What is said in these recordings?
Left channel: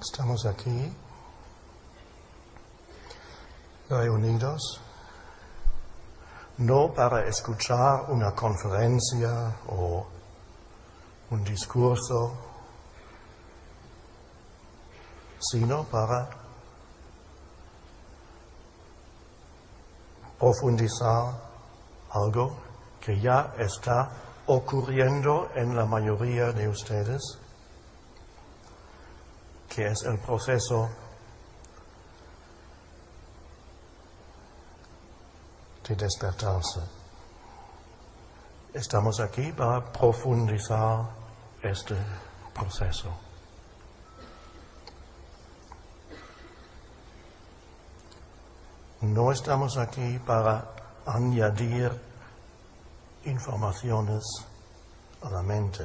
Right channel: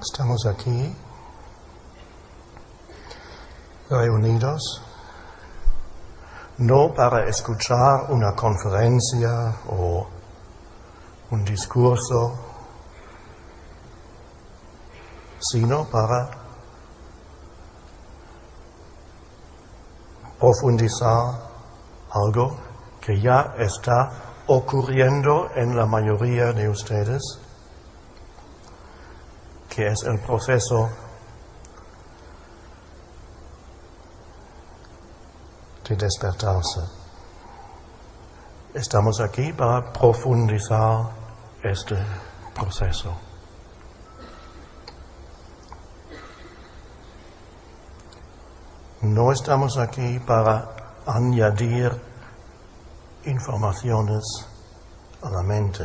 Estamos aquí, reunidos, no para escuchar una conferencia o un discurso, sino para profundizar algo que ya está ocurriendo en la mayoría de ustedes, que es el proceso de despertarse. Estamos aquí para profundizar este proceso. No estamos aquí para añadir informaciones a la mente.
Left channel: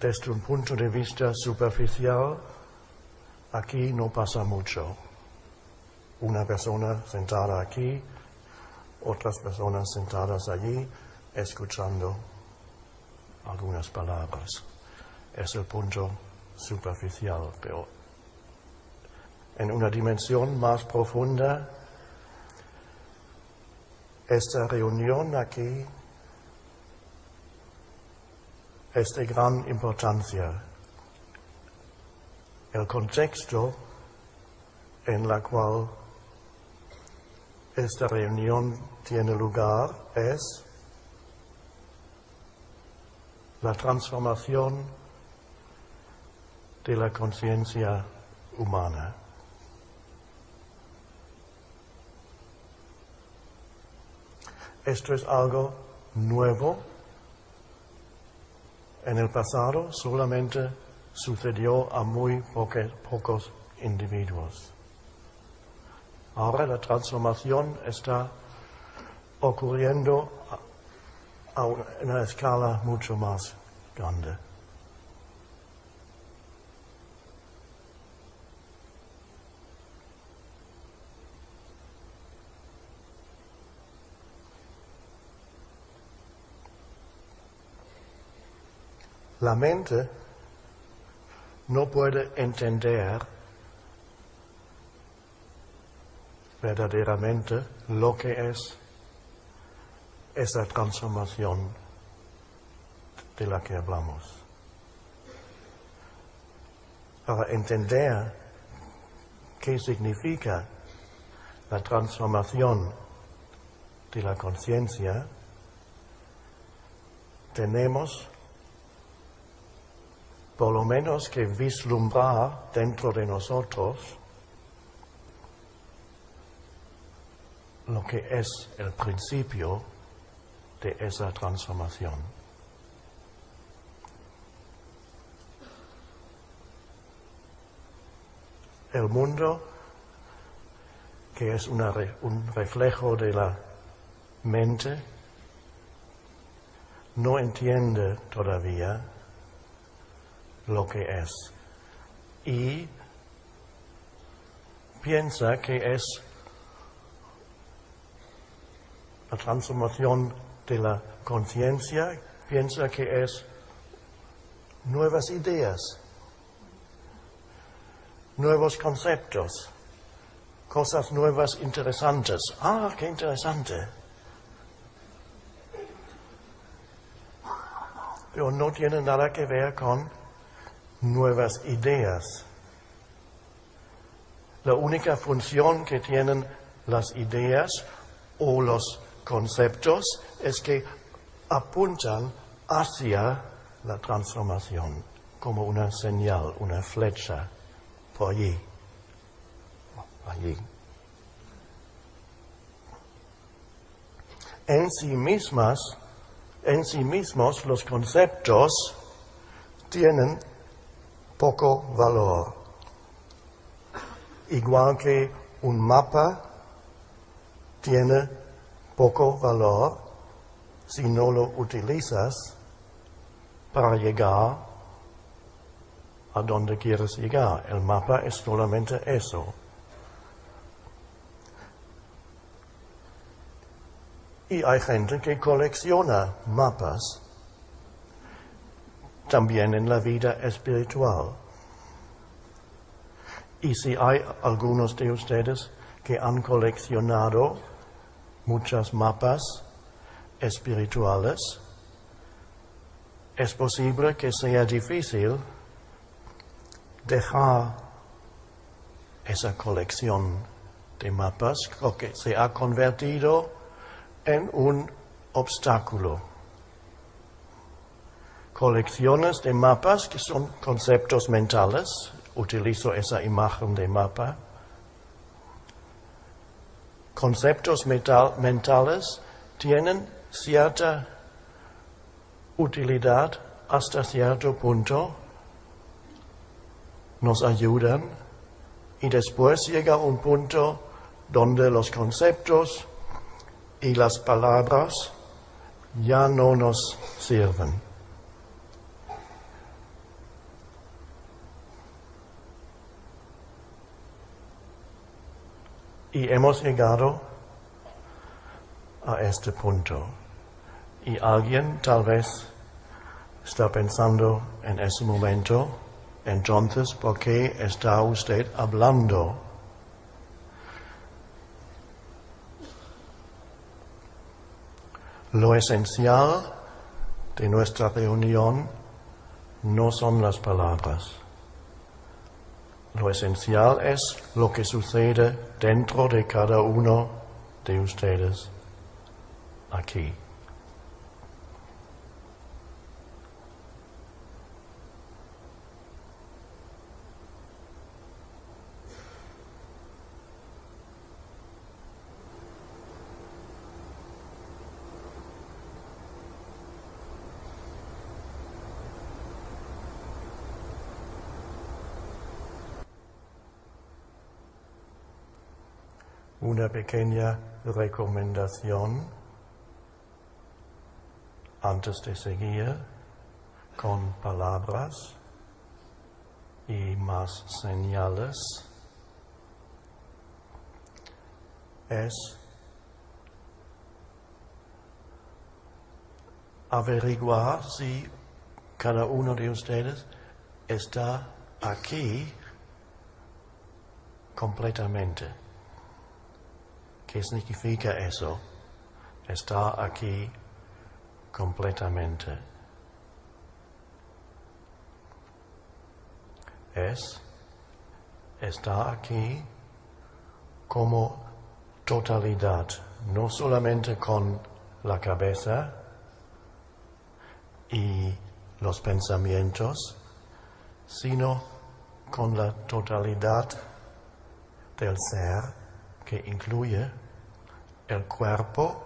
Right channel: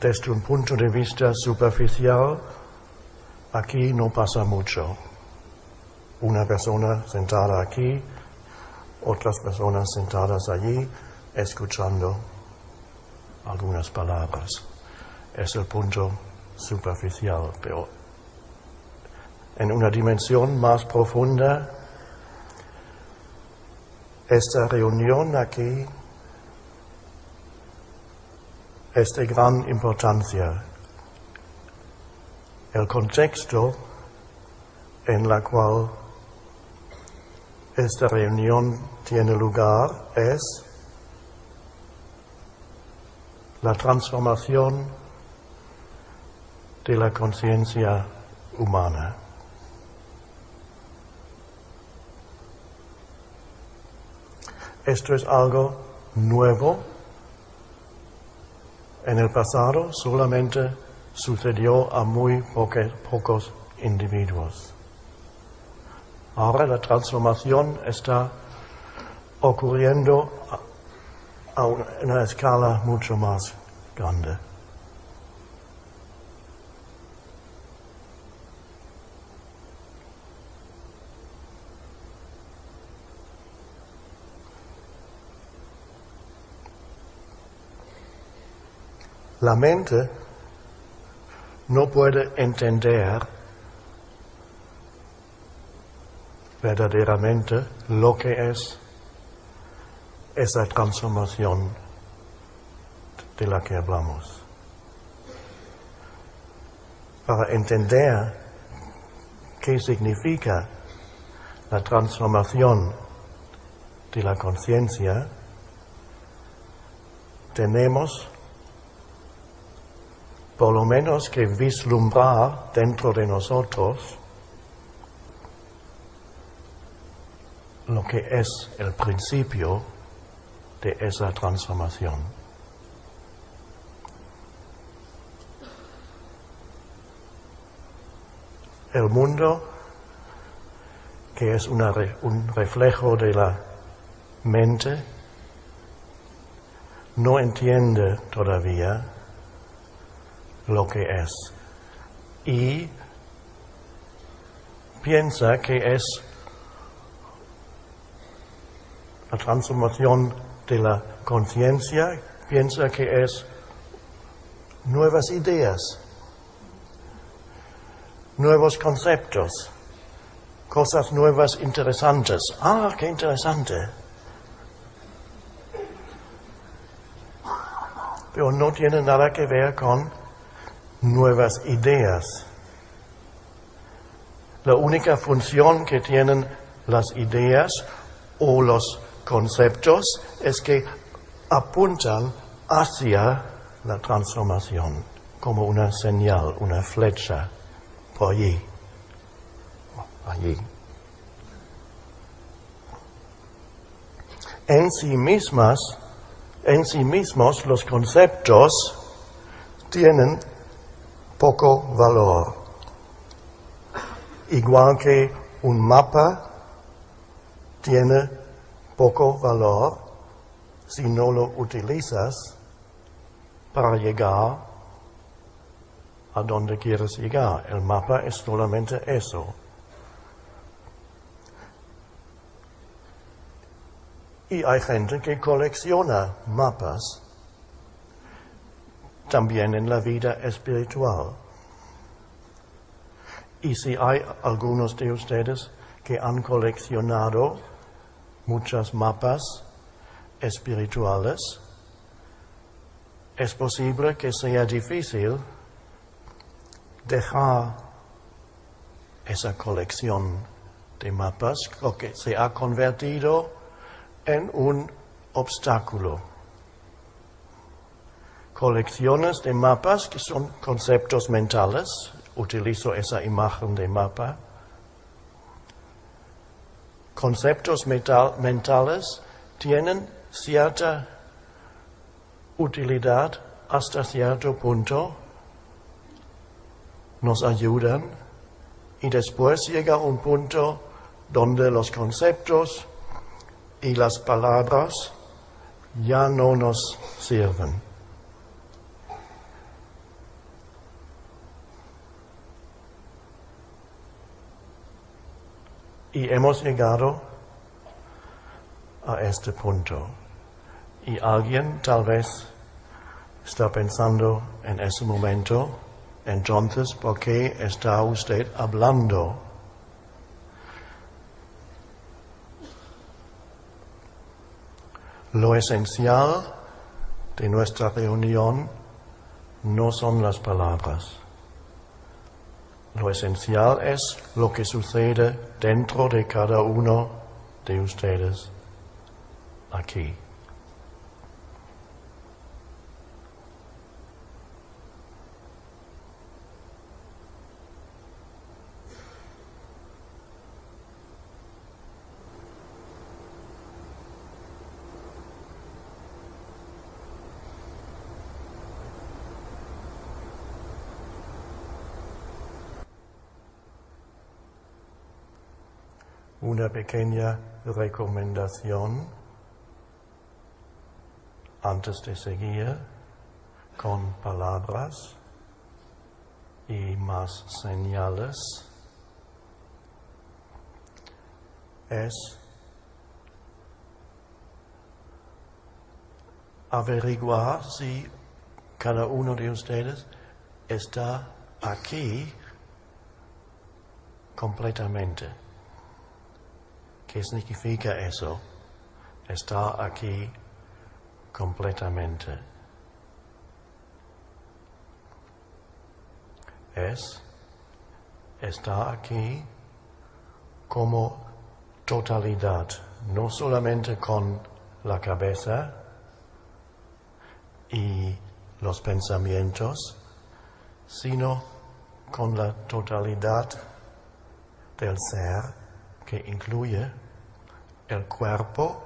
Desde un punto de vista superficial, aquí no pasa mucho. Una persona sentada aquí, otras personas sentadas allí, escuchando algunas palabras. Es el punto superficial, pero en una dimensión más profunda, esta reunión aquí es de gran importancia. El contexto en el cual esta reunión tiene lugar es la transformación de la conciencia humana. Esto es algo nuevo. En el pasado solamente sucedió a muy pocos individuos. Ahora la transformación está ocurriendo a una escala mucho más grande. La mente no puede entender verdaderamente lo que es esa transformación de la que hablamos. Para entender qué significa la transformación de la conciencia, tenemos por lo menos que vislumbrar dentro de nosotros lo que es el principio de esa transformación. El mundo, que es un reflejo de la mente, no entiende todavía lo que es y piensa que es la transformación de la conciencia, piensa que es nuevas ideas, nuevos conceptos, cosas nuevas interesantes. ¡Ah, qué interesante! Pero no tiene nada que ver con nuevas ideas. La única función que tienen las ideas o los conceptos es que apuntan hacia la transformación, como una señal, una flecha, por allí. En sí mismos los conceptos tienen poco valor. Igual que un mapa tiene poco valor si no lo utilizas para llegar a donde quieres llegar. El mapa es solamente eso. Y hay gente que colecciona mapas, también en la vida espiritual. Y si hay algunos de ustedes que han coleccionado muchos mapas espirituales, es posible que sea difícil dejar esa colección de mapas, porque se ha convertido en un obstáculo. Colecciones de mapas que son conceptos mentales, utilizo esa imagen de mapa. Conceptos mentales tienen cierta utilidad hasta cierto punto, nos ayudan, y después llega un punto donde los conceptos y las palabras ya no nos sirven. Y hemos llegado a este punto. Y alguien tal vez está pensando en ese momento, entonces, ¿por qué está usted hablando? Lo esencial de nuestra reunión no son las palabras. Lo esencial es lo que sucede dentro de cada uno de ustedes aquí. Una pequeña recomendación antes de seguir con palabras y más señales es averiguar si cada uno de ustedes está aquí completamente. ¿Qué significa eso? Está aquí completamente. Está aquí como totalidad, no solamente con la cabeza y los pensamientos, sino con la totalidad del ser, que incluye el cuerpo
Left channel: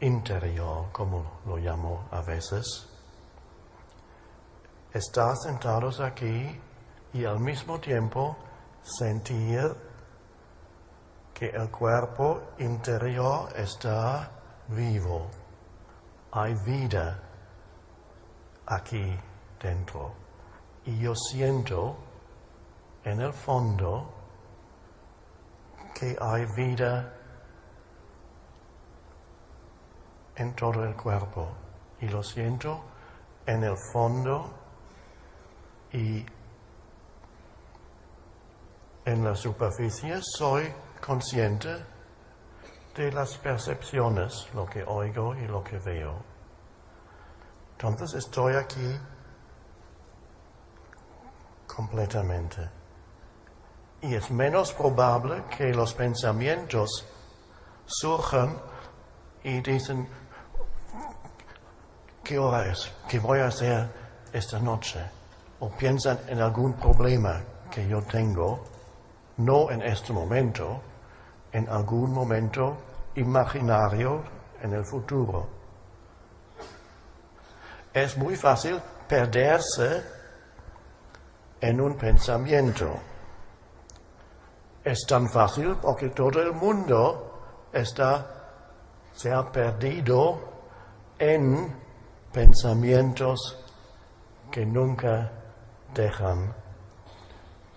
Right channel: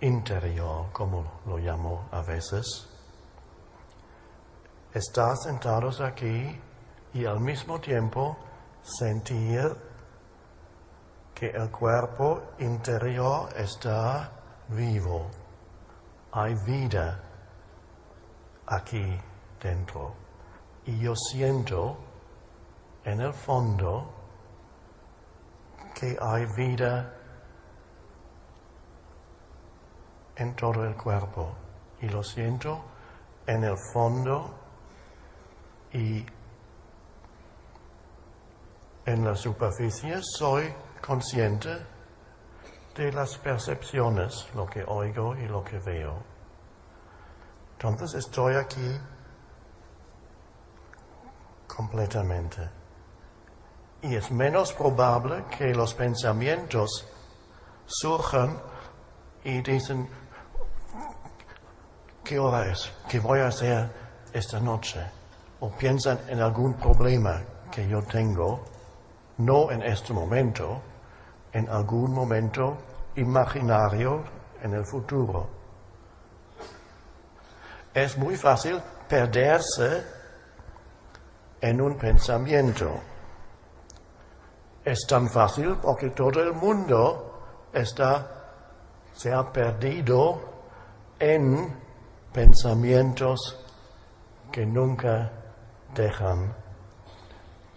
interior, como lo llamo a veces. Estar sentados aquí y al mismo tiempo sentir que el cuerpo interior está vivo. Hay vida aquí dentro. Y yo siento en el fondo que hay vida en todo el cuerpo, y lo siento en el fondo y en la superficie. Soy consciente de las percepciones, lo que oigo y lo que veo. Entonces estoy aquí completamente. Y es menos probable que los pensamientos surjan y dicen, ¿qué hora es? ¿Qué voy a hacer esta noche? O piensan en algún problema que yo tengo, no en este momento, en algún momento imaginario en el futuro. Es muy fácil perderse en un pensamiento. Es tan fácil porque todo el mundo se ha perdido en pensamientos que nunca dejan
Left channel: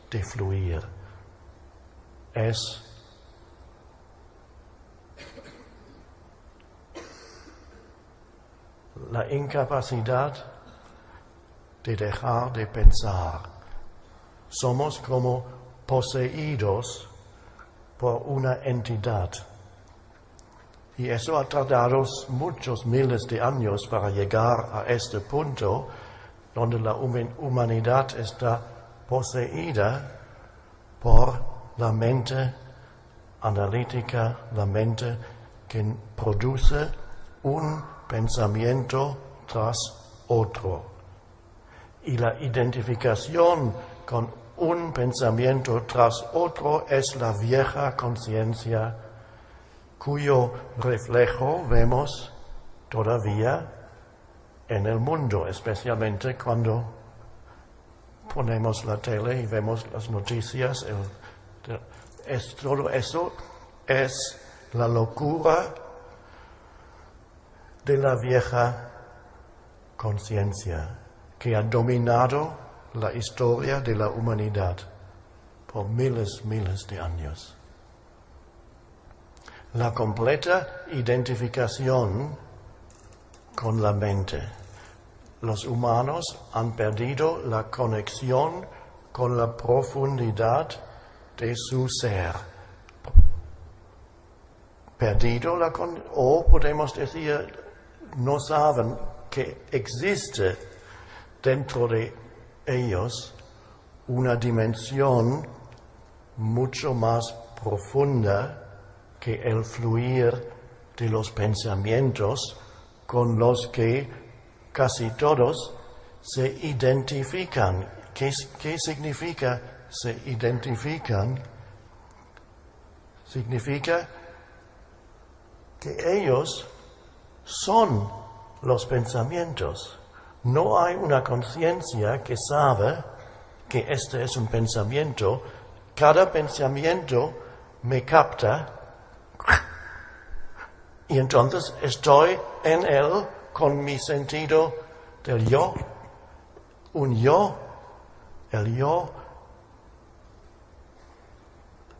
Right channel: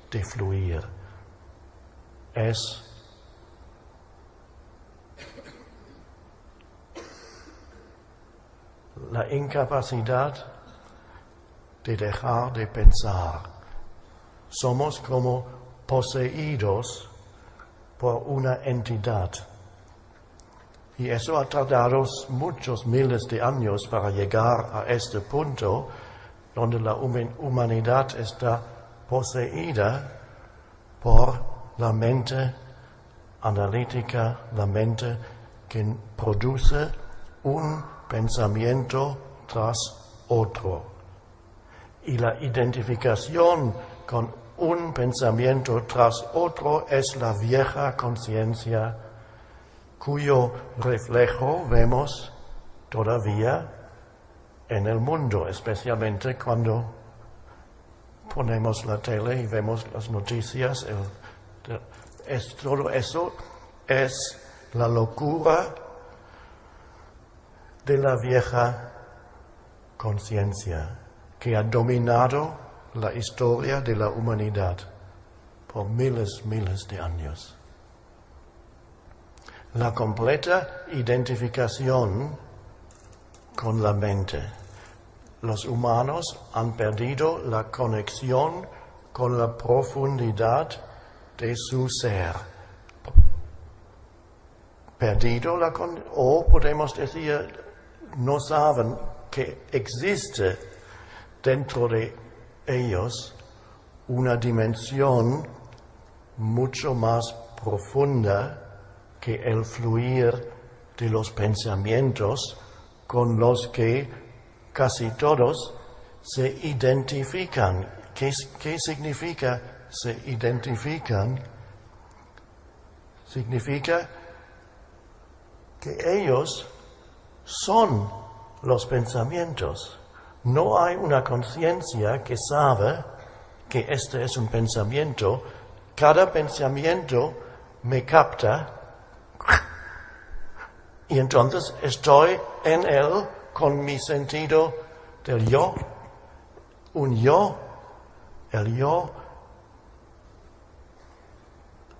de fluir. la incapacidad de dejar de pensar. Somos como poseídos por una entidad. Y eso ha tardado muchos miles de años para llegar a este punto donde la humanidad está poseída por la mente analítica, la mente que produce un pensamiento tras otro. Y la identificación con un pensamiento tras otro es la vieja conciencia cuyo reflejo vemos todavía en el mundo, especialmente cuando ponemos la tele y vemos las noticias. Todo eso es la locura de la vieja conciencia que ha dominado la historia de la humanidad por miles de años. La completa identificación con la mente. Los humanos han perdido la conexión con la profundidad de su ser. O podemos decir, no saben que existe dentro de ellos una dimensión mucho más profunda que el fluir de los pensamientos con los que casi todos se identifican. ¿Qué significa se identifican? Significa que ellos son los pensamientos. No hay una conciencia que sabe que este es un pensamiento. Cada pensamiento me capta y entonces estoy en él con mi sentido del yo. El yo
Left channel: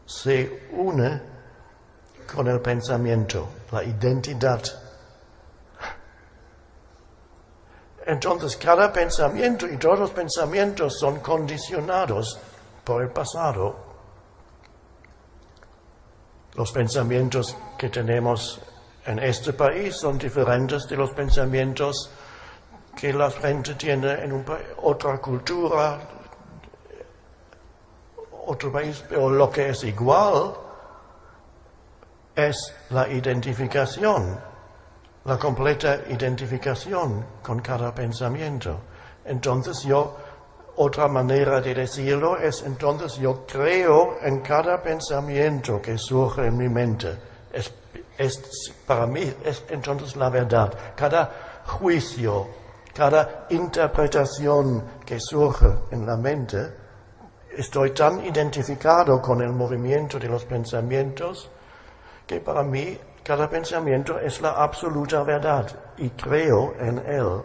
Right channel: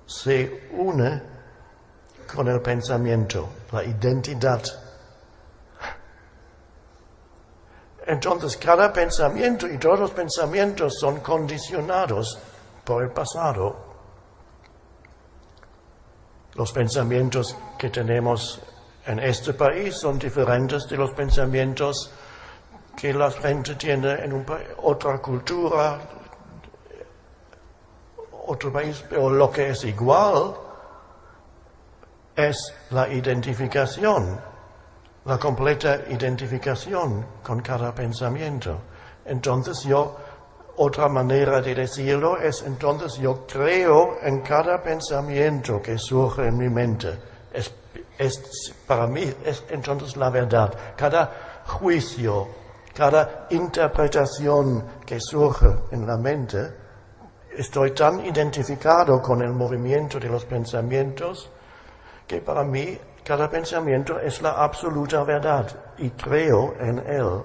se une con el pensamiento, la identidad. Entonces cada pensamiento y todos los pensamientos son condicionados por el pasado. Los pensamientos que tenemos en este país son diferentes de los pensamientos que la gente tiene en otra cultura, otro país, pero lo que es igual es la identificación, la completa identificación con cada pensamiento. Entonces otra manera de decirlo es, entonces yo creo en cada pensamiento que surge en mi mente. Para mí es entonces la verdad. Cada juicio, cada interpretación que surge en la mente, estoy tan identificado con el movimiento de los pensamientos que para mí cada pensamiento es la absoluta verdad y creo en él.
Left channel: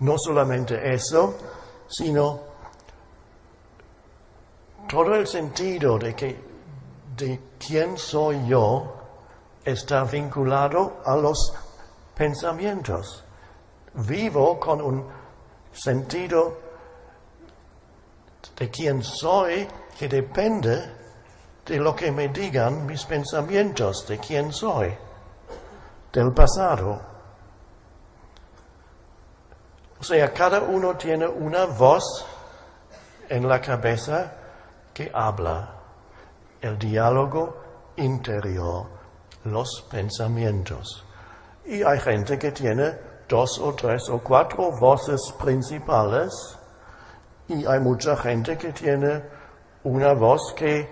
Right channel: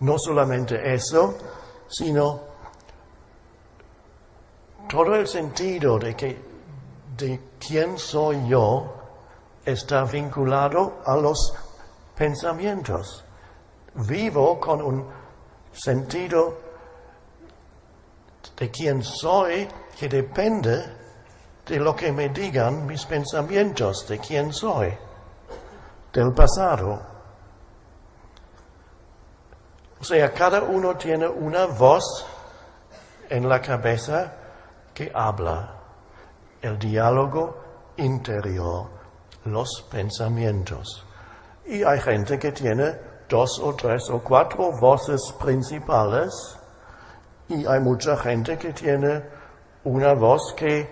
No solamente eso, sino todo el sentido de quién soy yo está vinculado a los pensamientos. Vivo con un sentido de quién soy que depende de lo que me digan mis pensamientos, de quién soy, del pasado. O sea, cada uno tiene una voz en la cabeza que habla, el diálogo interior, los pensamientos. Y hay gente que tiene 2 o 3 o 4 voces principales y hay mucha gente que tiene una voz que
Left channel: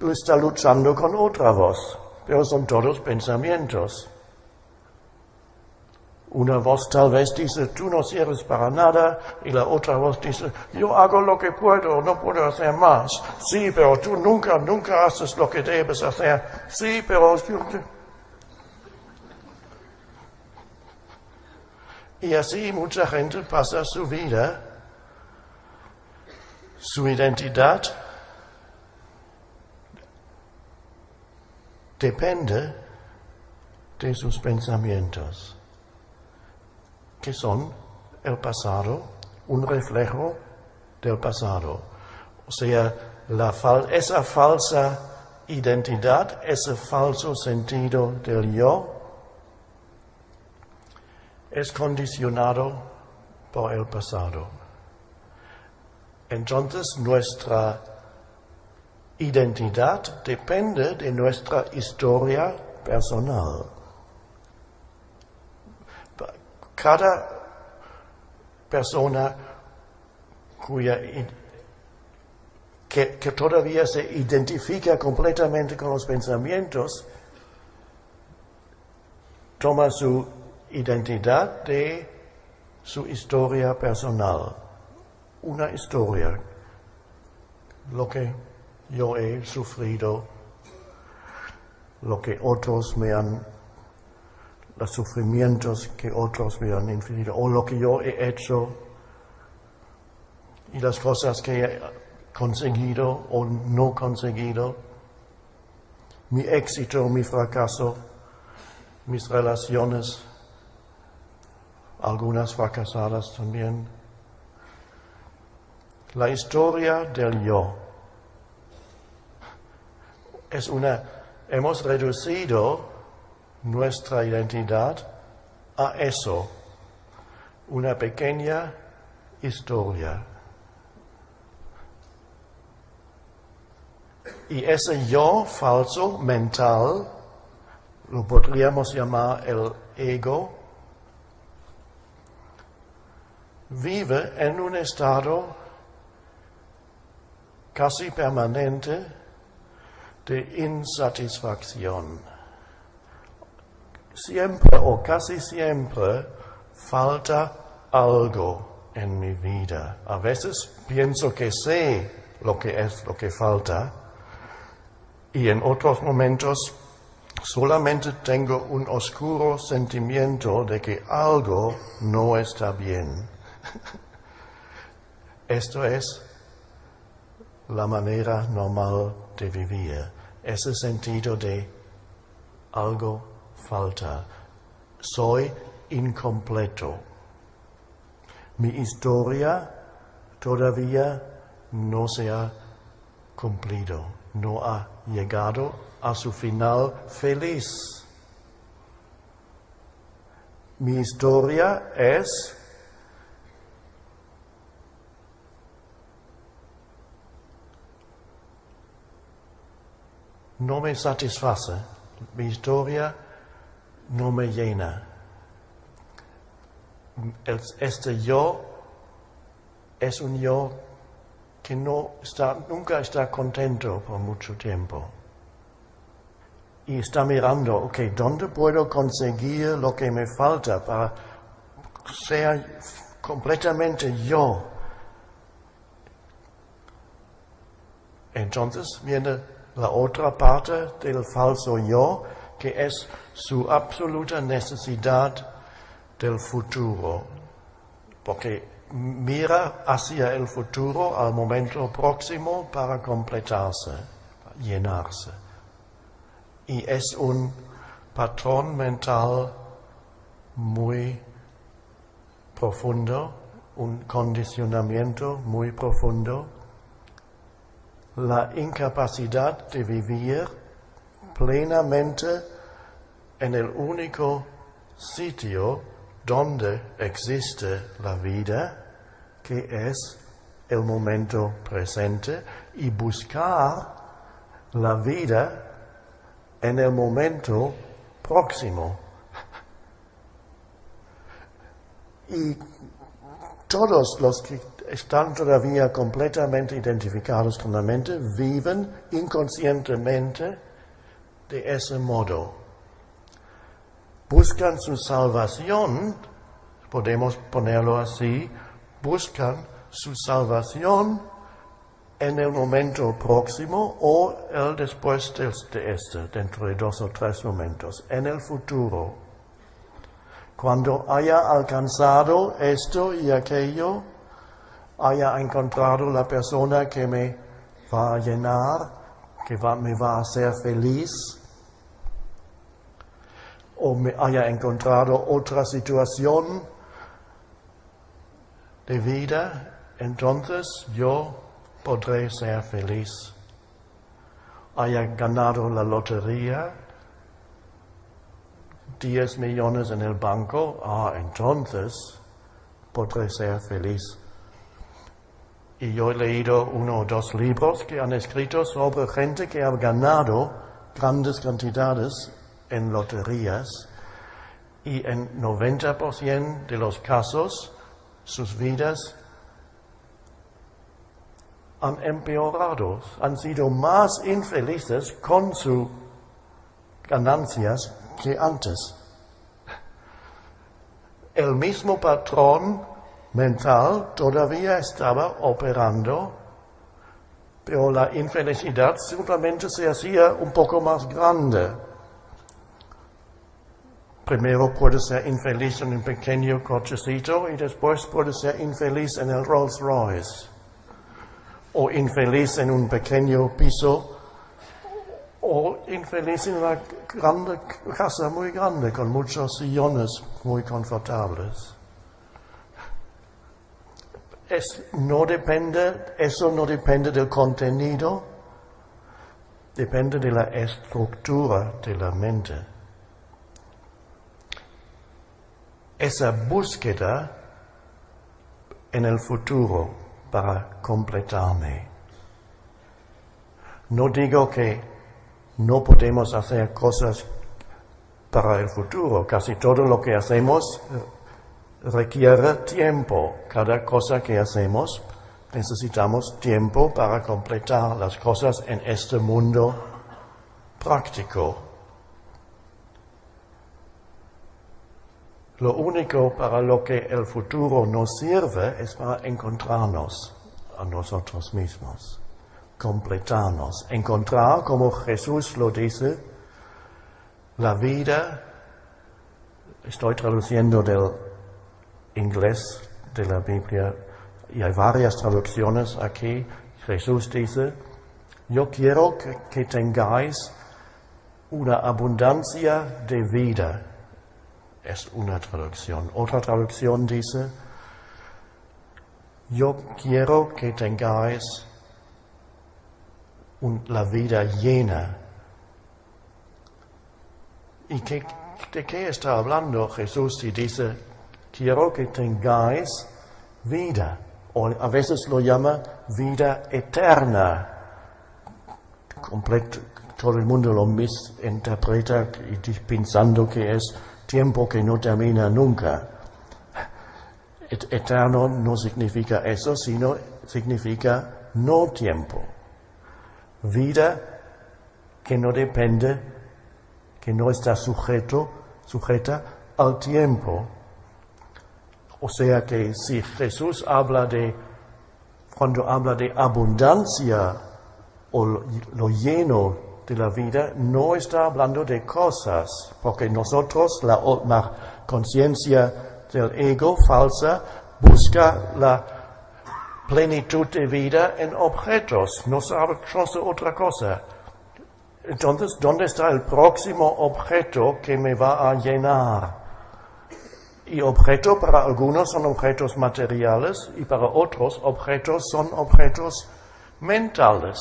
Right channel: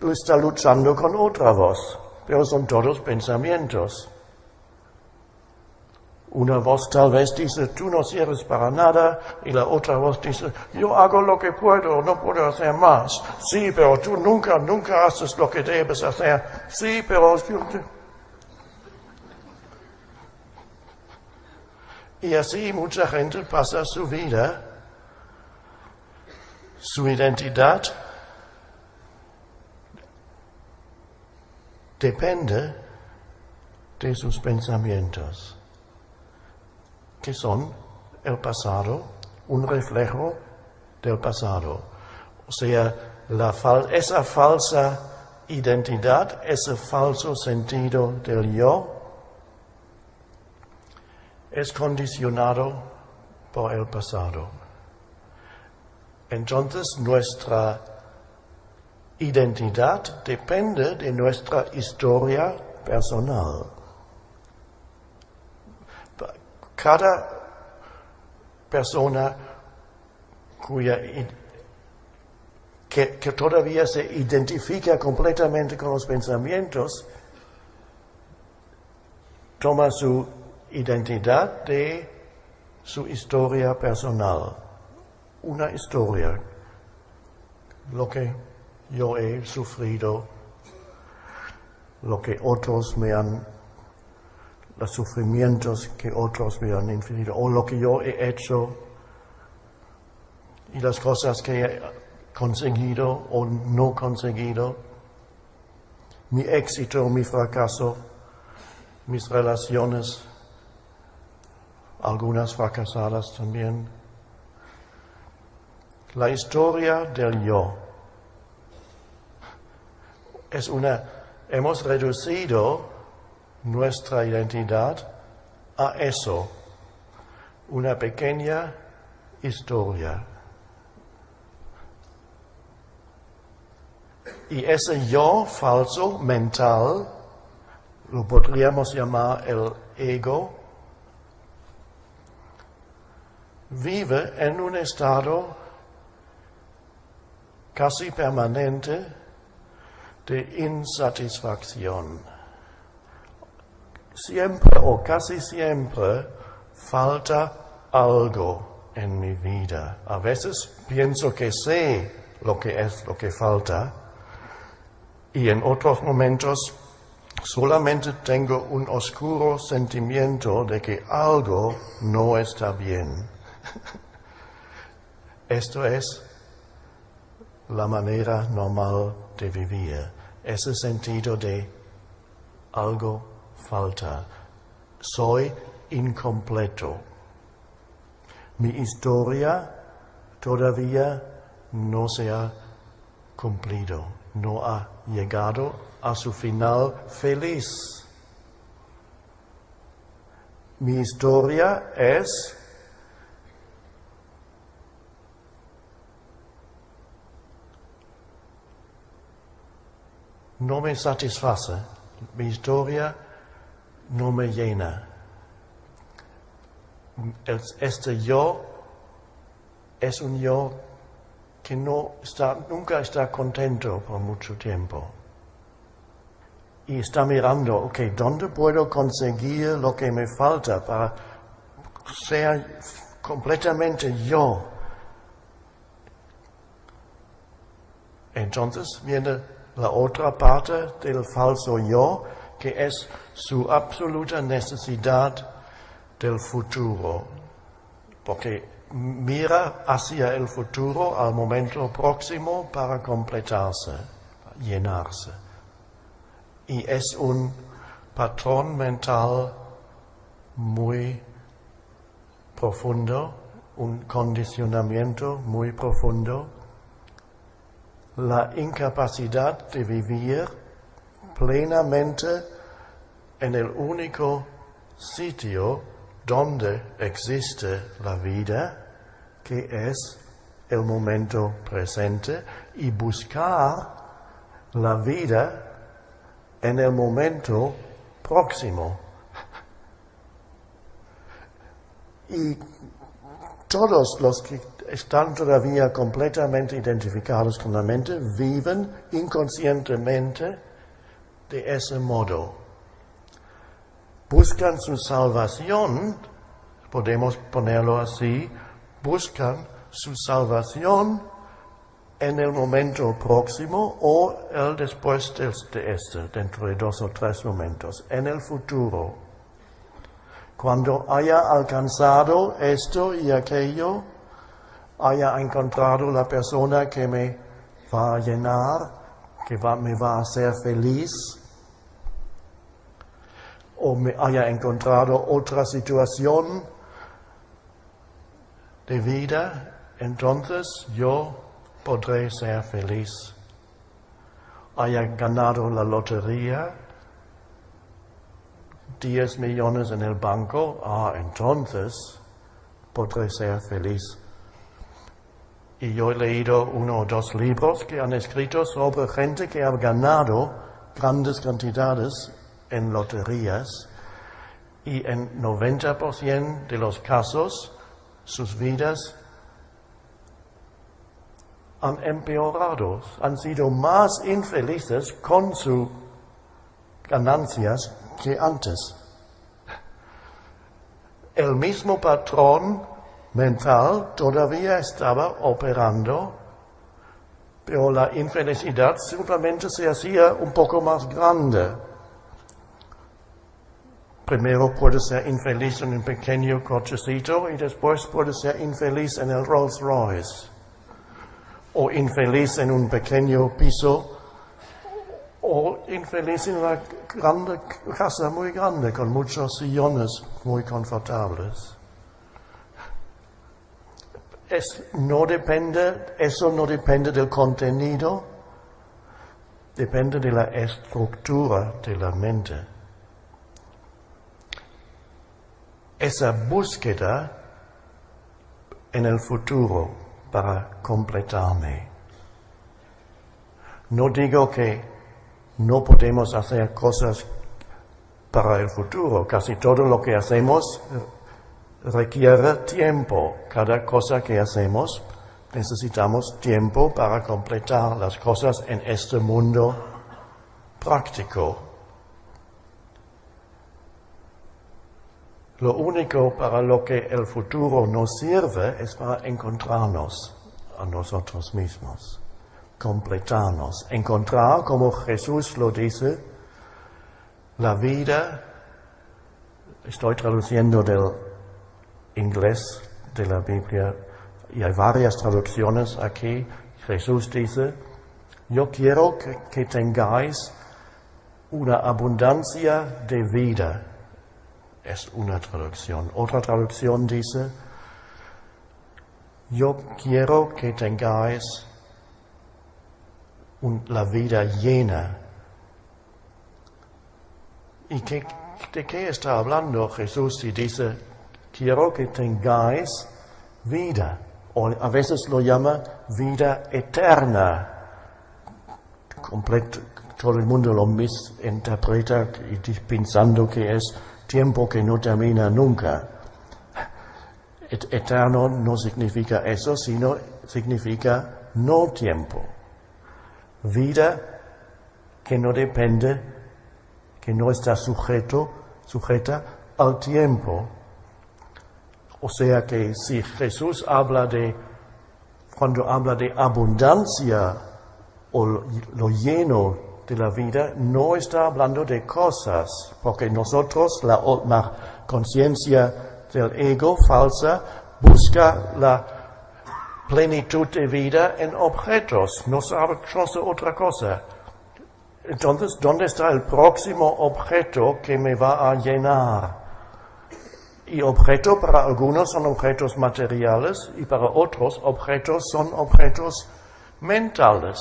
está luchando con otra voz, pero son todos pensamientos. Una voz tal vez dice, tú no sirves para nada, y la otra voz dice, yo hago lo que puedo, no puedo hacer más. Sí, pero tú nunca haces lo que debes hacer. Sí, pero... Y así mucha gente pasa su vida, su identidad depende de sus pensamientos, que son el pasado, un reflejo del pasado. O sea, esa falsa identidad, ese falso sentido del yo, es condicionado por el pasado. Entonces nuestra identidad depende de nuestra historia personal. Cada persona que todavía se identifica completamente con los pensamientos, toma su identidad de su historia personal. Una historia, lo que yo he sufrido, lo que otros me han, los sufrimientos que otros me han infligido, o lo que yo he hecho, y las cosas que he conseguido o no conseguido, mi éxito, mi fracaso, mis relaciones, algunas fracasadas también. La historia del yo hemos reducido nuestra identidad a eso, una pequeña historia. Y ese yo falso mental, lo podríamos llamar el ego, vive en un estado casi permanente de insatisfacción. Siempre o casi siempre falta algo en mi vida. A veces pienso que sé lo que es lo que falta, y en otros momentos solamente tengo un oscuro sentimiento de que algo no está bien. Esto es la manera normal de vivir, ese sentido de algo falta, soy incompleto. Mi historia todavía no se ha cumplido, no ha llegado a su final feliz. Mi historia es no me satisface, mi historia no me llena. Este yo es un yo que nunca está contento por mucho tiempo. Y está mirando, ok, ¿dónde puedo conseguir lo que me falta para ser completamente yo? Entonces viene la otra parte del falso yo, que es su absoluta necesidad del futuro, porque mira hacia el futuro al momento próximo para completarse, llenarse. Y es un patrón mental muy profundo, un condicionamiento muy profundo, la incapacidad de vivir plenamente en el único sitio donde existe la vida, que es el momento presente, y buscar la vida en el momento próximo. Y todos los que están todavía completamente identificados con la mente viven inconscientemente de ese modo. Buscan su salvación, podemos ponerlo así, buscan su salvación en el momento próximo o el después de este, dentro de 2 o 3 momentos, en el futuro. Cuando haya alcanzado esto y aquello, haya encontrado la persona que me va a llenar, que me va a hacer feliz, o me haya encontrado otra situación de vida, entonces yo podré ser feliz. Haya ganado la lotería, 10 millones en el banco, entonces podré ser feliz. Y yo he leído 1 o 2 libros que han escrito sobre gente que ha ganado grandes cantidades en loterías y en 90% de los casos sus vidas han empeorado, han sido más infelices con sus ganancias que antes. El mismo patrón mental todavía estaba operando, pero la infelicidad simplemente se hacía un poco más grande. Primero puede ser infeliz en un pequeño cochecito y después puede ser infeliz en el Rolls Royce, o infeliz en un pequeño piso, o infeliz en una casa muy grande con muchos sillones muy confortables. Eso no depende del contenido, depende de la estructura de la mente. Esa búsqueda en el futuro para completarme. No digo que no podemos hacer cosas para el futuro, casi todo lo que hacemos requiere tiempo. Cada cosa que hacemos necesitamos tiempo para completar las cosas en este mundo práctico. Lo único para lo que el futuro nos sirve es para encontrarnos a nosotros mismos, completarnos, encontrar, como Jesús lo dice, la vida. Estoy traduciendo del inglés de la Biblia y hay varias traducciones aquí. Jesús dice: yo quiero que tengáis una abundancia de vida. Es una traducción. Otra traducción dice: yo quiero que tengáis la vida llena. ¿Y de qué está hablando Jesús si dice: quiero que tengáis vida? O a veces lo llama vida eterna. Todo el mundo lo misinterpreta pensando que es tiempo que no termina nunca. Eterno no significa eso, sino significa no tiempo. Vida que no depende, que no está sujeta al tiempo. O sea que si Jesús cuando habla de abundancia o lo lleno de la vida, no está hablando de cosas, porque nosotros, la conciencia del ego falsa, busca la plenitud de vida en objetos, no sabe otra cosa. Entonces, ¿dónde está el próximo objeto que me va a llenar? Y objeto para algunos son objetos materiales y para otros objetos son objetos mentales.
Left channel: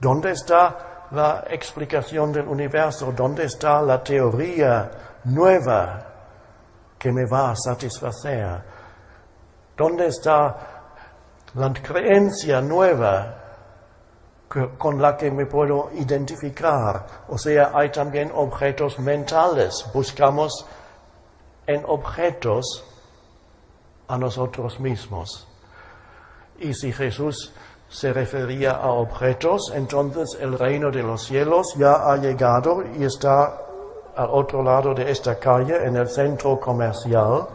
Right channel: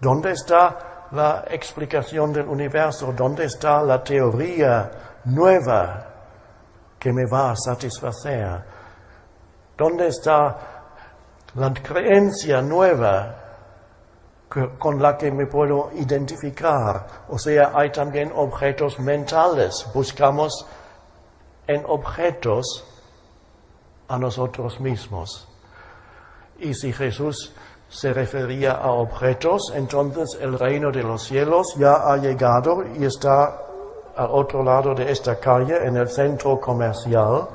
¿Dónde está la explicación del universo? ¿Dónde está la teoría nueva que me va a satisfacer? ¿Dónde está la creencia nueva con la que me puedo identificar? O sea, hay también objetos mentales. Buscamos en objetos a nosotros mismos. Y si Jesús se refería a objetos, entonces el reino de los cielos ya ha llegado y está al otro lado de esta calle, en el centro comercial,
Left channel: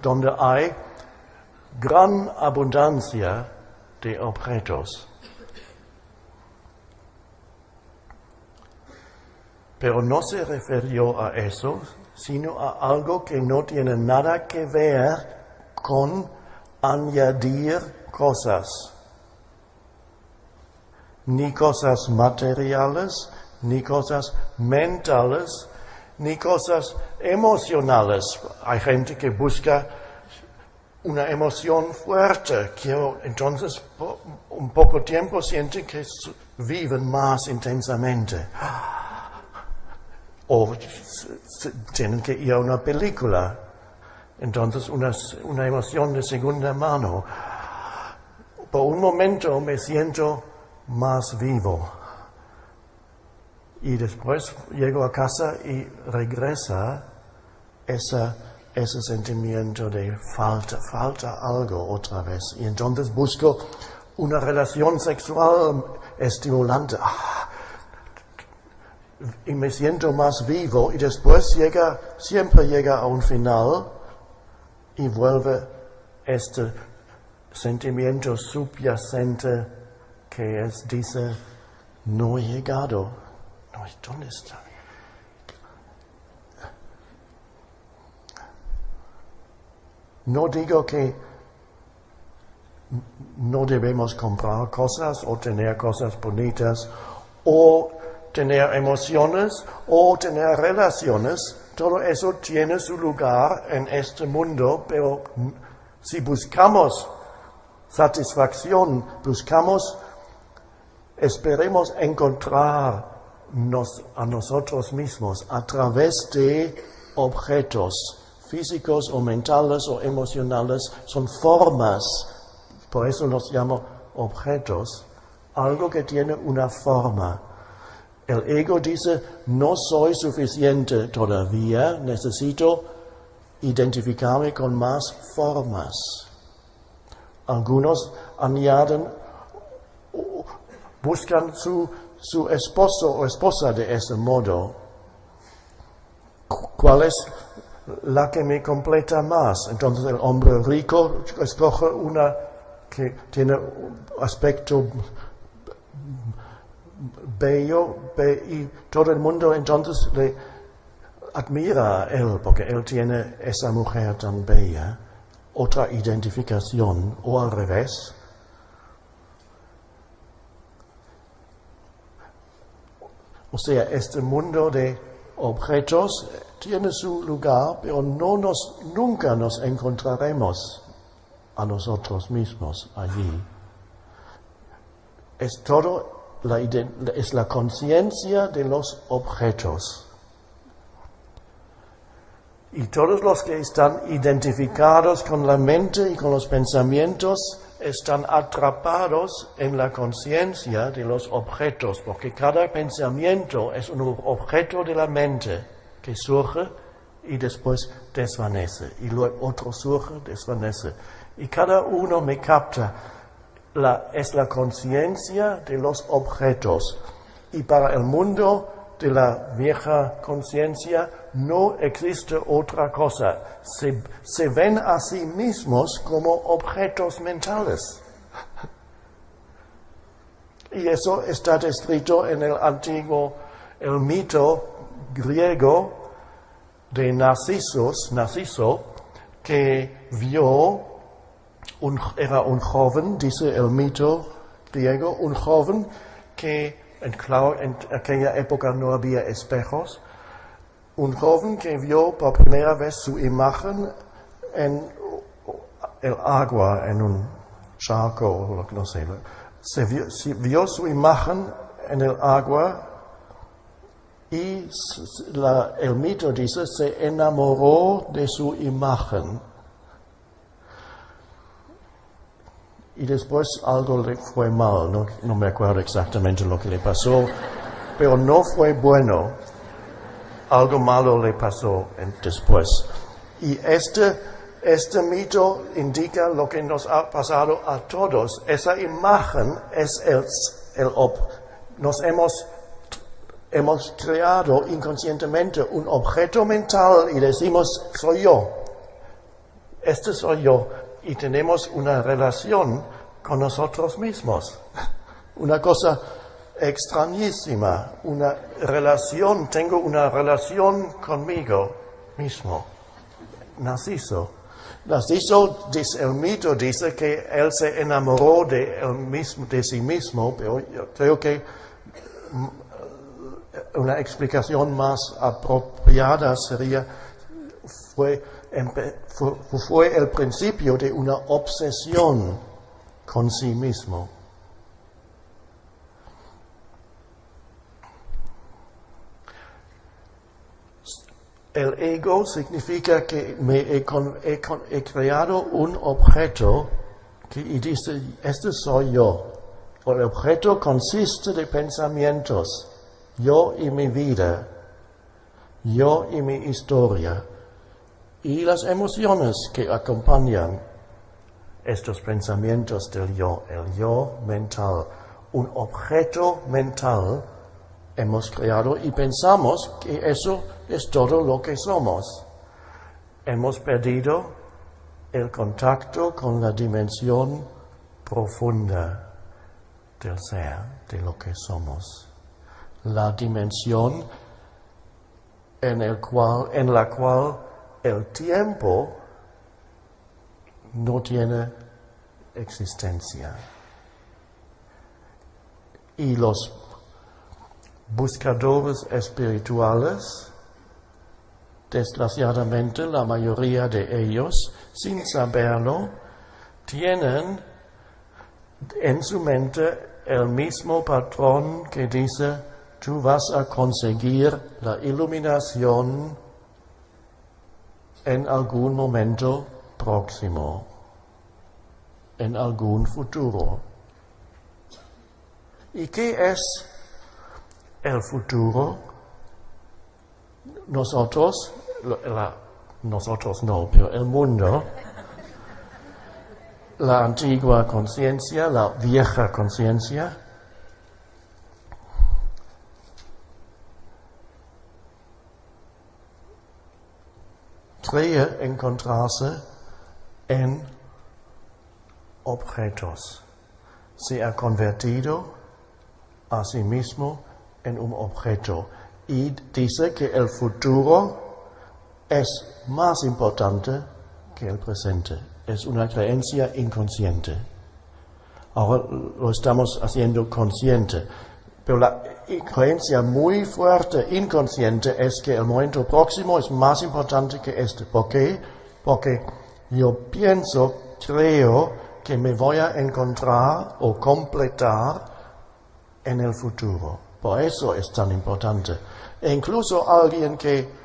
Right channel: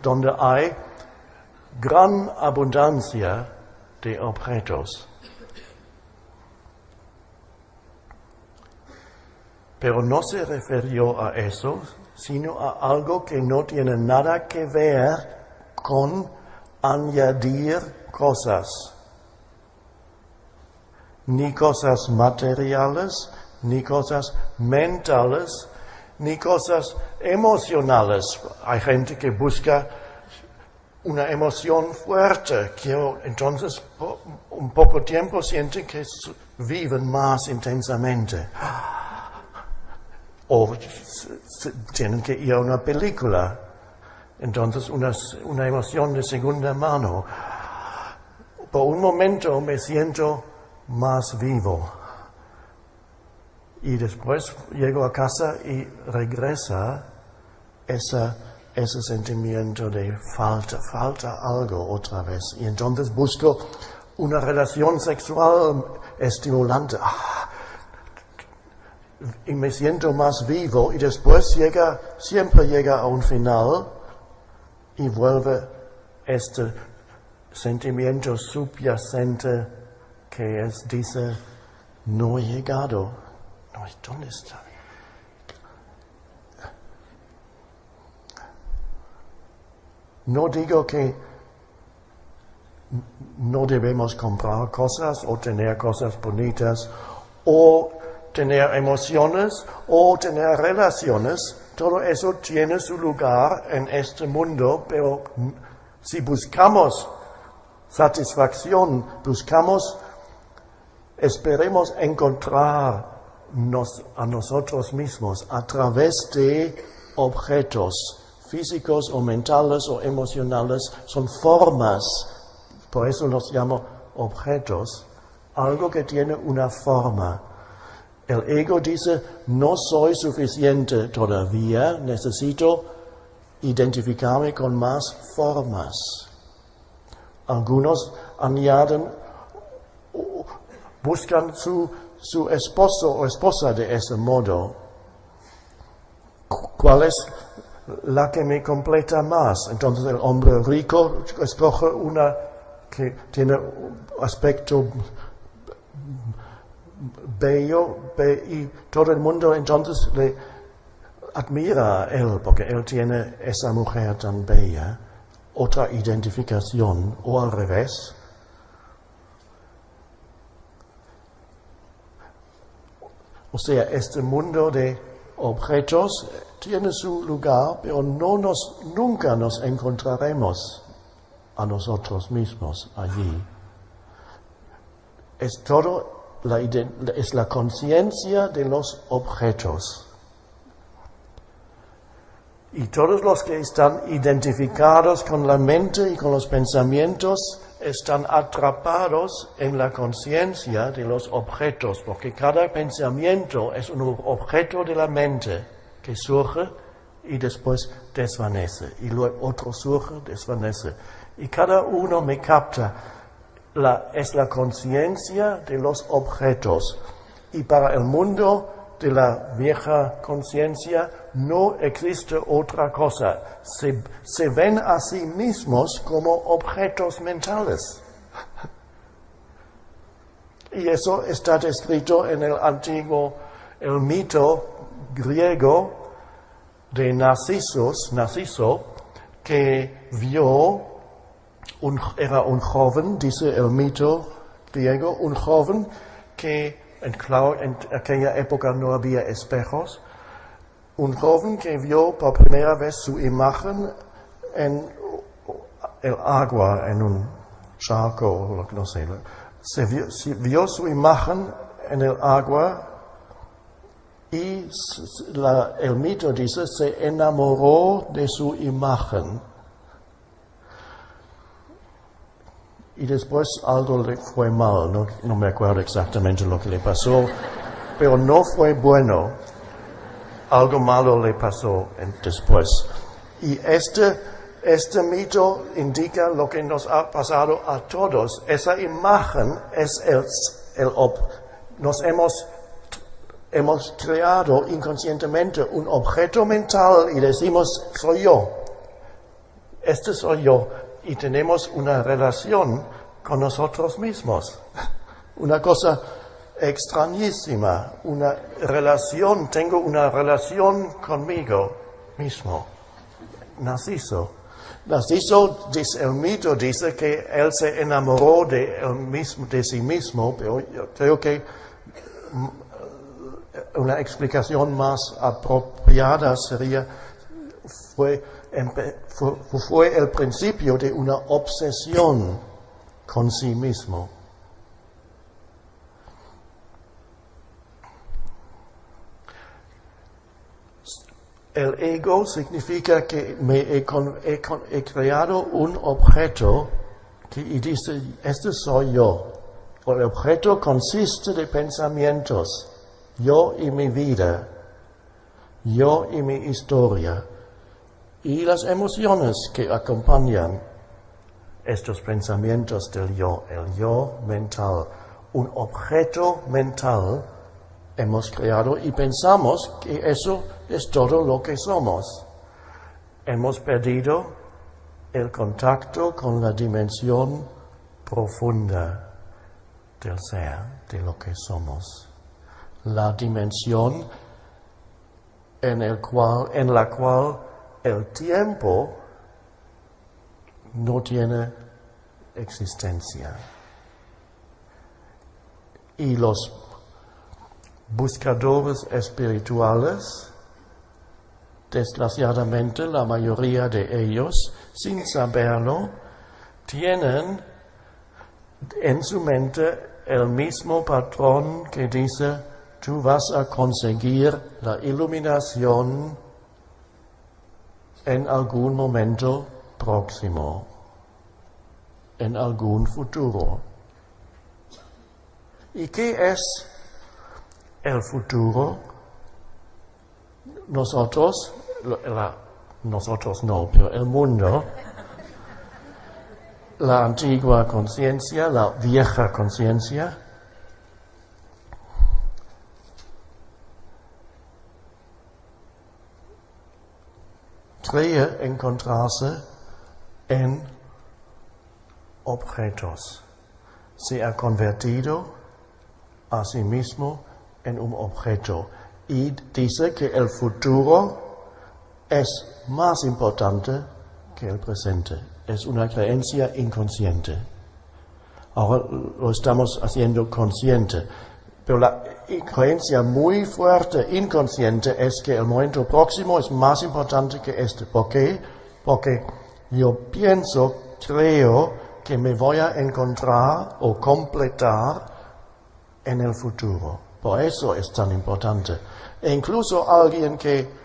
donde hay gran abundancia de objetos. Pero no se refirió a eso, sino a algo que no tiene nada que ver con añadir cosas. Ni cosas materiales, ni cosas mentales, ni cosas emocionales. Hay gente que busca una emoción fuerte, entonces por un poco tiempo sienten que viven más intensamente. O tienen que ir a una película, entonces una emoción de segunda mano. Por un momento me siento más vivo. Y después llego a casa y regresa ese sentimiento de falta algo otra vez. Y entonces busco una relación sexual estimulante. Y me siento más vivo y después siempre llega a un final y vuelve este sentimiento subyacente que dice, no he llegado. No, ¿dónde está? No digo que no debemos comprar cosas o tener cosas bonitas o tener emociones o tener relaciones. Todo eso tiene su lugar en este mundo, pero si buscamos satisfacción, esperemos encontrarnos a nosotros mismos a través de objetos físicos o mentales o emocionales, son formas, por eso los llamo objetos, algo que tiene una forma. El ego dice, no soy suficiente todavía, necesito identificarme con más formas. Algunos añaden, buscan su esposo o esposa de ese modo. ¿Cuál es la que me completa más? Entonces el hombre rico escoge una que tiene un aspecto bello y todo el mundo entonces le admira a él porque él tiene esa mujer tan bella. Otra identificación, o al revés. O sea, este mundo de objetos tiene su lugar, pero nunca nos encontraremos a nosotros mismos allí. Es la conciencia de los objetos. Y todos los que están identificados con la mente y con los pensamientos están atrapados en la conciencia de los objetos, porque cada pensamiento es un objeto de la mente que surge y después desvanece, y luego otro surge, desvanece. Y cada uno me capta, es la conciencia de los objetos, y para el mundo de la vieja conciencia no existe otra cosa. Se ven a sí mismos como objetos mentales. Y eso está descrito en el mito griego de Narciso, que vio, era un joven, dice el mito griego, un joven que, claro, en aquella época no había espejos, un joven que vio por primera vez su imagen en el agua, en un charco, no sé, vio su imagen en el agua y el mito dice, se enamoró de su imagen. Y después algo le fue mal, no me acuerdo exactamente lo que le pasó, pero no fue bueno. Algo malo le pasó después. Y este mito indica lo que nos ha pasado a todos. Esa imagen es nos hemos creado inconscientemente un objeto mental y decimos, soy yo. Este soy yo. Y tenemos una relación con nosotros mismos. Una cosa extrañísima, tengo una relación conmigo mismo. Narciso, dice, el mito dice que él se enamoró de sí mismo, pero yo creo que una explicación más apropiada sería, fue el principio de una obsesión con sí mismo. El ego significa que he creado un objeto y dice, este soy yo. El objeto consiste de pensamientos, yo y mi vida, yo y mi historia, y las emociones que acompañan estos pensamientos del yo, el yo mental. Un objeto mental hemos creado y pensamos que eso es todo lo que somos. Hemos perdido el contacto con la dimensión profunda del ser, de lo que somos. La dimensión en la cual el tiempo no tiene existencia. Y los buscadores espirituales, desgraciadamente la mayoría de ellos, sin saberlo, tienen en su mente el mismo patrón que dice, tú vas a conseguir la iluminación en algún momento próximo, en algún futuro. ¿Y qué es el futuro? Nosotros no, pero el mundo, la antigua conciencia, la vieja conciencia, cree encontrarse en objetos. Se ha convertido a sí mismo en un objeto y dice que el futuro es más importante que el presente. Es una creencia inconsciente. Ahora lo estamos haciendo consciente. Pero la creencia muy fuerte, inconsciente, es que el momento próximo es más importante que este. ¿Por qué? Porque yo creo que me voy a encontrar o completar en el futuro. Por eso es tan importante. E incluso alguien que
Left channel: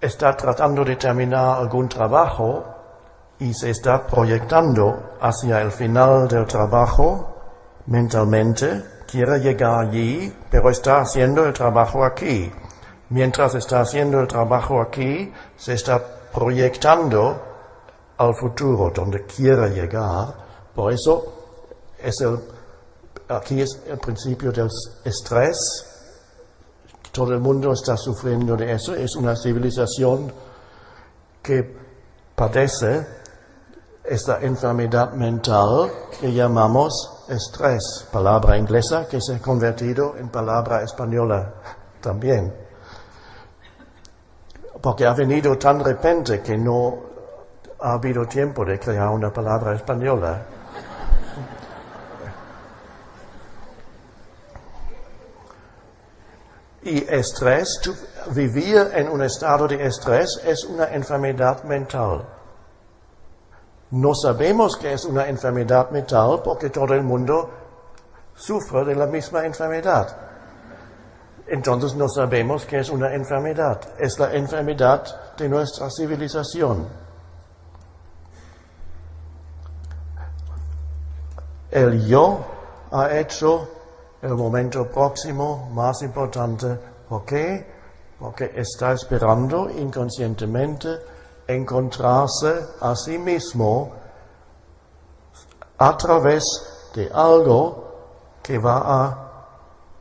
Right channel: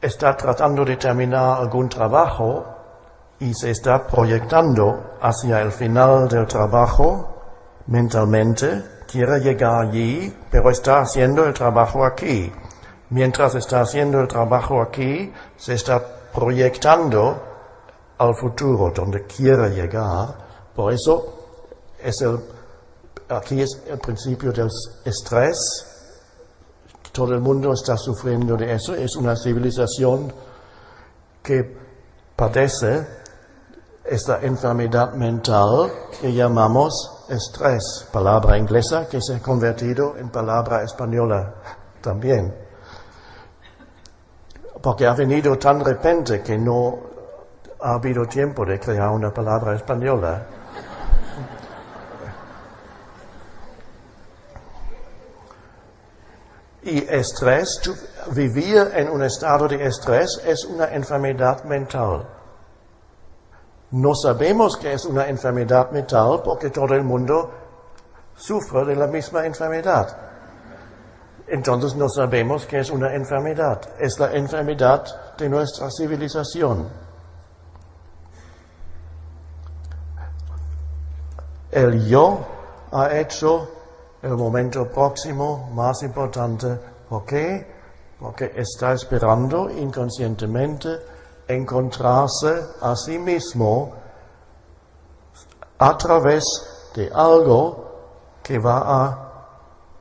está tratando de terminar algún trabajo y se está proyectando hacia el final del trabajo mentalmente, quiere llegar allí, pero está haciendo el trabajo aquí. Mientras está haciendo el trabajo aquí, se está proyectando al futuro, donde quiere llegar. Por eso, aquí es el principio del estrés. Todo el mundo está sufriendo de eso. Es una civilización que padece esta enfermedad mental que llamamos estrés, palabra inglesa que se ha convertido en palabra española también. Porque ha venido tan repente que no ha habido tiempo de crear una palabra española. Y estrés, vivir en un estado de estrés es una enfermedad mental. No sabemos que es una enfermedad mental porque todo el mundo sufre de la misma enfermedad. Entonces no sabemos que es una enfermedad. Es la enfermedad de nuestra civilización. El yo ha hecho el momento próximo más importante. ¿Por qué? Porque está esperando inconscientemente encontrarse a sí mismo a través de algo que va a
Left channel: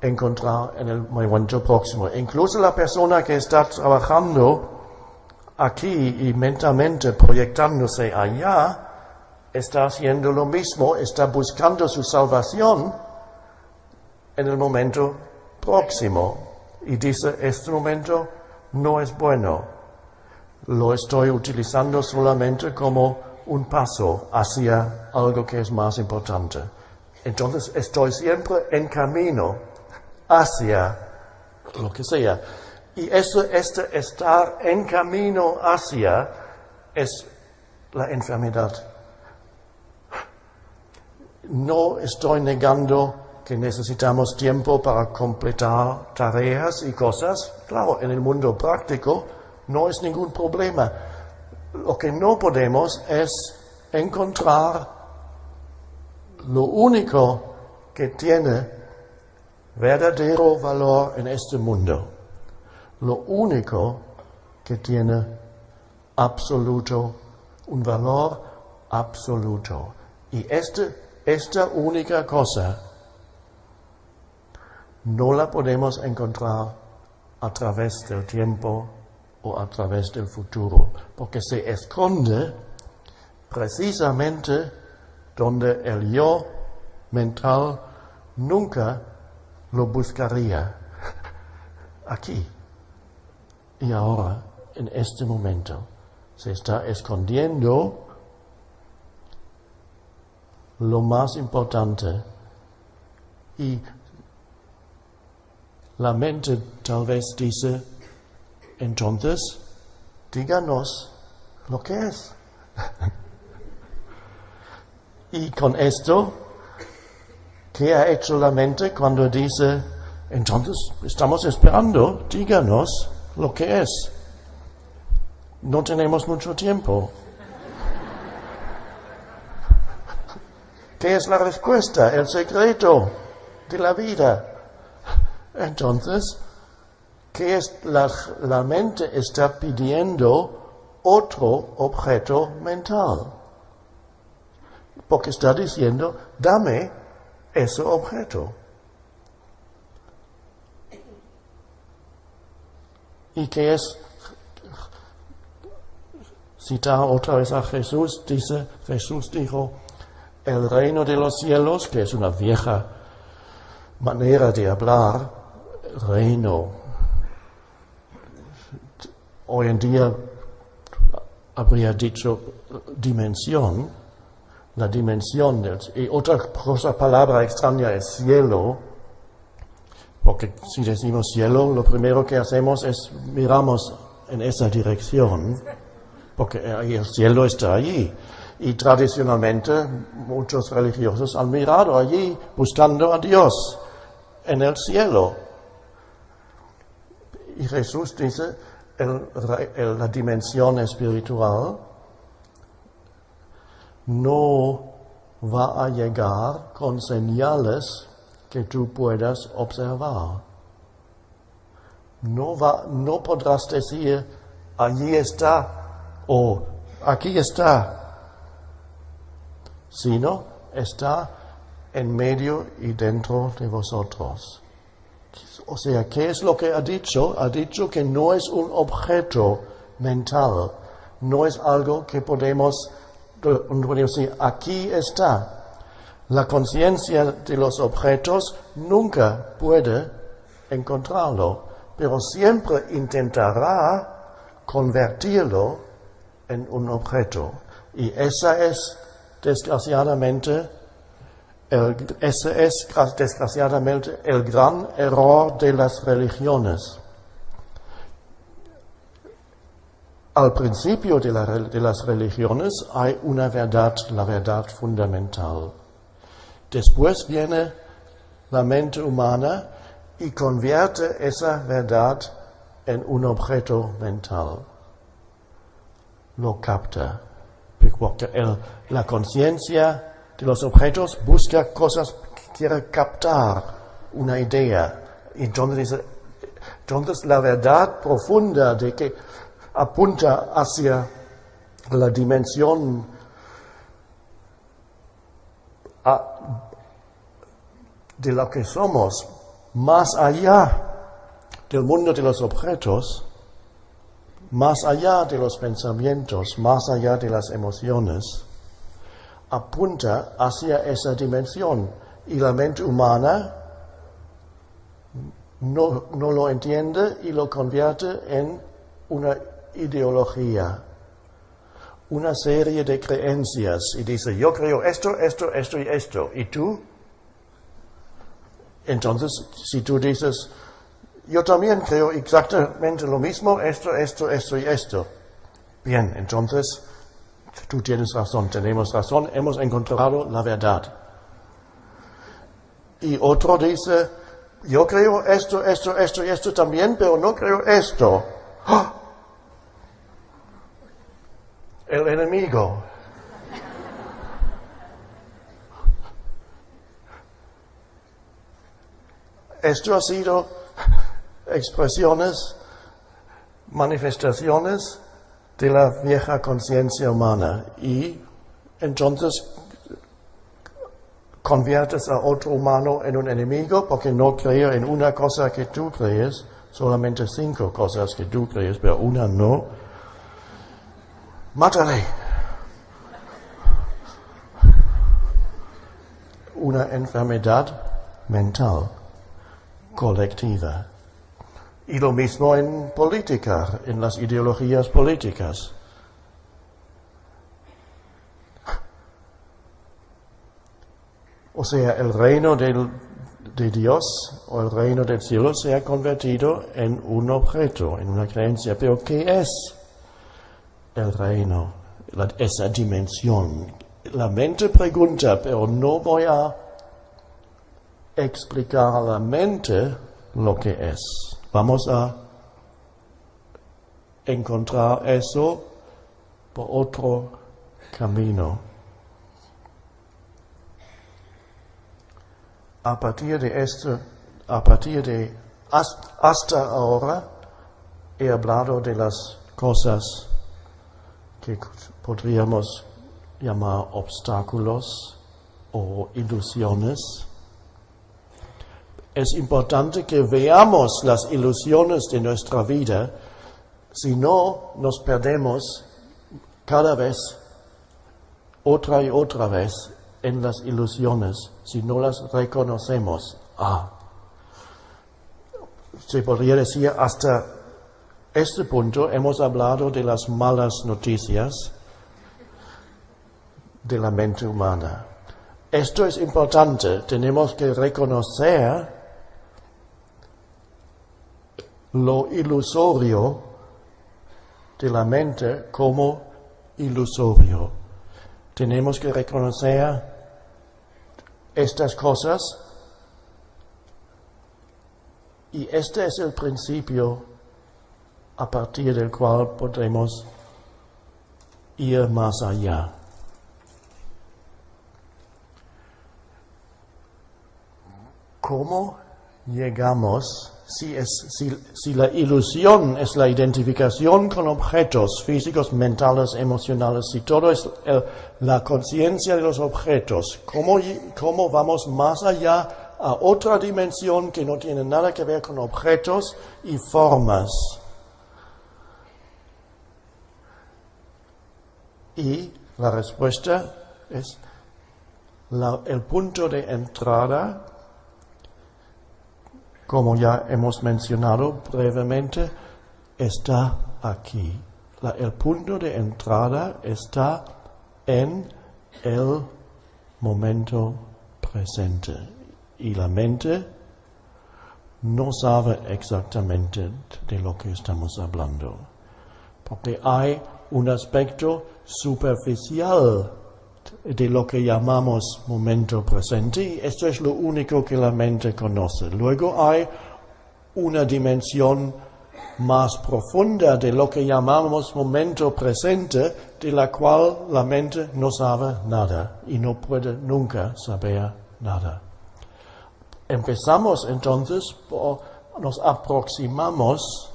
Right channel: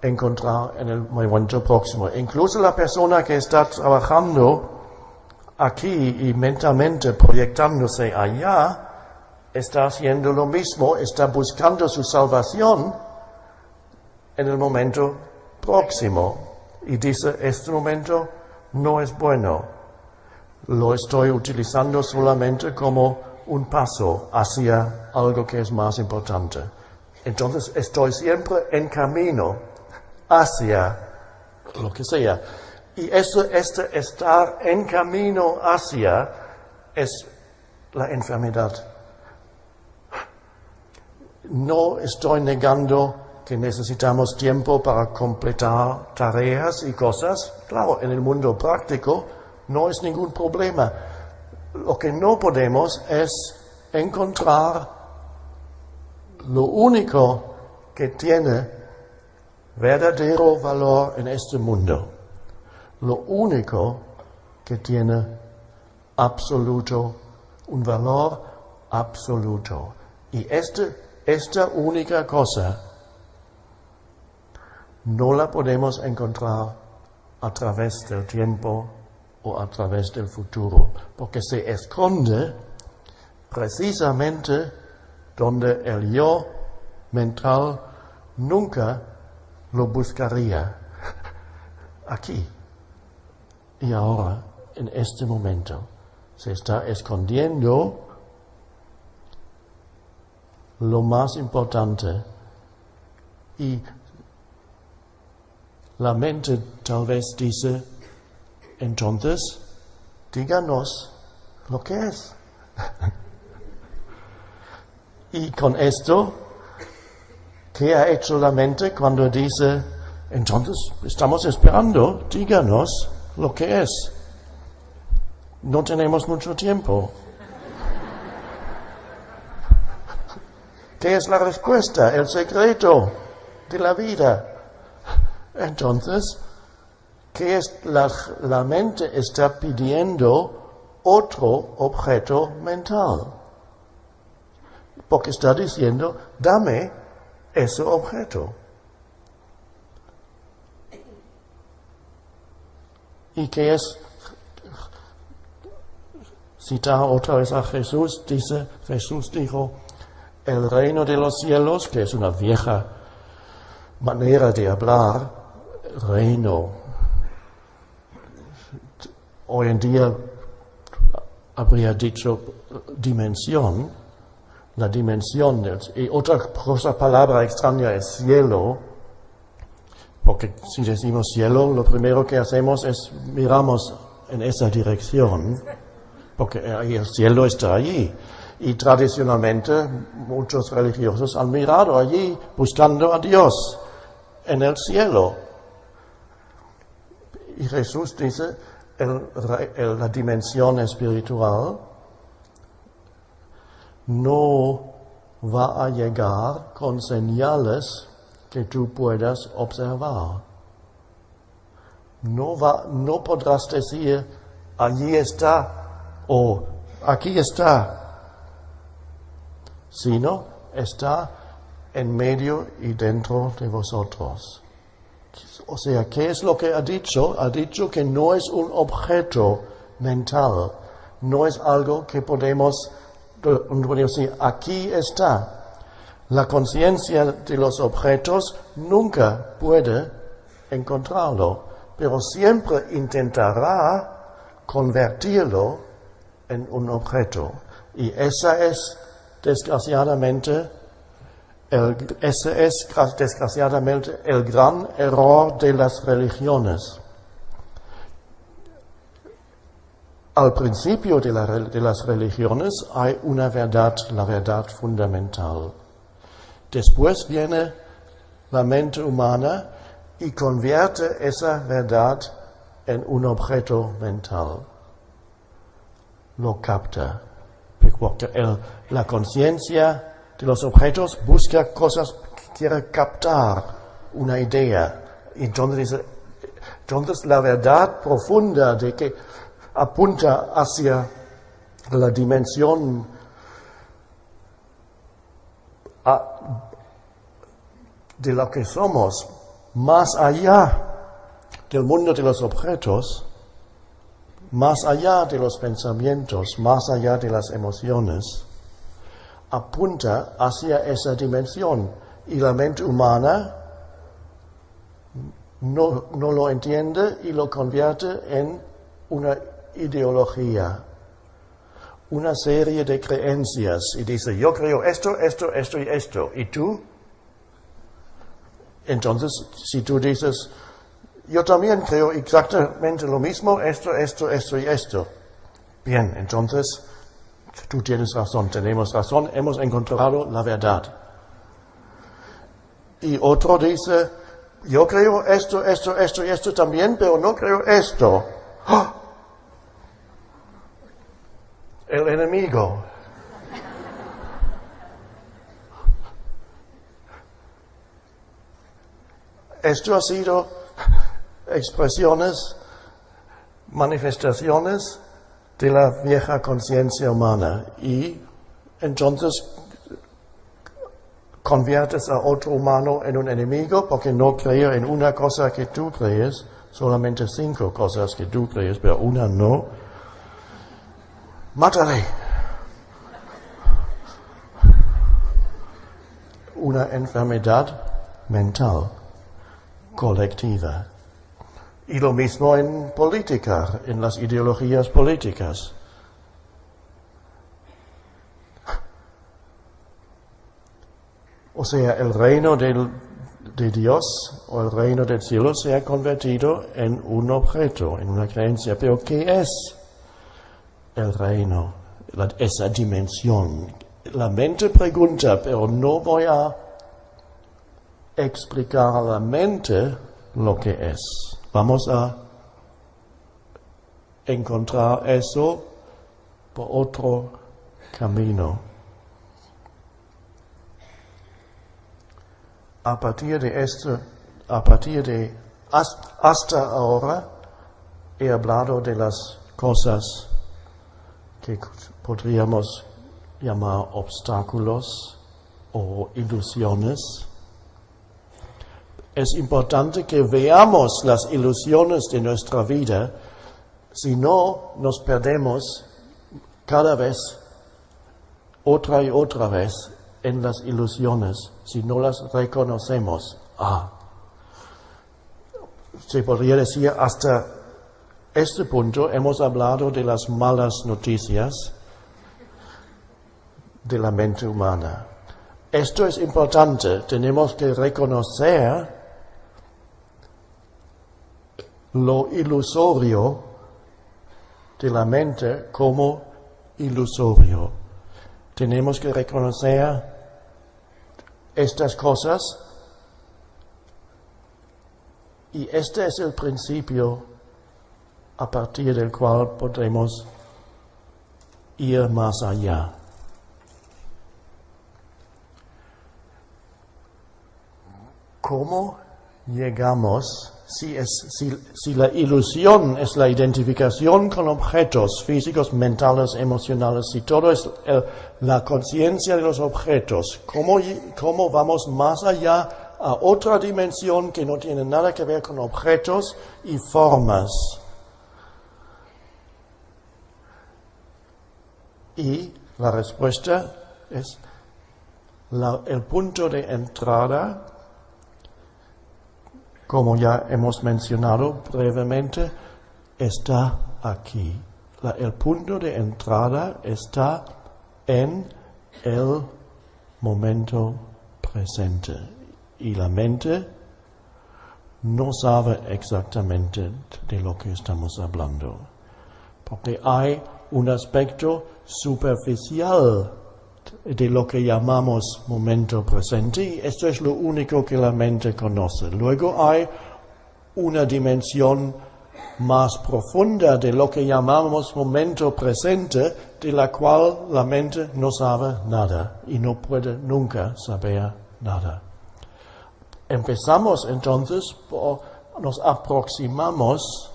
encontrar en el momento próximo. Incluso la persona que está trabajando aquí y mentalmente proyectándose allá, está haciendo lo mismo, está buscando su salvación en el momento próximo. Y dice, este momento no es bueno. Lo estoy utilizando solamente como un paso hacia algo que es más importante. Entonces estoy siempre en camino hacia lo que sea. Y estar en camino hacia es la enfermedad. No estoy negando que necesitamos tiempo para completar tareas y cosas. Claro, en el mundo práctico no es ningún problema. Lo que no podemos es encontrar lo único que tiene verdadero valor en este mundo. Lo único que tiene un valor absoluto. Y esta única cosa no la podemos encontrar a través del tiempo o a través del futuro, porque se esconde precisamente donde el yo mental nunca lo buscaría, aquí y ahora, en este momento. Se está escondiendo lo más importante y la mente tal vez dice, entonces, díganos lo que es. Y con esto, ¿qué ha hecho la mente cuando dice, entonces, estamos esperando, díganos lo que es? No tenemos mucho tiempo. ¿Qué es la respuesta? El secreto de la vida. Entonces, ¿qué es la mente está pidiendo otro objeto mental? Porque está diciendo, dame ese objeto. ¿Y qué es? Citar otra vez a Jesús, Jesús dijo, el reino de los cielos, que es una vieja manera de hablar, reino. Hoy en día habría dicho dimensión, la dimensión y otra palabra extraña es cielo, porque si decimos cielo, lo primero que hacemos es miramos en esa dirección, porque el cielo está allí. Y tradicionalmente muchos religiosos han mirado allí buscando a Dios en el cielo. Y Jesús dice, la dimensión espiritual no va a llegar con señales que tú puedas observar. No podrás decir, allí está o aquí está, sino está en medio y dentro de vosotros. O sea, ¿qué es lo que ha dicho? Ha dicho que no es un objeto mental, no es algo que podemos decir, aquí está. La conciencia de los objetos nunca puede encontrarlo, pero siempre intentará convertirlo en un objeto. Y esa es desgraciadamente el gran error de las religiones. Al principio de las religiones hay una verdad, la verdad fundamental. Después viene la mente humana y convierte esa verdad en un objeto mental. Lo capta, porque la conciencia de los objetos busca cosas, quiere captar una idea. Entonces la verdad profunda de que apunta hacia la dimensión de lo que somos, más allá del mundo de los objetos, más allá de los pensamientos, más allá de las emociones, apunta hacia esa dimensión. Y la mente humana no lo entiende y lo convierte en una ideología, una serie de creencias. Y dice, yo creo esto y esto. ¿Y tú? Entonces, si tú dices, yo también creo exactamente lo mismo, esto y esto. Bien, entonces, tú tienes razón, tenemos razón, hemos encontrado la verdad. Y otro dice, yo creo esto y esto también, pero no creo esto. ¡Ah! El enemigo. Esto ha sido expresiones, manifestaciones de la vieja conciencia humana. Y entonces conviertes a otro humano en un enemigo porque no cree en una cosa que tú crees, solamente 5 cosas que tú crees, pero una no. Mátale. Una enfermedad mental colectiva. Y lo mismo en política, en las ideologías políticas. O sea, el reino de Dios o el reino del cielo se ha convertido en un objeto, en una creencia. Pero ¿qué es el reino? Esa dimensión. La mente pregunta, pero no voy a explicar a la mente lo que es. Vamos a encontrar eso por otro camino. A partir de hasta ahora he hablado de las cosas que podríamos llamar obstáculos o ilusiones. Es importante que veamos las ilusiones de nuestra vida, si no nos perdemos cada vez, otra y otra vez, en las ilusiones, si no las reconocemos. Se podría decir, hasta este punto hemos hablado de las malas noticias de la mente humana. Esto es importante, tenemos que reconocer lo ilusorio de la mente como ilusorio. Tenemos que reconocer estas cosas y este es el principio a partir del cual podremos ir más allá. ¿Cómo llegamos? Si la ilusión es la identificación con objetos físicos, mentales, emocionales, si todo es la conciencia de los objetos, ¿cómo vamos más allá a otra dimensión que no tiene nada que ver con objetos y formas? Y la respuesta es el punto de entrada. Como ya hemos mencionado brevemente, está aquí. El punto de entrada está en el momento presente. Y la mente no sabe exactamente de lo que estamos hablando. Porque hay un aspecto superficial de lo que llamamos momento presente, y esto es lo único que la mente conoce. Luego hay una dimensión más profunda de lo que llamamos momento presente, de la cual la mente no sabe nada y no puede nunca saber nada. Empezamos entonces, nos aproximamos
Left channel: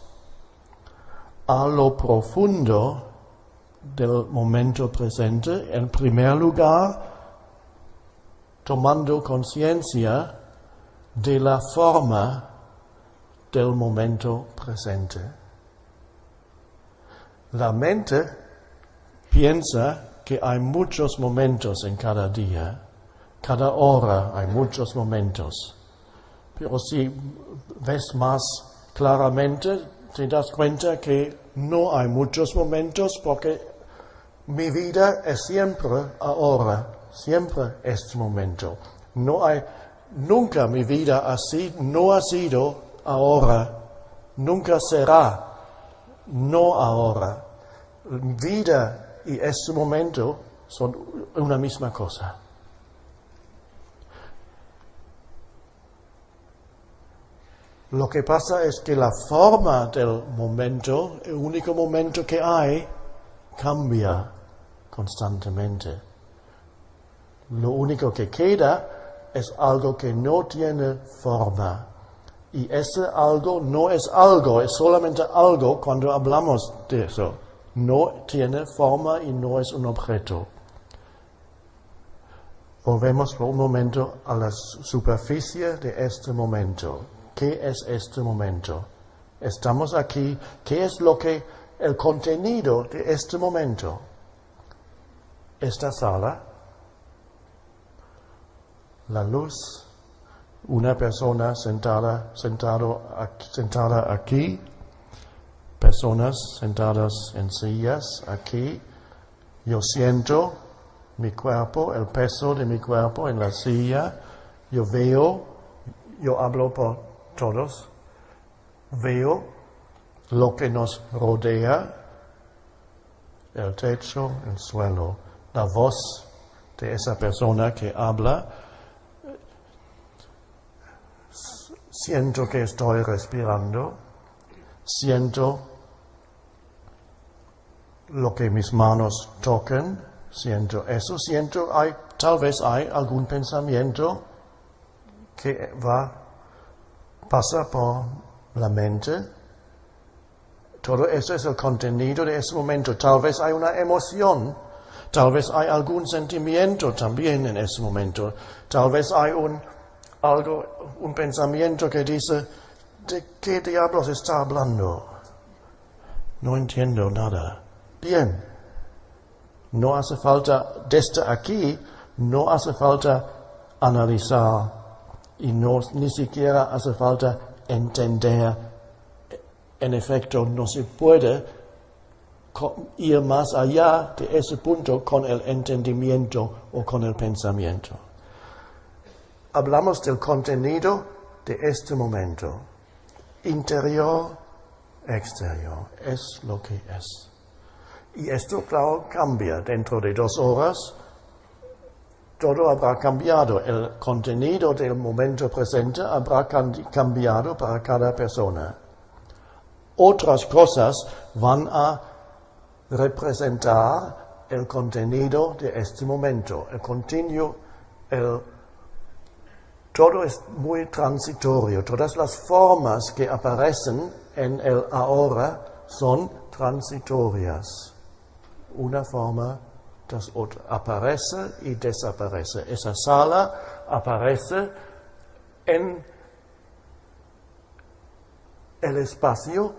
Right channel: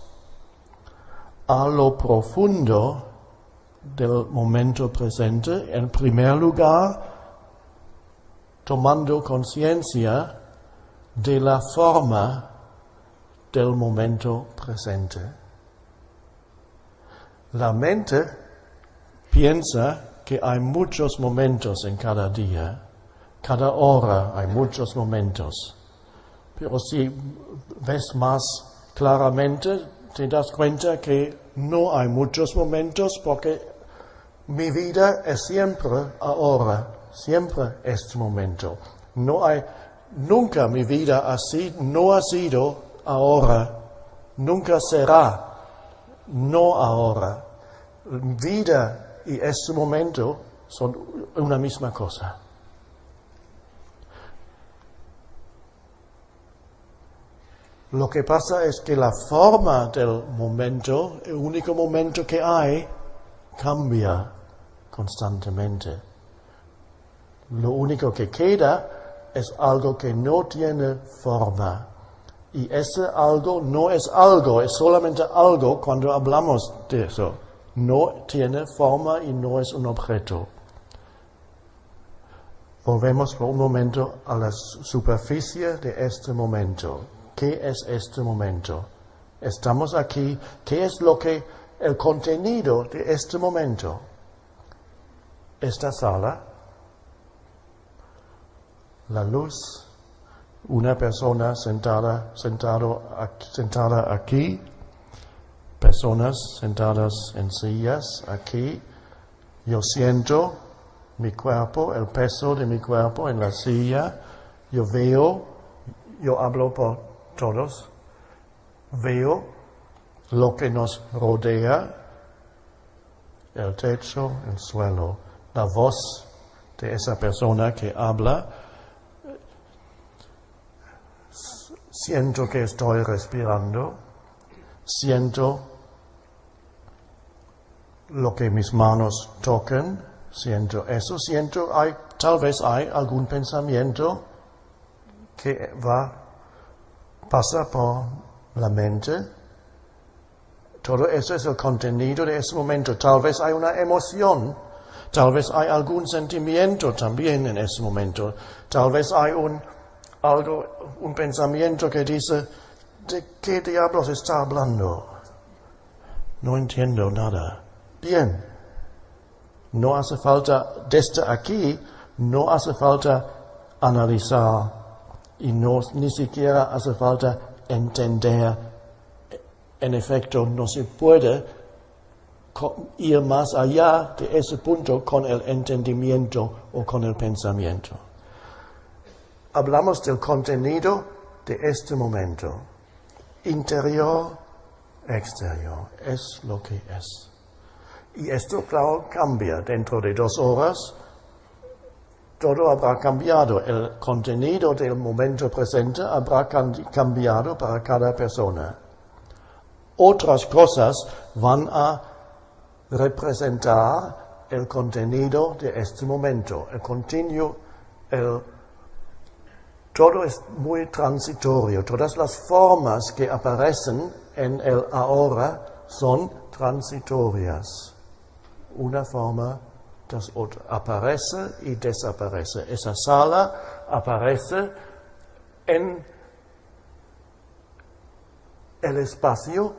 a lo profundo del momento presente, en primer lugar, tomando conciencia de la forma del momento presente. La mente piensa que hay muchos momentos en cada día, cada hora hay muchos momentos, pero si ves más claramente, te das cuenta que no hay muchos momentos porque mi vida es siempre ahora, siempre este momento. Nunca mi vida así no ha sido ahora nunca será, no ahora. Vida y este momento son una misma cosa. Lo que pasa es que la forma del momento, el único momento que hay, cambia constantemente. Lo único que queda es algo que no tiene forma. Y ese algo no es algo, es solamente algo cuando hablamos de eso. No tiene forma y no es un objeto. Volvemos por un momento a la superficie de este momento. ¿Qué es este momento? Estamos aquí. ¿Qué es el contenido de este momento? Esta sala, la luz, una persona sentada aquí, personas sentadas en sillas aquí. Yo siento mi cuerpo, el peso de mi cuerpo en la silla. Yo veo, yo hablo por todos, veo lo que nos rodea, el techo, el suelo, la voz de esa persona que habla. Siento que estoy respirando, siento lo que mis manos tocan, siento eso, tal vez hay algún pensamiento que pasa por la mente. Todo eso es el contenido de ese momento. Tal vez hay una emoción, tal vez hay algún sentimiento también en ese momento. Tal vez hay un pensamiento que dice, ¿de qué diablos está hablando? No entiendo nada. Bien, no hace falta, desde aquí, no hace falta analizar y ni siquiera hace falta entender. En efecto, no se puede ir más allá de ese punto con el entendimiento o con el pensamiento. Hablamos del contenido de este momento. Interior, exterior, es lo que es. Y esto, claro, cambia. Dentro de 2 horas, todo habrá cambiado. El contenido del momento presente habrá cambiado para cada persona. Otras cosas van a representar el contenido de este momento. Todo es muy transitorio. Todas las formas que aparecen en el ahora son transitorias. Una forma tras otra. Aparece y desaparece. Esa sala aparece en el espacio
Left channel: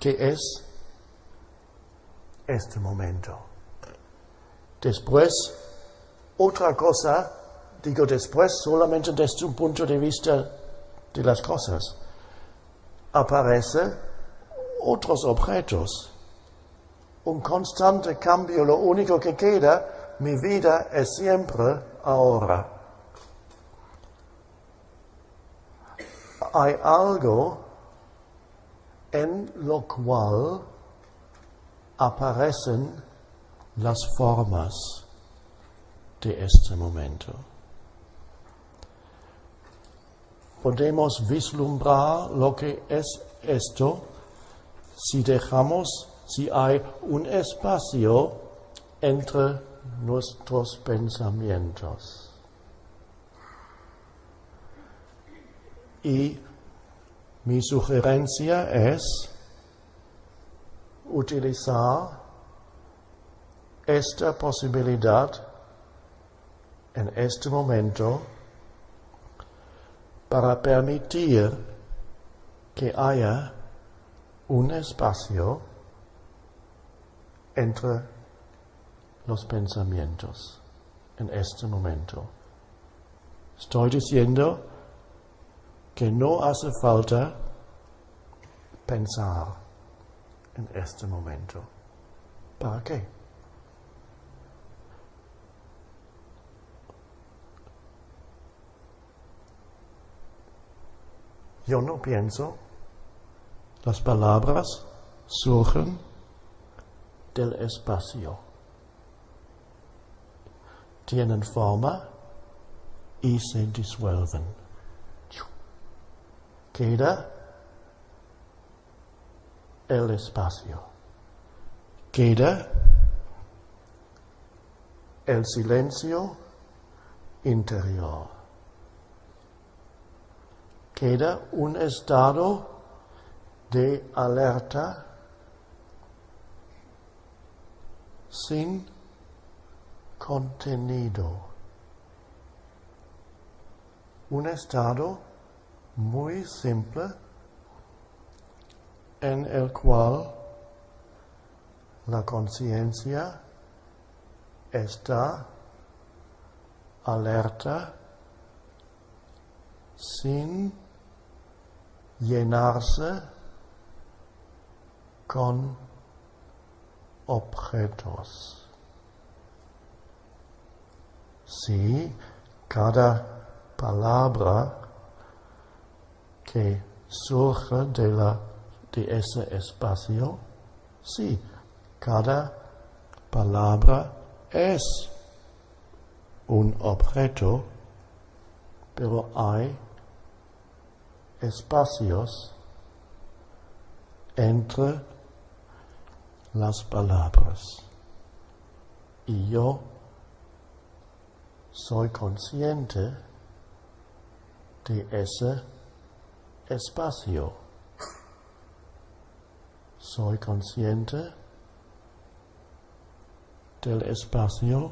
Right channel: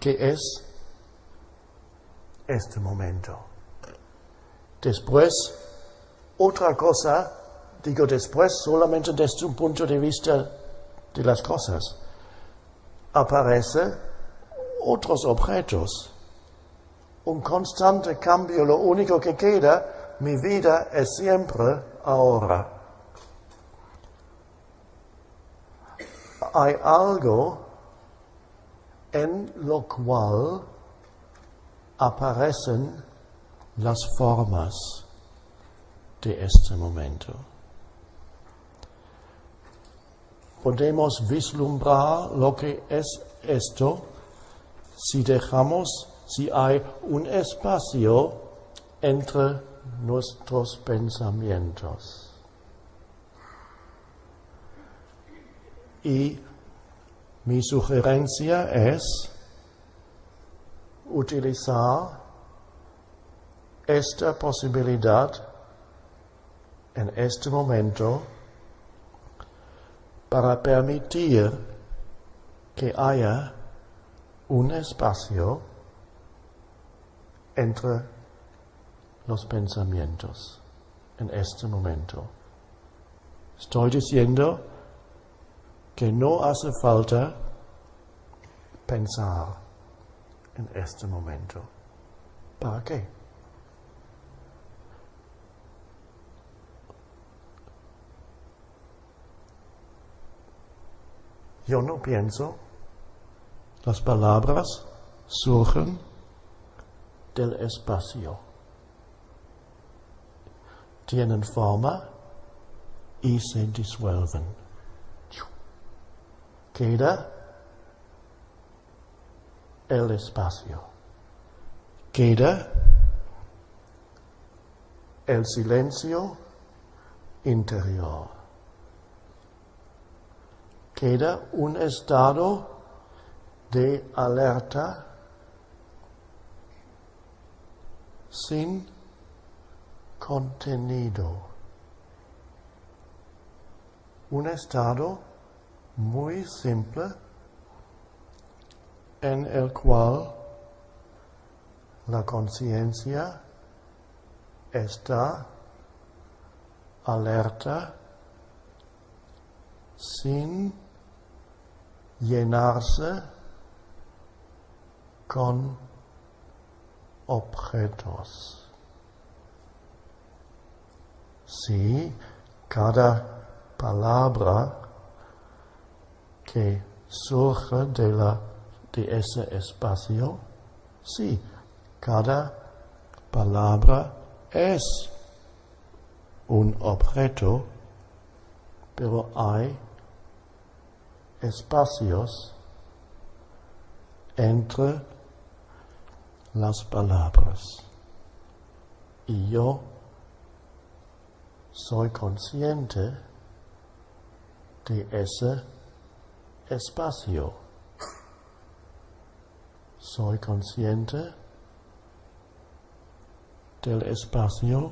que es este momento. Después, otra cosa, digo después solamente desde un punto de vista de las cosas, aparecen otros objetos. Un constante cambio, lo único que queda, mi vida es siempre ahora. Hay algo en lo cual aparecen las formas de este momento. Podemos vislumbrar lo que es esto si hay un espacio entre nuestros pensamientos. Y mi sugerencia es utilizar esta posibilidad en este momento para permitir que haya un espacio entre los pensamientos en este momento. Estoy diciendo que no hace falta pensar en este momento. ¿Para qué? Yo no pienso, Las palabras surgen del espacio. Tienen forma y se disuelven. Queda el espacio. Queda el silencio interior. Queda un estado de alerta sin contenido. Un estado muy simple en el cual la conciencia está alerta sin llenarse con objetos. Sí, cada palabra que surge de ese espacio, sí, cada palabra es un objeto, pero hay espacios entre las palabras. Y yo soy consciente de ese espacio. Soy consciente del espacio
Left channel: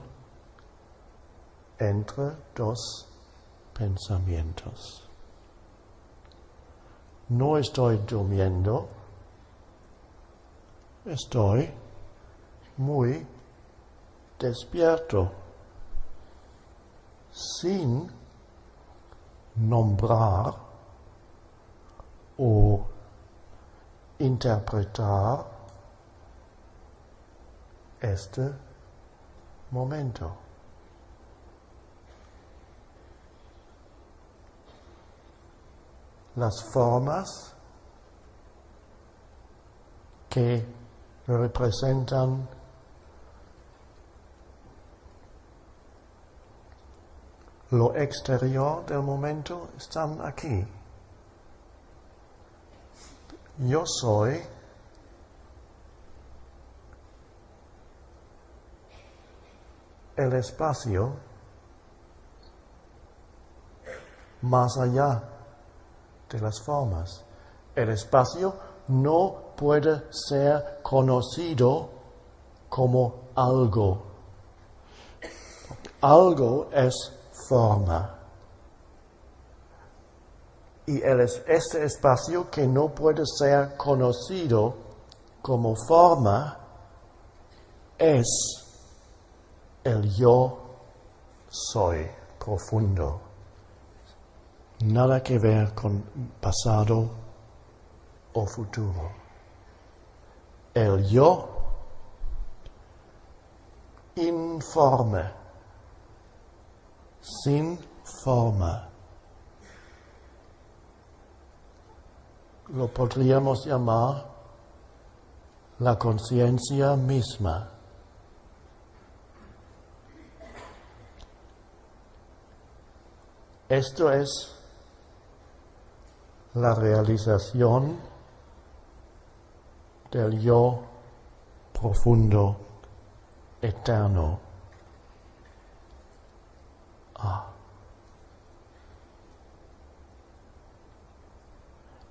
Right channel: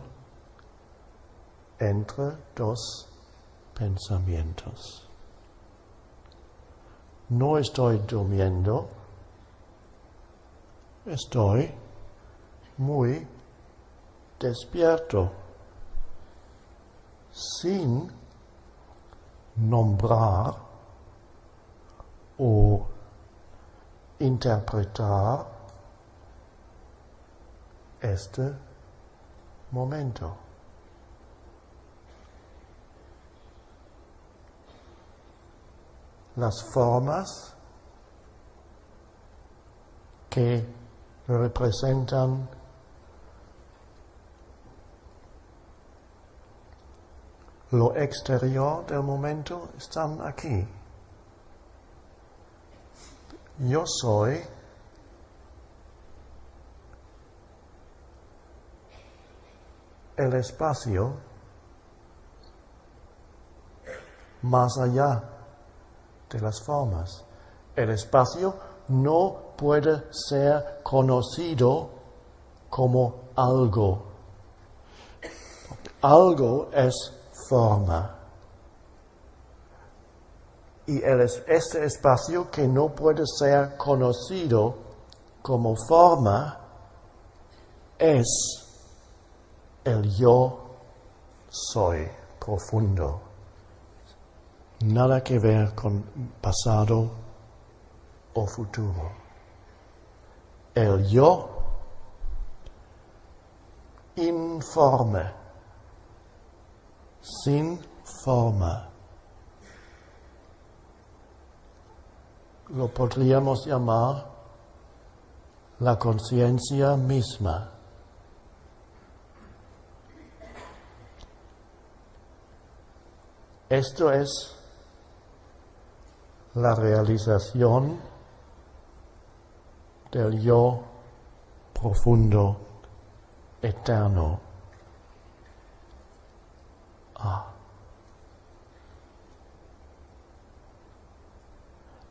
entre dos pensamientos. No estoy durmiendo, estoy muy despierto, sin nombrar o interpretar este momento. Las formas que representan lo exterior del momento están aquí. Yo soy el espacio más allá de las formas. El espacio no puede ser conocido como algo. Algo es forma. Y este espacio que no puede ser conocido como forma es el yo soy profundo. Nada que ver con pasado o futuro. El yo informe, sin forma. Lo podríamos llamar la conciencia misma. Esto es la realización del yo profundo, eterno.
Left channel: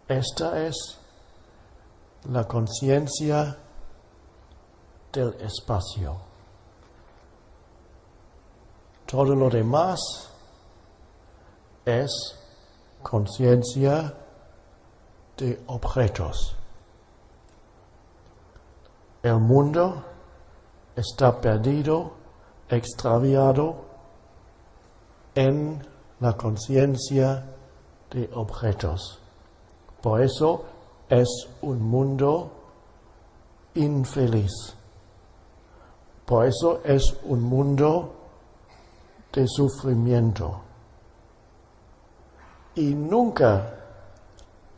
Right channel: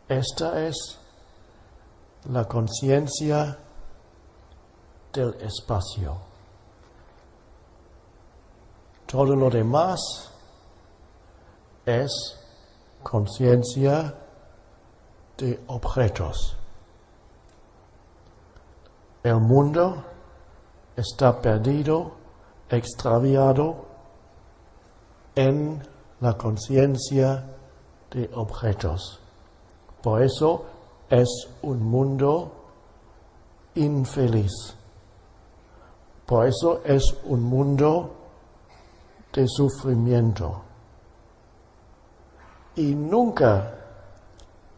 Esta es la conciencia del espacio. Todo lo demás es conciencia de objetos. El mundo está perdido, extraviado en la conciencia de objetos. Por eso es un mundo infeliz. Por eso es un mundo de sufrimiento. Y nunca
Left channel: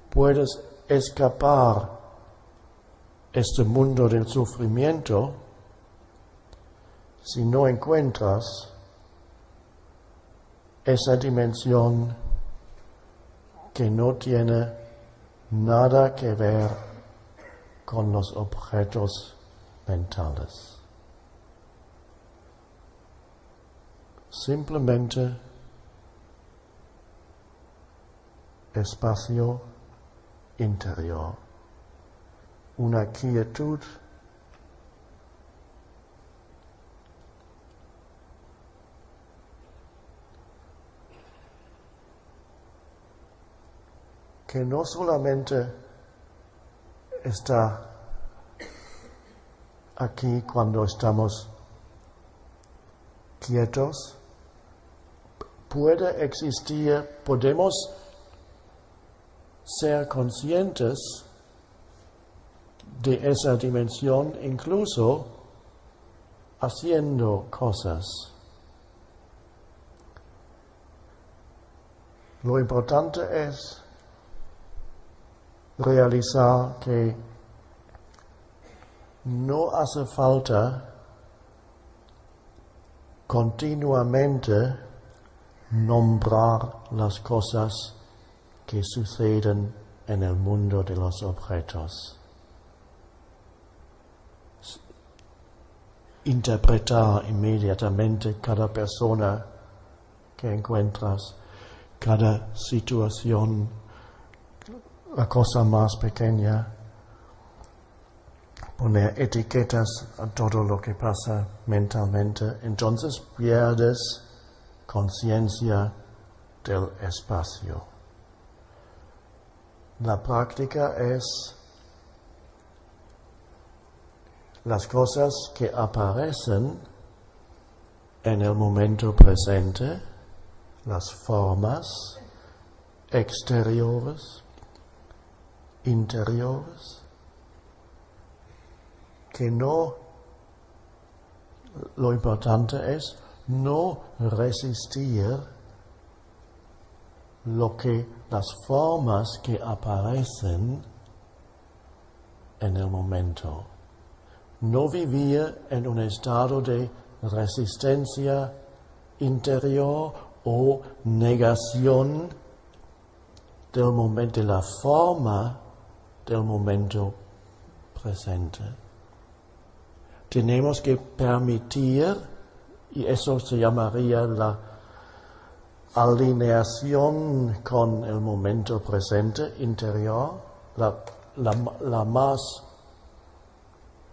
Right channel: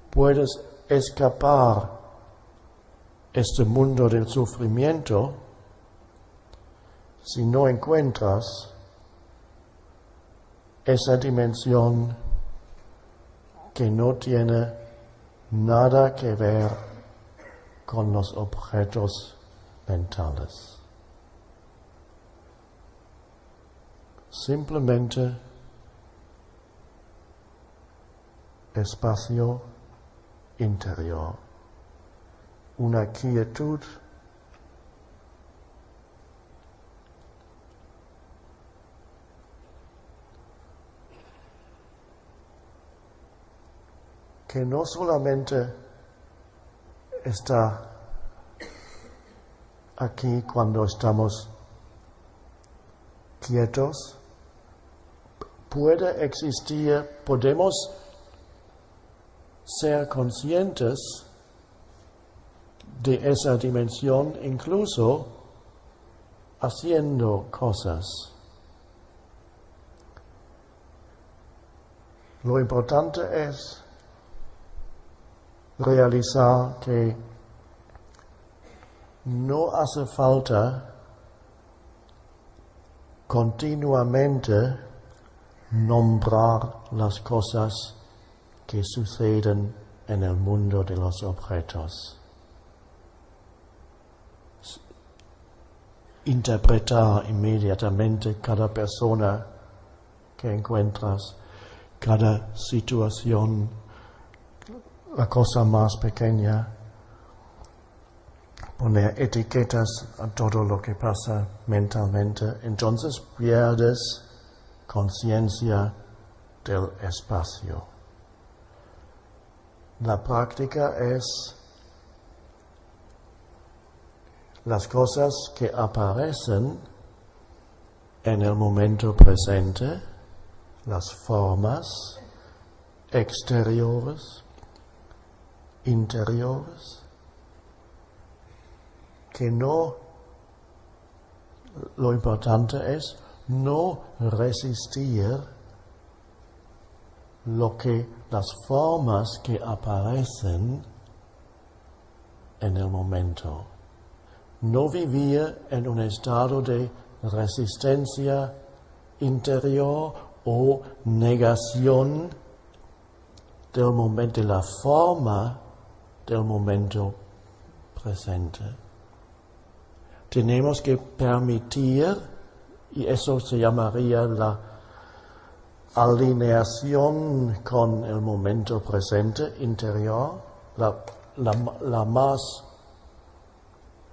puedes escapar este mundo del sufrimiento, si no encuentras esa dimensión que no tiene nada que ver con los objetos mentales. Simplemente espacio interior, una quietud que no solamente está aquí cuando estamos quietos, puede existir, podemos ser conscientes de esa dimensión incluso haciendo cosas. Lo importante es realizar que no hace falta continuamente nombrar las cosas que suceden en el mundo de los objetos. Interpretar inmediatamente cada persona que encuentras, cada situación, la cosa más pequeña, poner etiquetas a todo lo que pasa mentalmente, entonces pierdes conciencia del espacio. La práctica es las cosas que aparecen en el momento presente, las formas exteriores, interiores, que no, lo importante es no resistir las formas que aparecen en el momento. No vivir en un estado de resistencia interior o negación del momento, de la forma del momento presente. Tenemos que permitir, y eso se llamaría la alineación con el momento presente interior, la más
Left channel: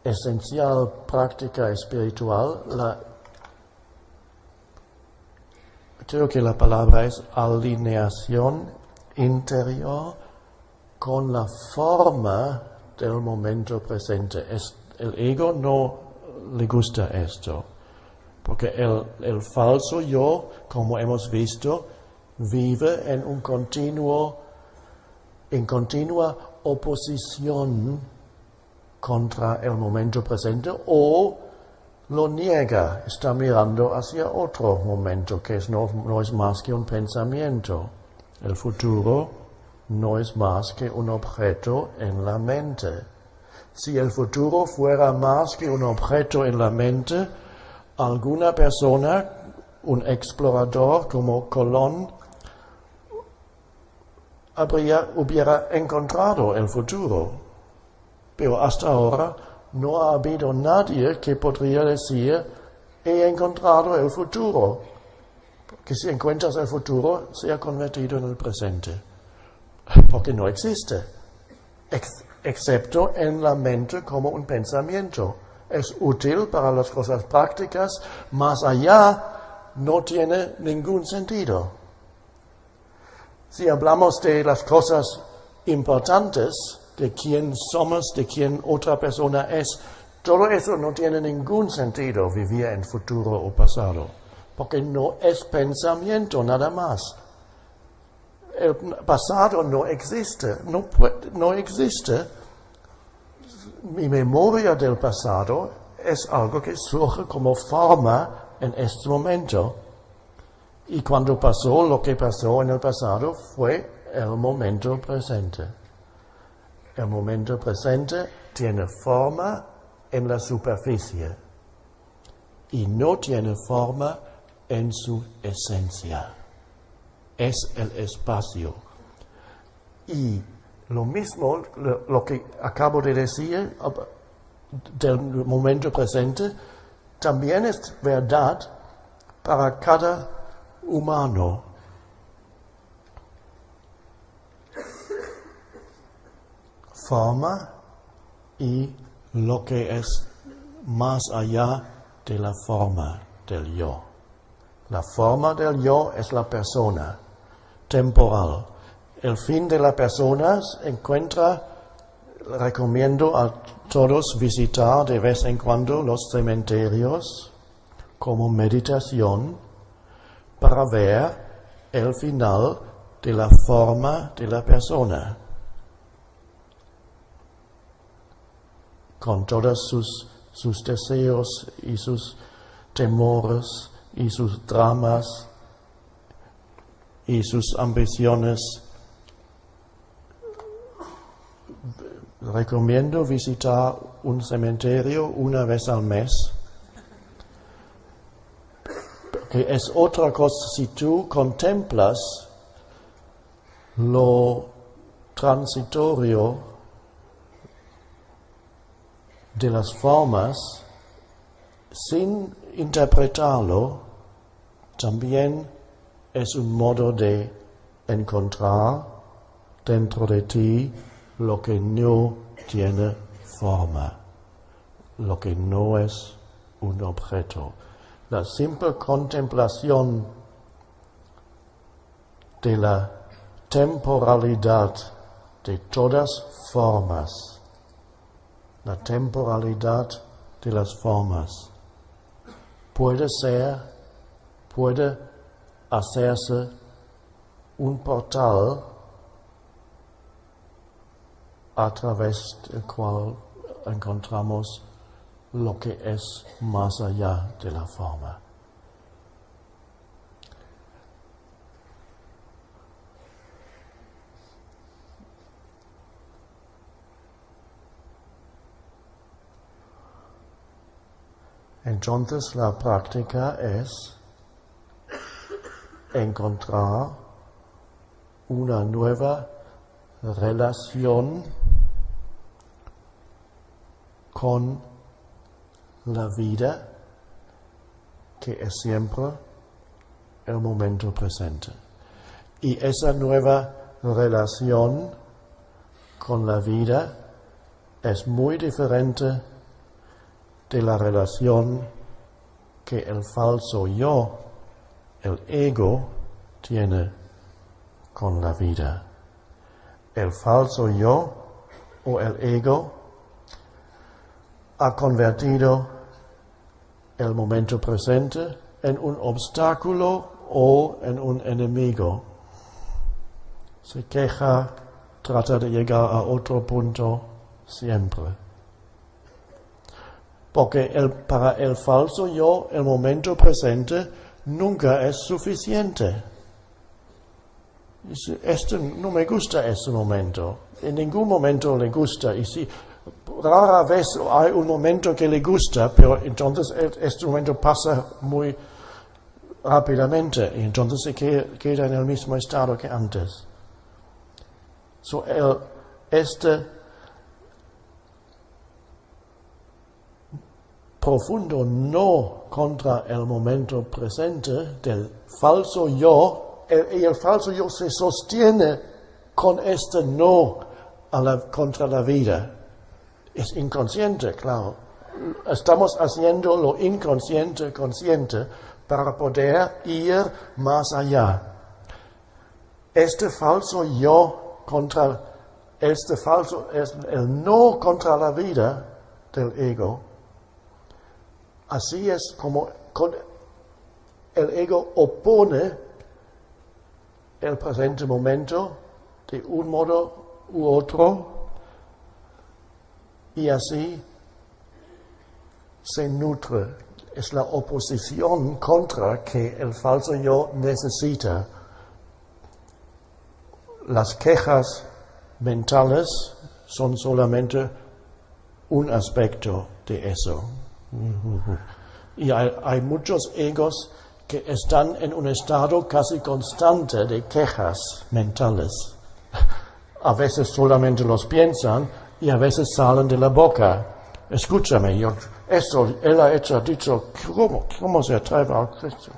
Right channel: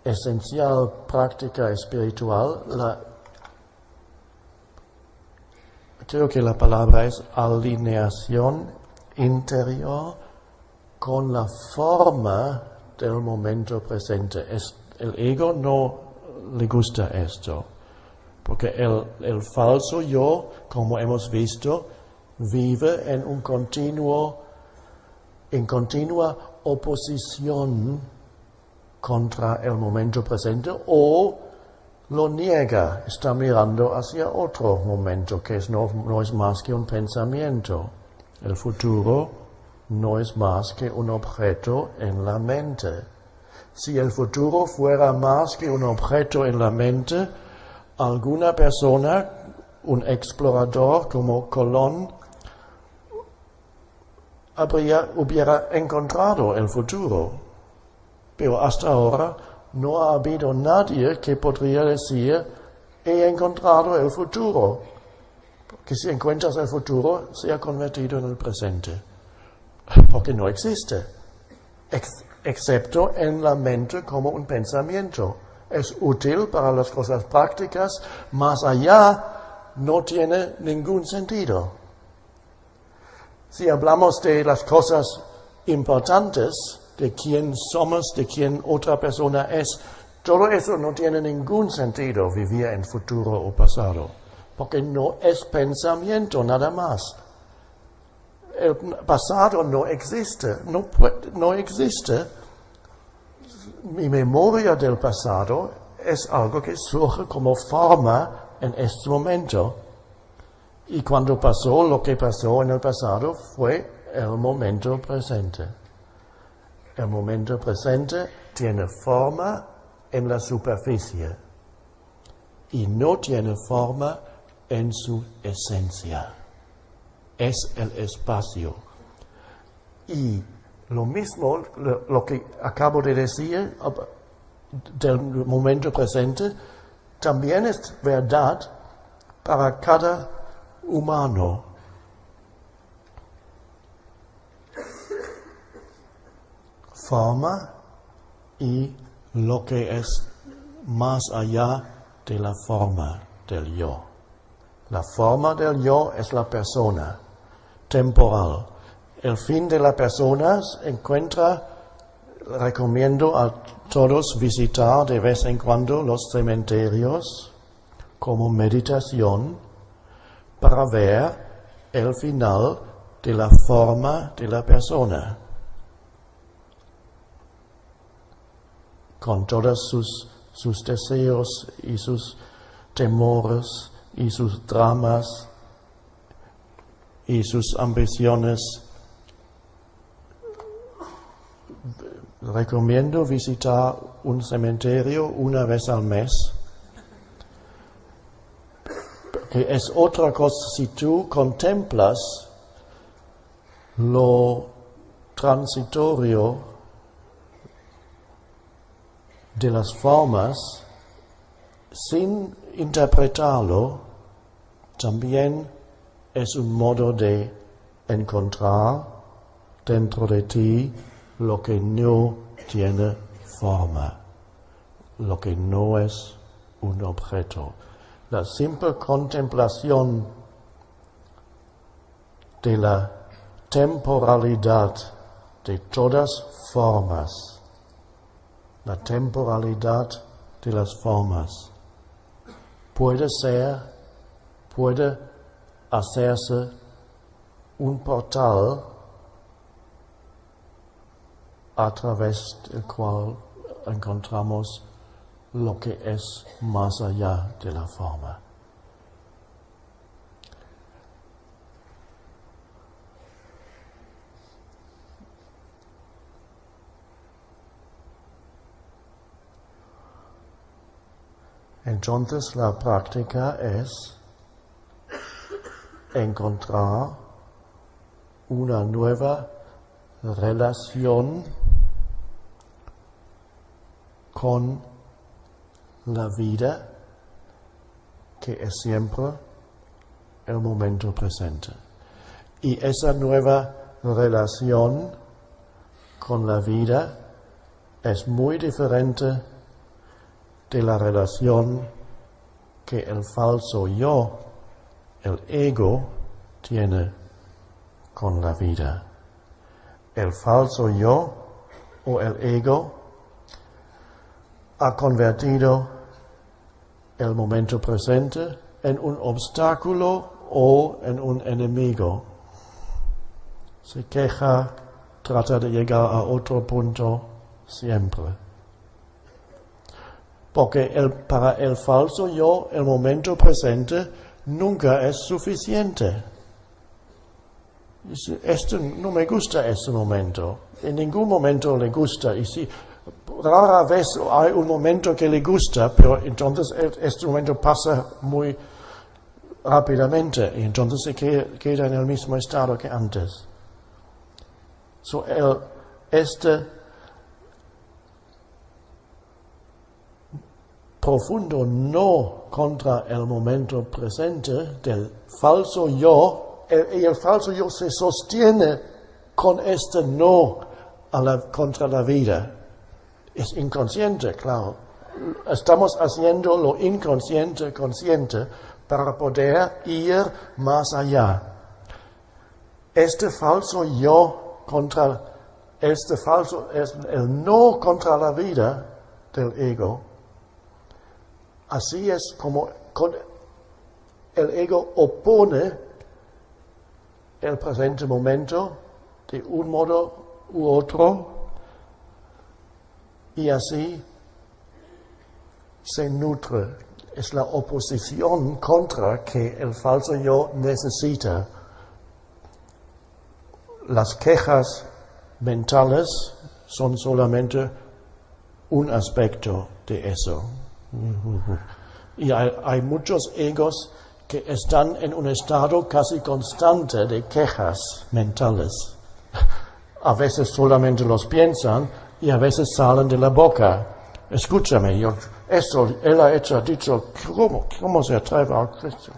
esencial práctica espiritual. Creo que la palabra es alineación interior con la forma del momento presente. El ego no le gusta esto, porque el falso yo, como hemos visto, vive en continua oposición contra el momento presente, o lo niega, está mirando hacia otro momento que no es más que un pensamiento. El futuro no es más que un objeto en la mente. Si el futuro fuera más que un objeto en la mente, alguna persona, un explorador como Colón, hubiera encontrado el futuro. Pero hasta ahora no ha habido nadie que podría decir, he encontrado el futuro. Porque si encuentras el futuro, se ha convertido en el presente. Porque no existe. Excepto en la mente como un pensamiento. Es útil para las cosas prácticas, más allá no tiene ningún sentido. Si hablamos de las cosas importantes, de quién somos, de quién otra persona es, todo eso no tiene ningún sentido vivir en futuro o pasado, porque no es pensamiento nada más. El pasado no existe, no existe. Mi memoria del pasado es algo que surge como forma en este momento. Y cuando pasó lo que pasó en el pasado fue el momento presente. El momento presente tiene forma en la superficie y no tiene forma en su esencia. Es el espacio. Y lo mismo, lo que acabo de decir del momento presente, también es verdad para cada humano. Forma y lo que es más allá de la forma del yo. La forma del yo es la persona, temporal. El fin de la persona se encuentra, recomiendo a todos visitar de vez en cuando los cementerios como meditación para ver el final de la forma de la persona, con todos sus deseos y sus temores y sus dramas y sus ambiciones. Recomiendo visitar un cementerio una vez al mes, que es otra cosa si tú contemplas lo transitorio de las formas sin interpretarlo. También es un modo de encontrar dentro de ti lo que no tiene forma, lo que no es un objeto. La simple contemplación de la temporalidad de todas formas, la temporalidad de las formas, puede hacerse un portal a través del cual encontramos lo que es más allá de la forma. Entonces la práctica es encontrar una nueva relación con la vida, que es siempre el momento presente. Y esa nueva relación con la vida es muy diferente de la relación que el falso yo, el ego, tiene con la vida. El falso yo o el ego ha convertido el momento presente en un obstáculo o en un enemigo. Se queja, trata de llegar a otro punto siempre. Porque para el falso yo, el momento presente nunca es suficiente. Dice, no me gusta este momento. En ningún momento le gusta. Y si rara vez hay un momento que le gusta, pero entonces este momento pasa muy rápidamente y entonces se queda en el mismo estado que antes. Este profundo no contra el momento presente del falso yo, y el falso yo se sostiene con este no contra la vida. Es inconsciente, claro. Estamos haciendo lo inconsciente consciente para poder ir más allá. Este falso yo es el no contra la vida del ego. Así es como el ego opone el presente momento de un modo u otro y así se nutre. Es la oposición contra que el falso yo necesita. Las quejas mentales son solamente un aspecto de eso. Y hay muchos egos que están en un estado casi constante de quejas mentales. A veces solamente los piensan y a veces salen de la boca. Escúchame, él ha dicho, ¿cómo se atreve a esto?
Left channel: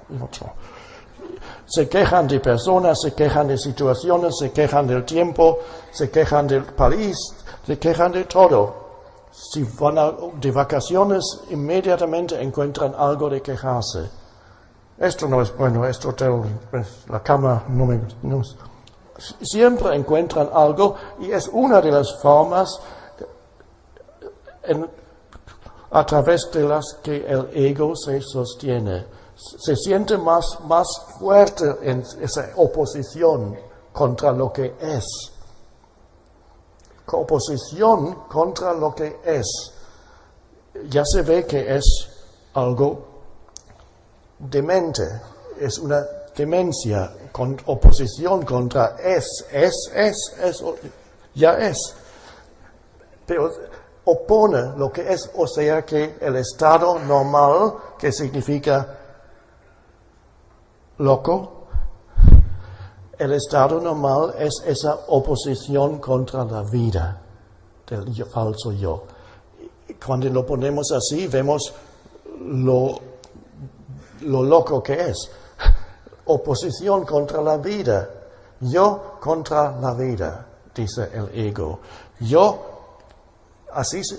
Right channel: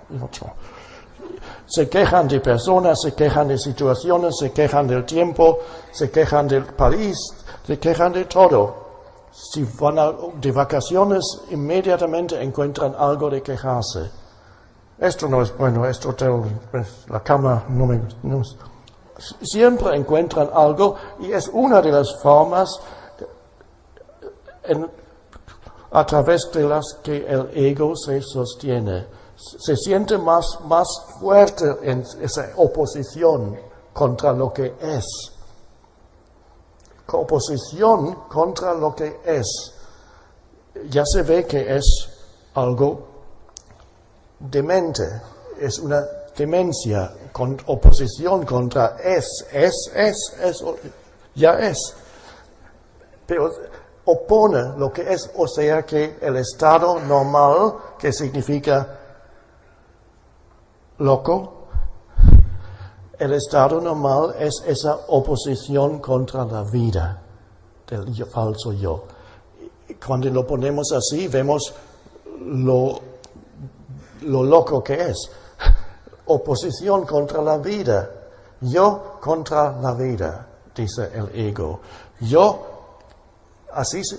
Se quejan de personas, se quejan de situaciones, se quejan del tiempo, se quejan del país, se quejan de todo. Si van de vacaciones, inmediatamente encuentran algo de quejarse. Esto no es bueno, este hotel, la cama no es. Siempre encuentran algo y es una de las formas a través de las que el ego se sostiene. Se siente más fuerte en esa oposición contra lo que es. Oposición contra lo que es. Ya se ve que es algo demente, es una demencia, con oposición contra ya es. Pero opone lo que es, o sea que el estado normal, que significa loco, el estado normal es esa oposición contra la vida del falso yo. Y cuando lo ponemos así, vemos lo loco que es. Oposición contra la vida. Yo contra la vida, dice el ego. Yo, así se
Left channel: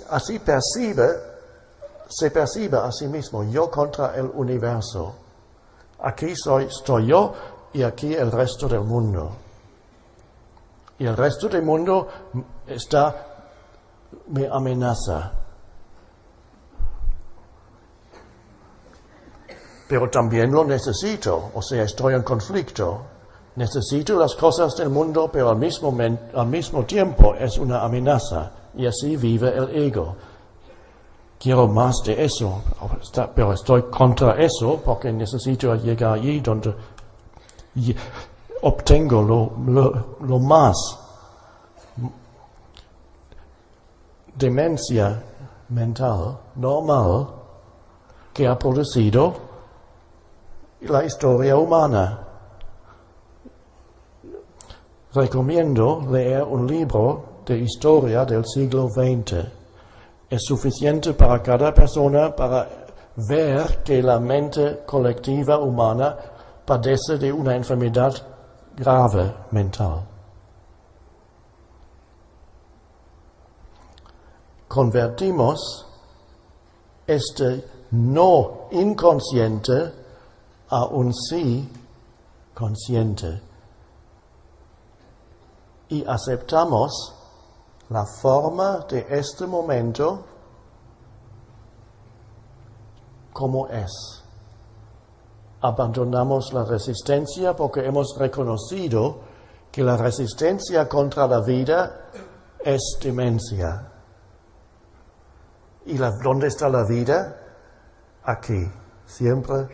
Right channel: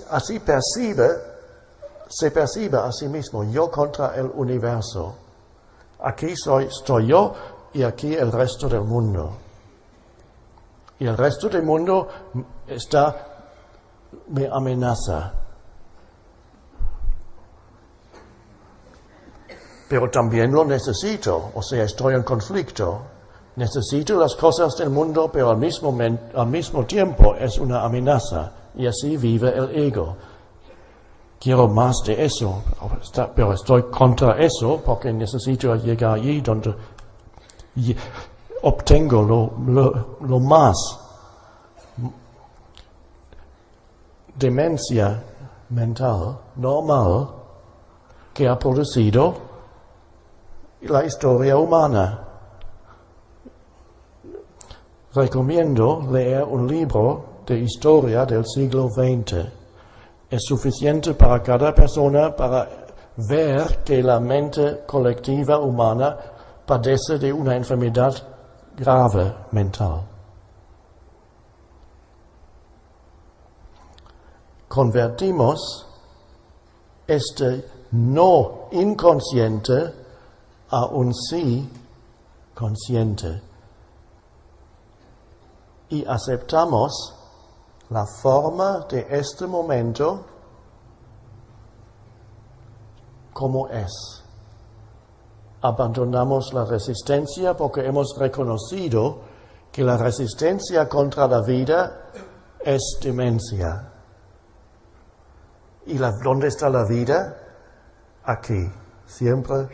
percibe a sí mismo. Yo contra el universo. Aquí estoy yo y aquí el resto del mundo. Y el resto del mundo me amenaza. Pero también lo necesito, o sea, estoy en conflicto. Necesito las cosas del mundo, pero al mismo tiempo es una amenaza. Y así vive el ego. Quiero más de eso, pero estoy contra eso porque necesito llegar allí donde obtengo lo más. Demencia mental normal que ha producido la historia humana. Recomiendo leer un libro de historia del siglo XX. Es suficiente para cada persona para ver que la mente colectiva humana padece de una enfermedad grave mental. Convertimos este no inconsciente a un sí consciente y aceptamos la forma de este momento como es. Abandonamos la resistencia porque hemos reconocido que la resistencia contra la vida es demencia. ¿Y dónde está la vida? Aquí, siempre,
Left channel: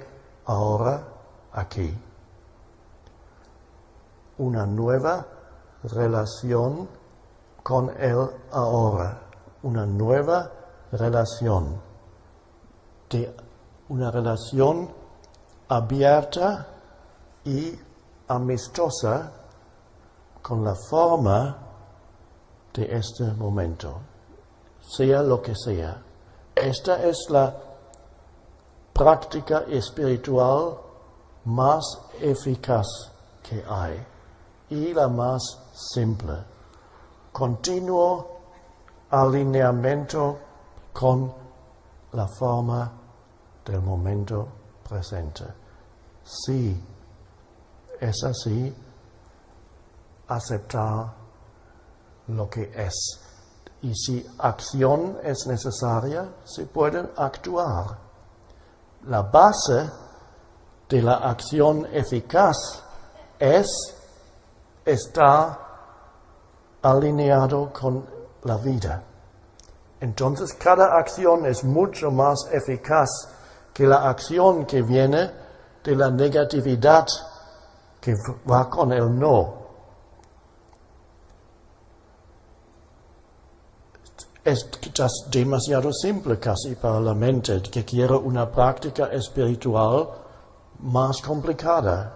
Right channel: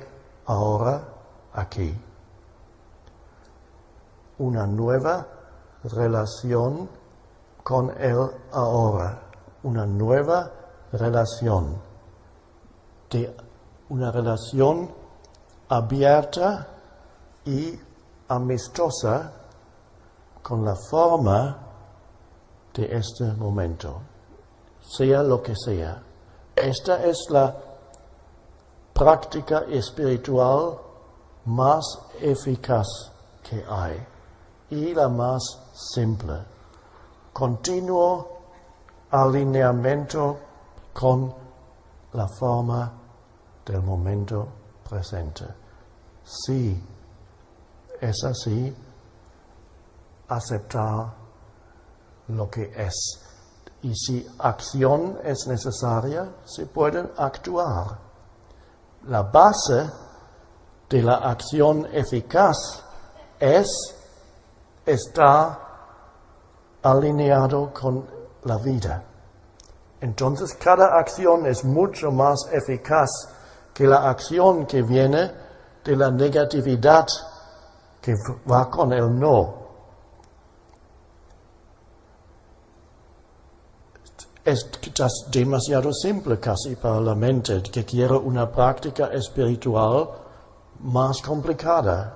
ahora, aquí. Una nueva relación con el ahora, una nueva relación, una relación abierta y amistosa con la forma de este momento, sea lo que sea. Esta es la práctica espiritual más eficaz que hay y la más simple. Continuo alineamiento con la forma del momento presente. Si es así, aceptar lo que es. Y si acción es necesaria, se puede actuar. La base de la acción eficaz es estar alineado con la vida. Entonces, cada acción es mucho más eficaz que la acción que viene de la negatividad que va con el no. demasiado simple casi para la mente, que quiere una práctica espiritual más complicada.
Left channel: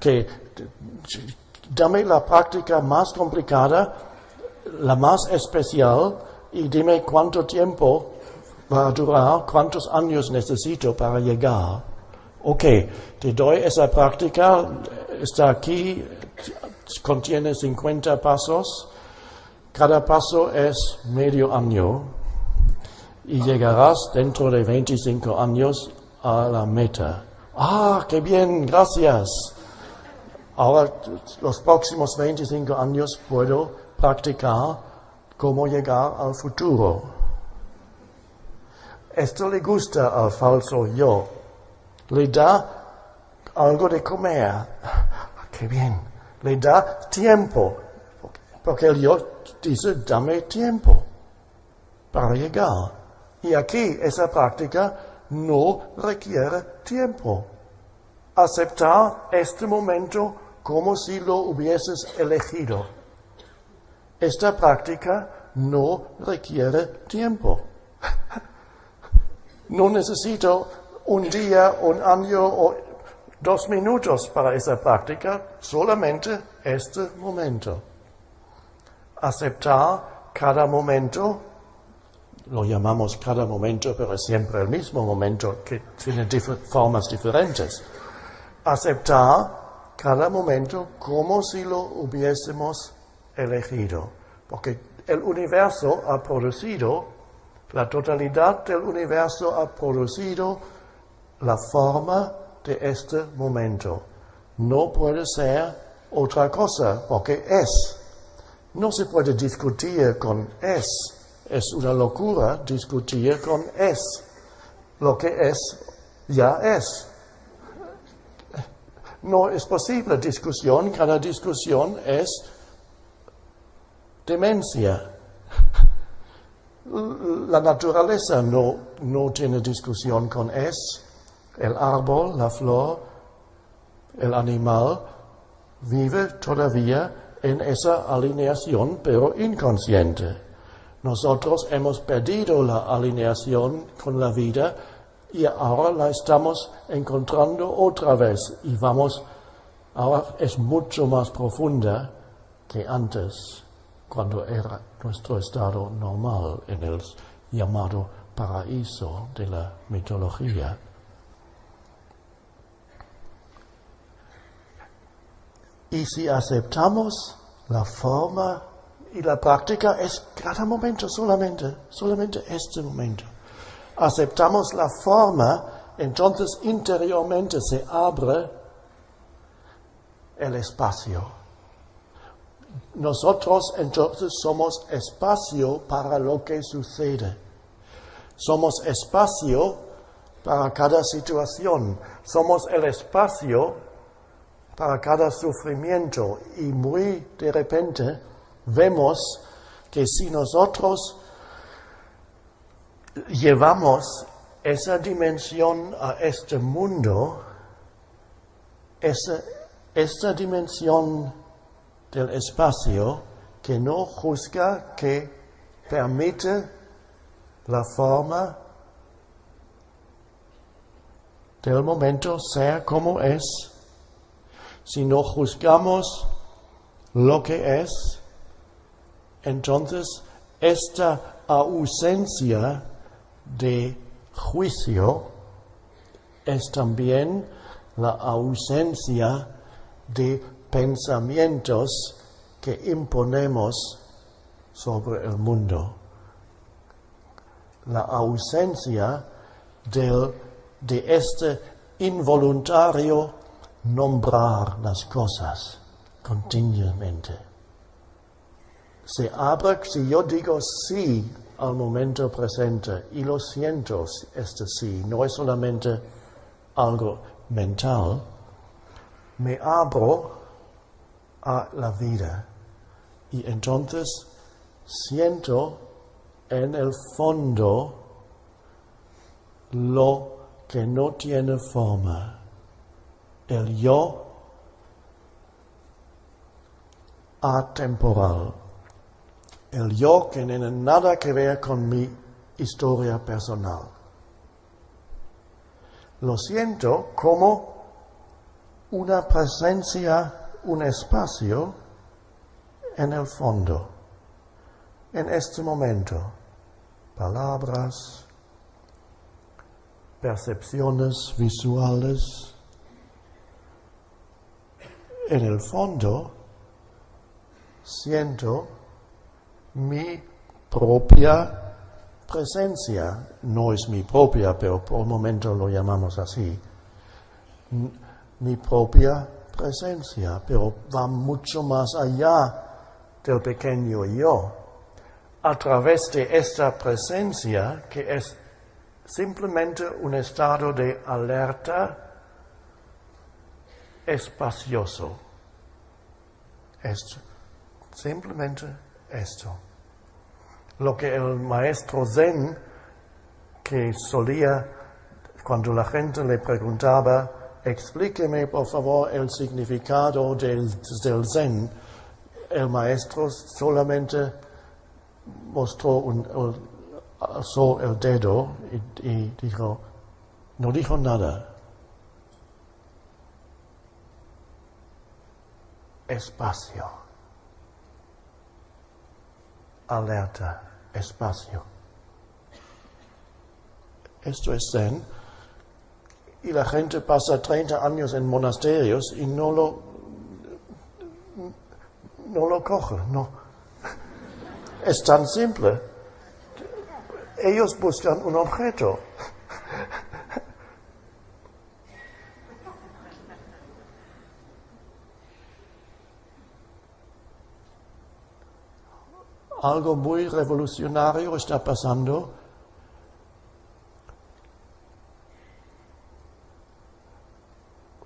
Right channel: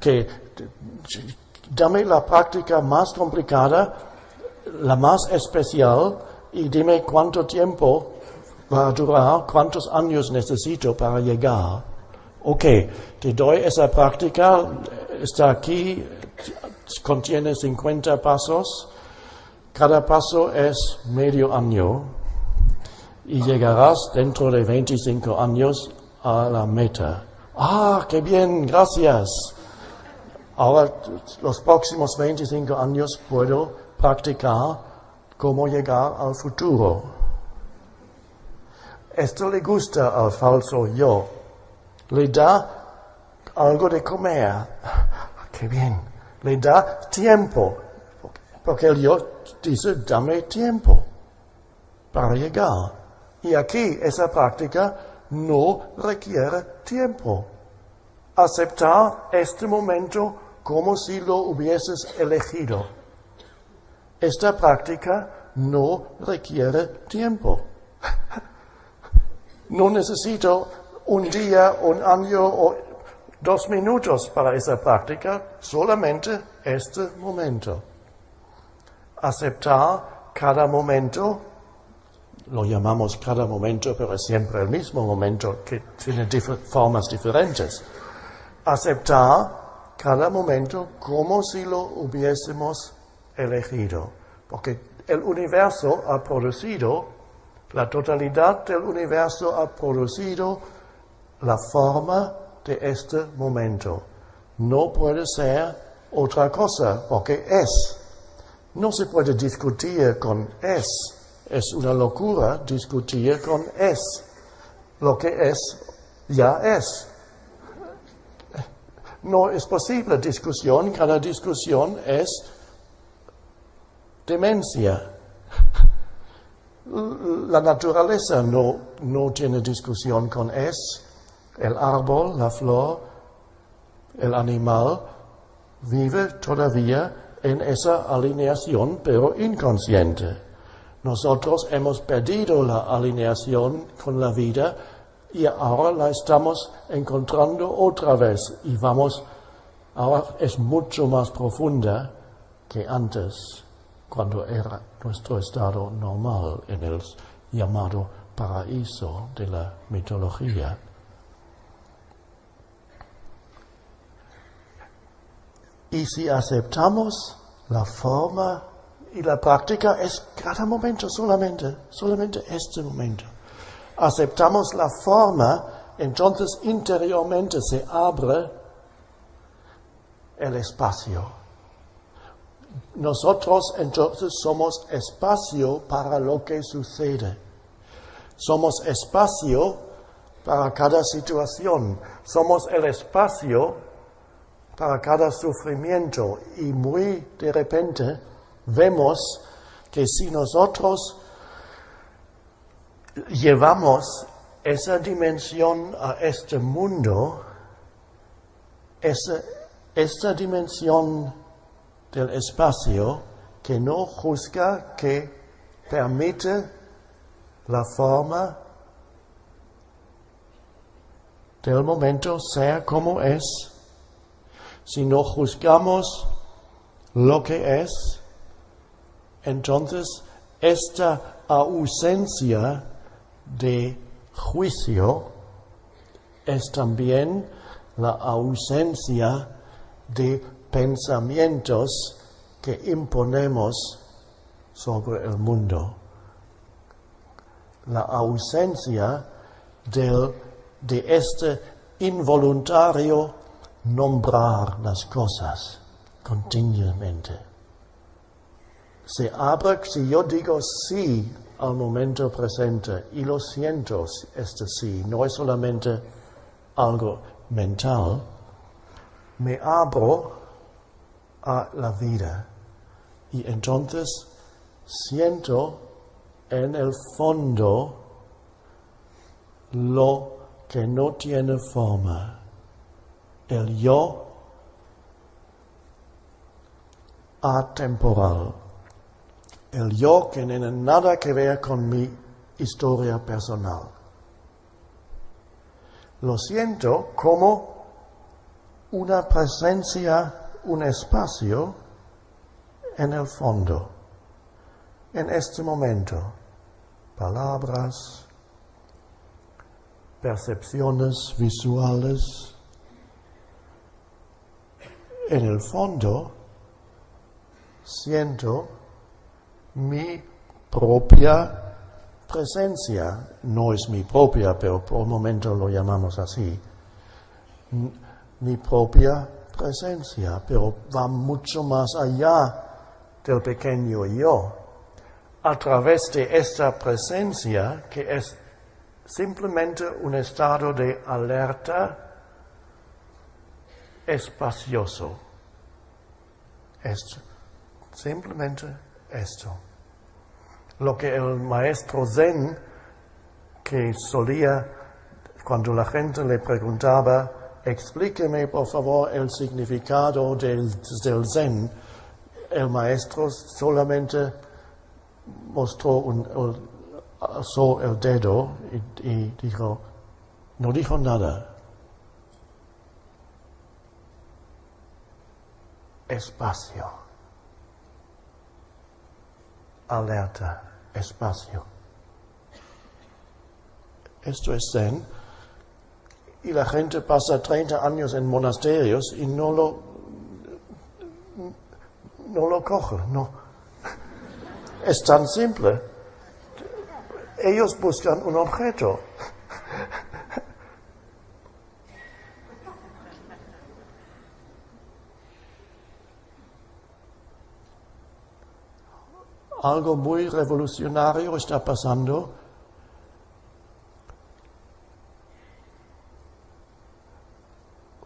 Que dame la práctica más complicada, la más especial, y dime cuánto tiempo va a durar, cuántos años necesito para llegar. Ok, te doy esa práctica, está aquí, contiene 50 pasos, cada paso es medio año y llegarás dentro de 25 años a la meta. ¡Ah, qué bien! Gracias. Ahora, los próximos 25 años puedo practicar cómo llegar al futuro. Esto le gusta al falso yo. Le da algo de comer. ¡Qué bien! Le da tiempo. Porque el yo dice, dame tiempo para llegar. Y aquí, esa práctica no requiere tiempo. Aceptar este momento como si lo hubieses elegido. Esta práctica no requiere tiempo. No necesito un día, un año o 2 minutos para esa práctica, solamente este momento. Aceptar cada momento, lo llamamos cada momento, pero es siempre el mismo momento que tiene formas diferentes. Aceptar cada momento como si lo hubiésemos elegido, porque el universo ha producido, la totalidad del universo ha producido la forma de este momento. No puede ser otra cosa, porque es. No se puede discutir con es. Es una locura discutir con es. Lo que es, ya es. No es posible discusión, cada discusión es demencia. La naturaleza no tiene discusión con es. El árbol, la flor, el animal vive todavía en esa alineación, pero inconsciente. Nosotros hemos perdido la alineación con la vida y ahora la estamos encontrando otra vez y ahora es mucho más profunda que antes, cuando era nuestro estado normal en el llamado paraíso de la mitología. Y si aceptamos la forma y la práctica es cada momento solamente este momento. Aceptamos la forma, entonces interiormente se abre el espacio. Nosotros entonces somos espacio para lo que sucede. Somos espacio para cada situación. Somos el espacio para cada sufrimiento y muy de repente vemos que si nosotros llevamos esa dimensión a este mundo, esta dimensión del espacio que no juzga, que permite la forma del momento ser como es, si no juzgamos lo que es, entonces esta ausencia de juicio es también la ausencia de pensamientos que imponemos sobre el mundo. La ausencia de este involuntario nombrar las cosas continuamente. Se abre, si yo digo sí al momento presente y lo siento, este sí, no es solamente algo mental, me abro a la vida y entonces siento en el fondo lo que no tiene forma. El yo atemporal. El yo que no tiene nada que ver con mi historia personal. Lo siento como una presencia, un espacio en el fondo, en este momento. Palabras, percepciones visuales. En el fondo siento mi propia presencia. No es mi propia, pero por el momento lo llamamos así. Mi propia presencia, pero va mucho más allá del pequeño yo. A través de esta presencia, que es simplemente un estado de alerta espacioso. Esto, simplemente esto. Lo que el maestro Zen, que solía, cuando la gente le preguntaba, explíqueme por favor el significado del Zen, el maestro solamente alzó el dedo y dijo, no dijo nada. Espacio. Alerta. Espacio. Esto es Zen. Y la gente pasa 30 años en monasterios y no lo coge, no. Es tan simple. Ellos buscan un objeto. Algo muy revolucionario está pasando.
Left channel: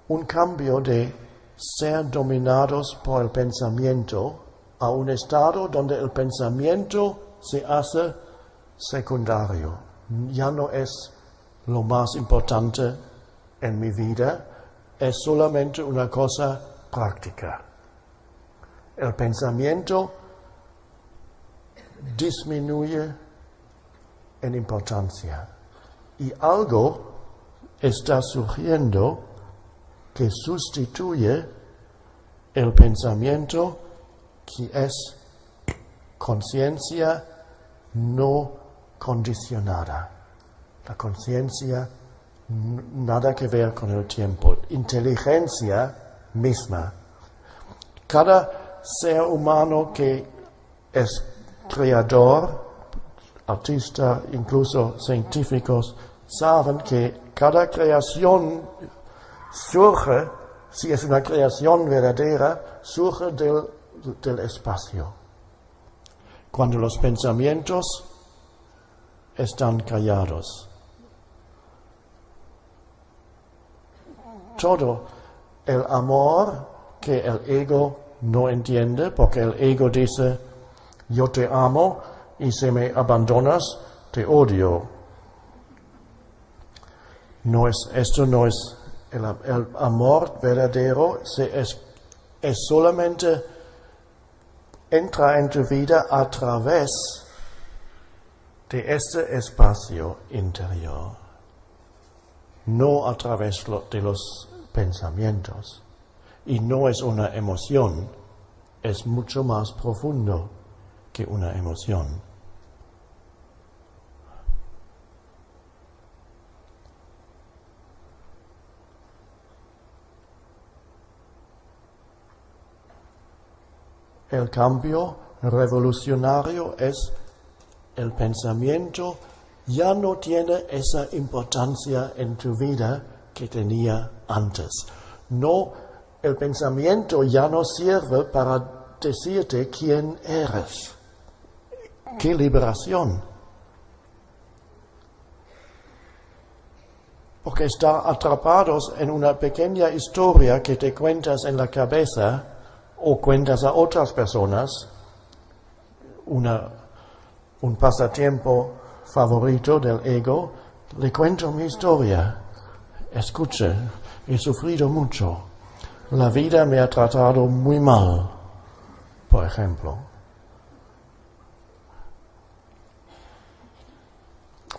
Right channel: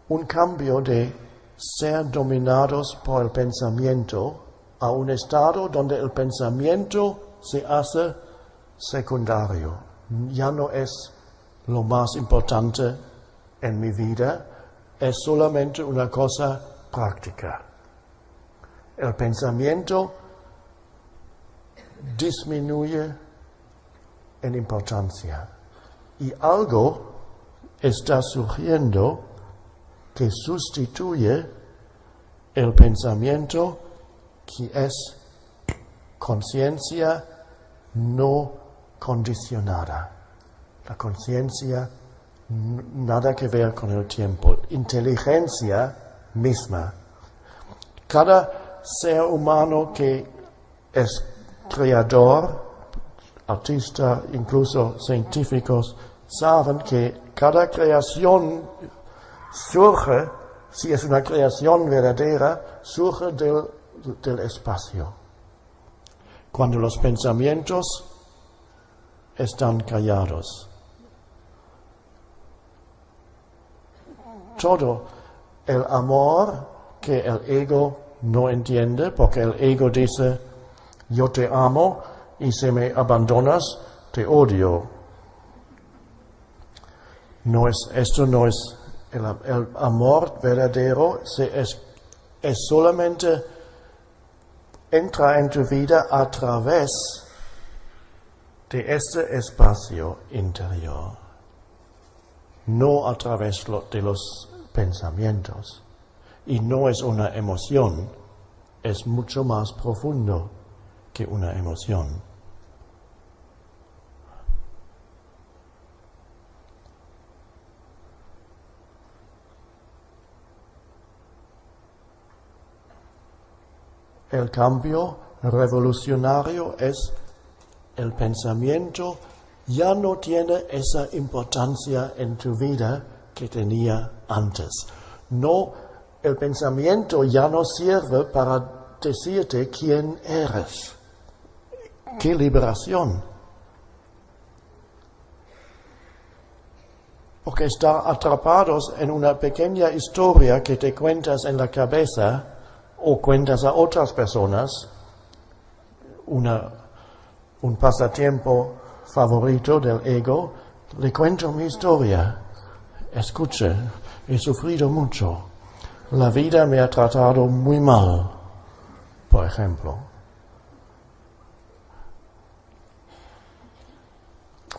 Un cambio de ser dominados por el pensamiento a un estado donde el pensamiento se hace secundario. Ya no es lo más importante en mi vida, es solamente una cosa práctica. El pensamiento disminuye en importancia y algo está surgiendo que sustituye el pensamiento, que es conciencia no condicionada. La conciencia nada que ver con el tiempo. Inteligencia misma. Cada ser humano que es creador, artista, incluso científicos, saben que cada creación surge, si es una creación verdadera, surge del espacio. Cuando los pensamientos están callados. Todo el amor que el ego no entiende, porque el ego dice, yo te amo y si me abandonas, te odio. Esto no es el amor verdadero, es solamente entra en tu vida a través de este espacio interior, no a través de los pensamientos. Y no es una emoción, es mucho más profundo que una emoción. El cambio revolucionario es el pensamiento ya no tiene esa importancia en tu vida que tenía antes. No, el pensamiento ya no sirve para decirte quién eres. ¡Qué liberación! Porque está atrapados en una pequeña historia que te cuentas en la cabeza o cuentas a otras personas, un pasatiempo favorito del ego, le cuento mi historia. Escuche, he sufrido mucho. La vida me ha tratado muy mal, por ejemplo.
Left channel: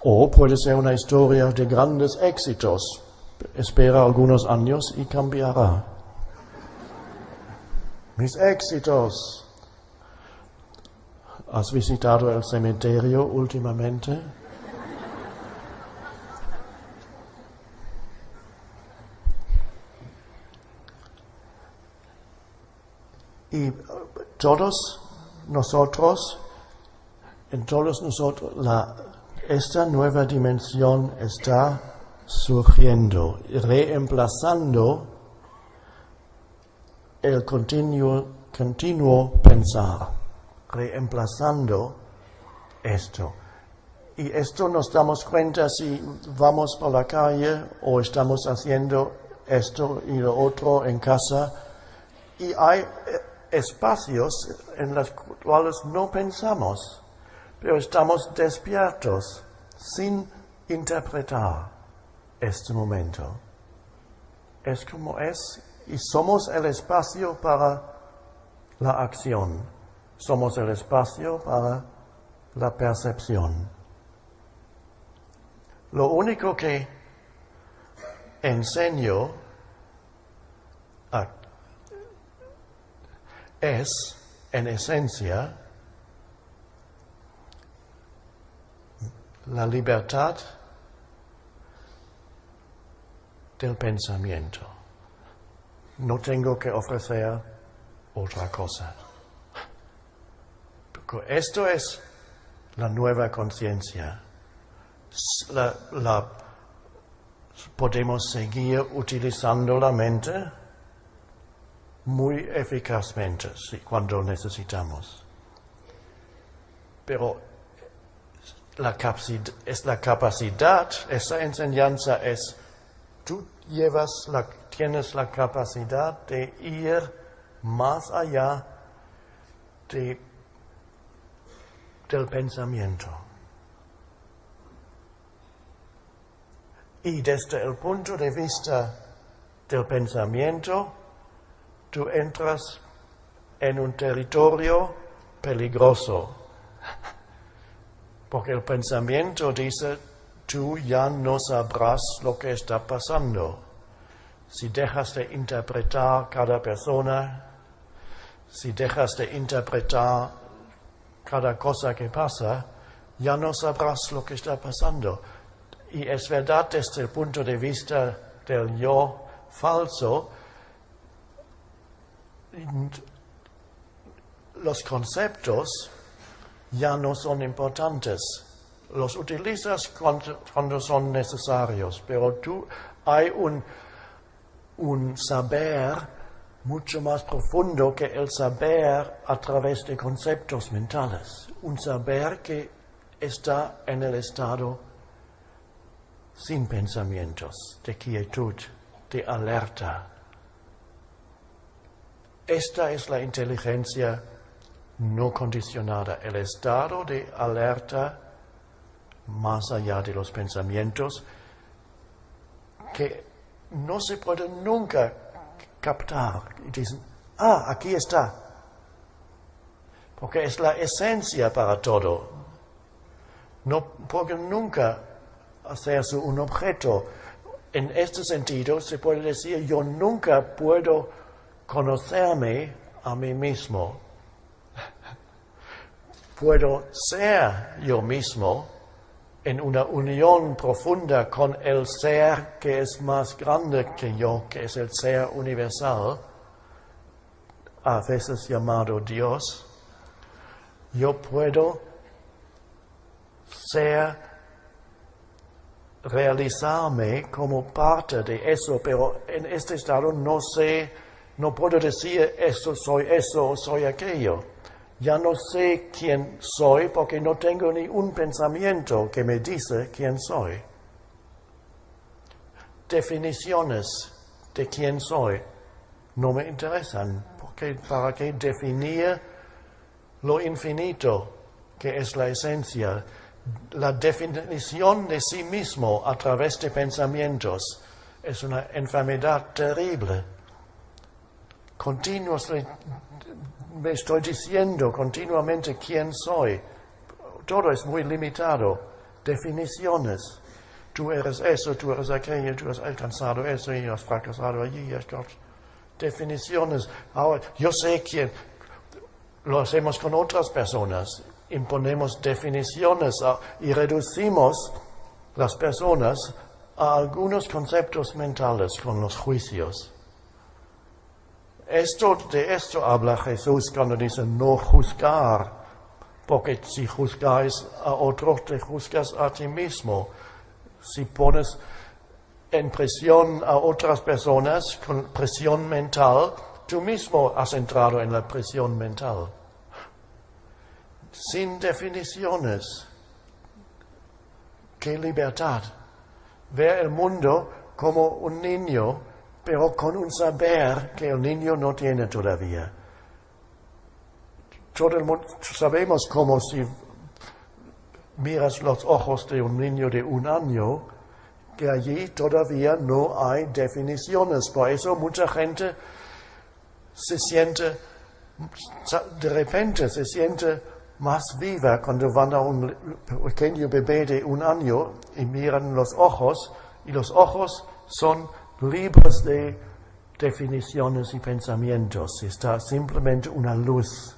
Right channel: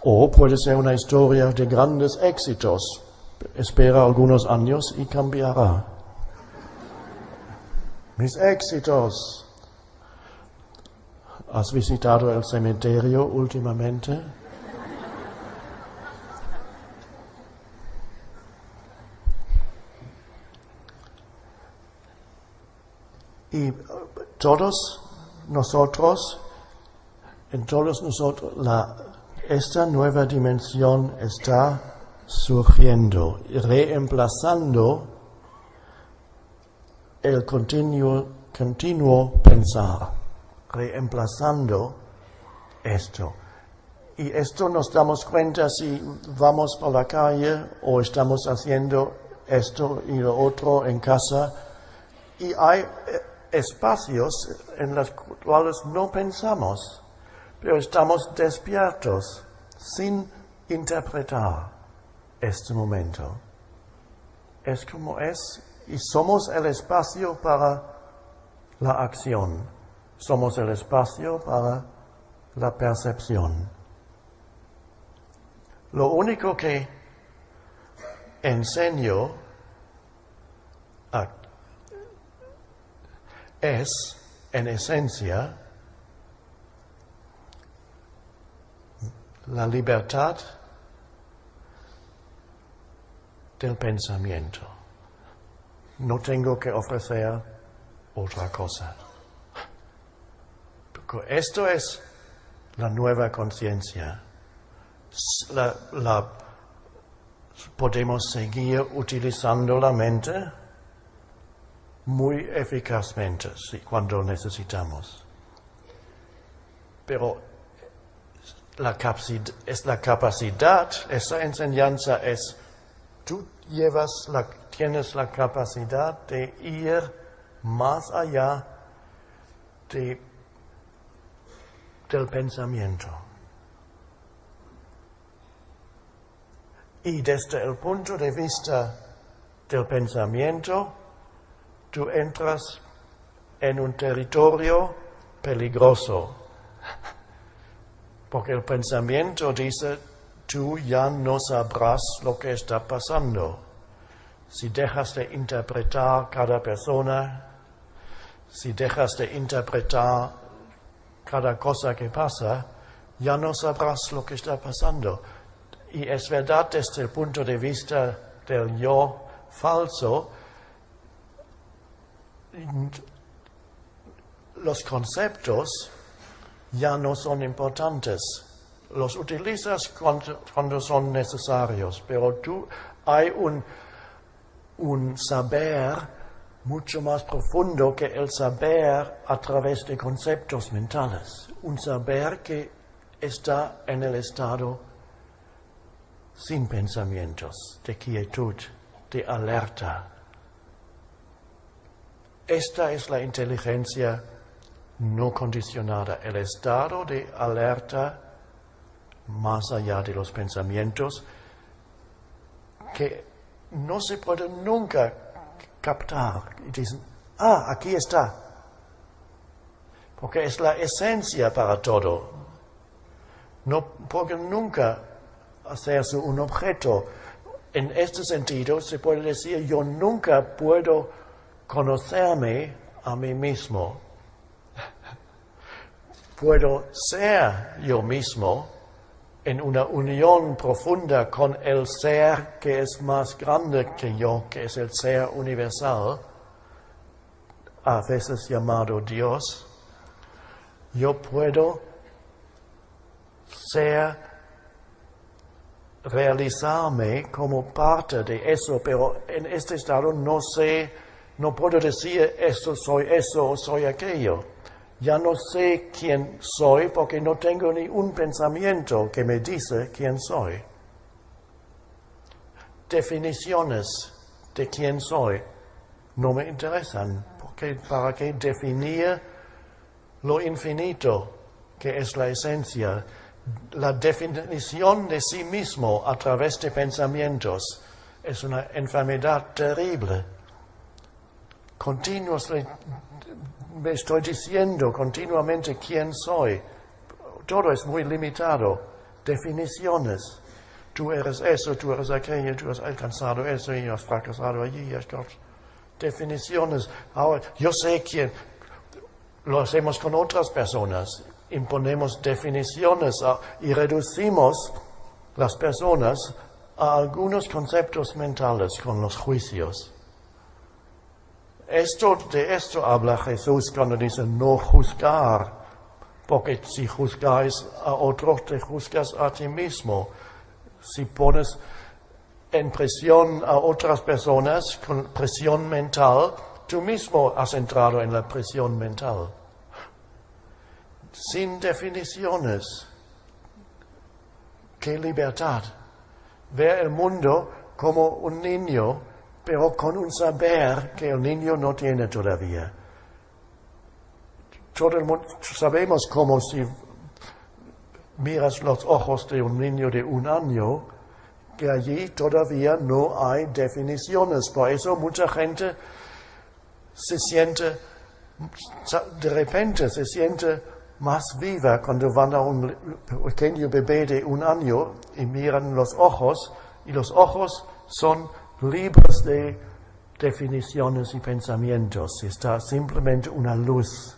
O puede ser una historia de grandes éxitos. Espera algunos años y cambiará. Mis éxitos. ¿Has visitado el cementerio últimamente? Y todos nosotros, esta nueva dimensión está surgiendo, reemplazando el continuo pensar, reemplazando esto. Y esto nos damos cuenta si vamos por la calle o estamos haciendo esto y lo otro en casa, y hay espacios en los cuales no pensamos, pero estamos despiertos sin interpretar este momento. Es como es, y somos el espacio para la acción, somos el espacio para la percepción. Lo único que enseño es, en esencia, la libertad del pensamiento. No tengo que ofrecer otra cosa. Porque esto es la nueva conciencia. Podemos seguir utilizando la mente muy eficazmente cuando necesitamos. Pero es la capacidad, esa enseñanza es, tú tienes la capacidad de ir más allá del pensamiento. Y desde el punto de vista del pensamiento, tú entras en un territorio peligroso. Porque el pensamiento dice, tú ya no sabrás lo que está pasando. Si dejas de interpretar cada persona, si dejas de interpretar cada cosa que pasa, ya no sabrás lo que está pasando. Y es verdad desde el punto de vista del yo falso, los conceptos ya no son importantes. Los utilizas cuando son necesarios, pero hay un saber mucho más profundo que el saber a través de conceptos mentales. Un saber que está en el estado sin pensamientos, de quietud, de alerta. Esta es la inteligencia no condicionada, el estado de alerta más allá de los pensamientos que no se puede nunca captar. Y dicen, aquí está. Porque es la esencia para todo. No pueden nunca hacerse un objeto. En este sentido se puede decir, yo nunca puedo conocerme a mí mismo. Puedo ser yo mismo en una unión profunda con el ser que es más grande que yo, que es el ser universal, a veces llamado Dios. Yo puedo realizarme como parte de eso, pero en este estado no puedo decir esto soy eso o soy aquello. Ya no sé quién soy porque no tengo ni un pensamiento que me dice quién soy. Definiciones de quién soy no me interesan, porque ¿para qué definir lo infinito que es la esencia? La definición de sí mismo a través de pensamientos es una enfermedad terrible. Me estoy diciendo continuamente quién soy. Todo es muy limitado. definiciones. Tú eres eso, tú eres aquello, tú has alcanzado eso y has fracasado allí. Definiciones. Ahora, yo sé que lo hacemos con otras personas. Imponemos definiciones y reducimos las personas a algunos conceptos mentales con los juicios. De esto habla Jesús cuando dice no juzgar, porque si juzgáis a otros, te juzgas a ti mismo. Si pones en presión a otras personas con presión mental, tú mismo has entrado en la presión mental. Sin definiciones. ¡Qué libertad! Ver el mundo como un niño, pero con un saber que el niño no tiene todavía. Todo el mundo sabemos como si miras los ojos de un niño de 1 año, que allí todavía no hay definiciones. Por eso mucha gente de repente se siente más viva cuando van a un pequeño bebé de 1 año y miran los ojos, y los ojos son libres de definiciones y pensamientos. Está simplemente una luz.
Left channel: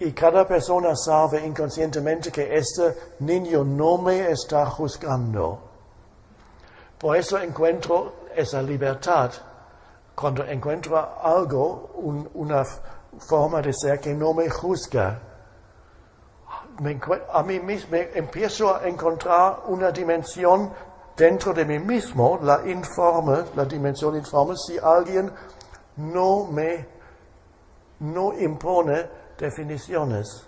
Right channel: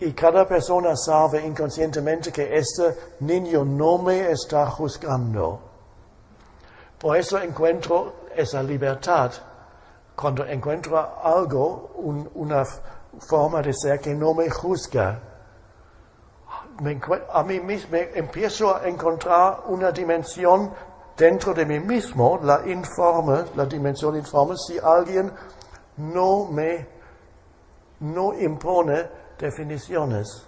Y cada persona sabe inconscientemente que este niño no me está juzgando. Por eso encuentro esa libertad cuando encuentro algo, una forma de ser que no me juzga. A mí mismo empiezo a encontrar una dimensión dentro de mí mismo, la dimensión informe, si alguien no impone definiciones.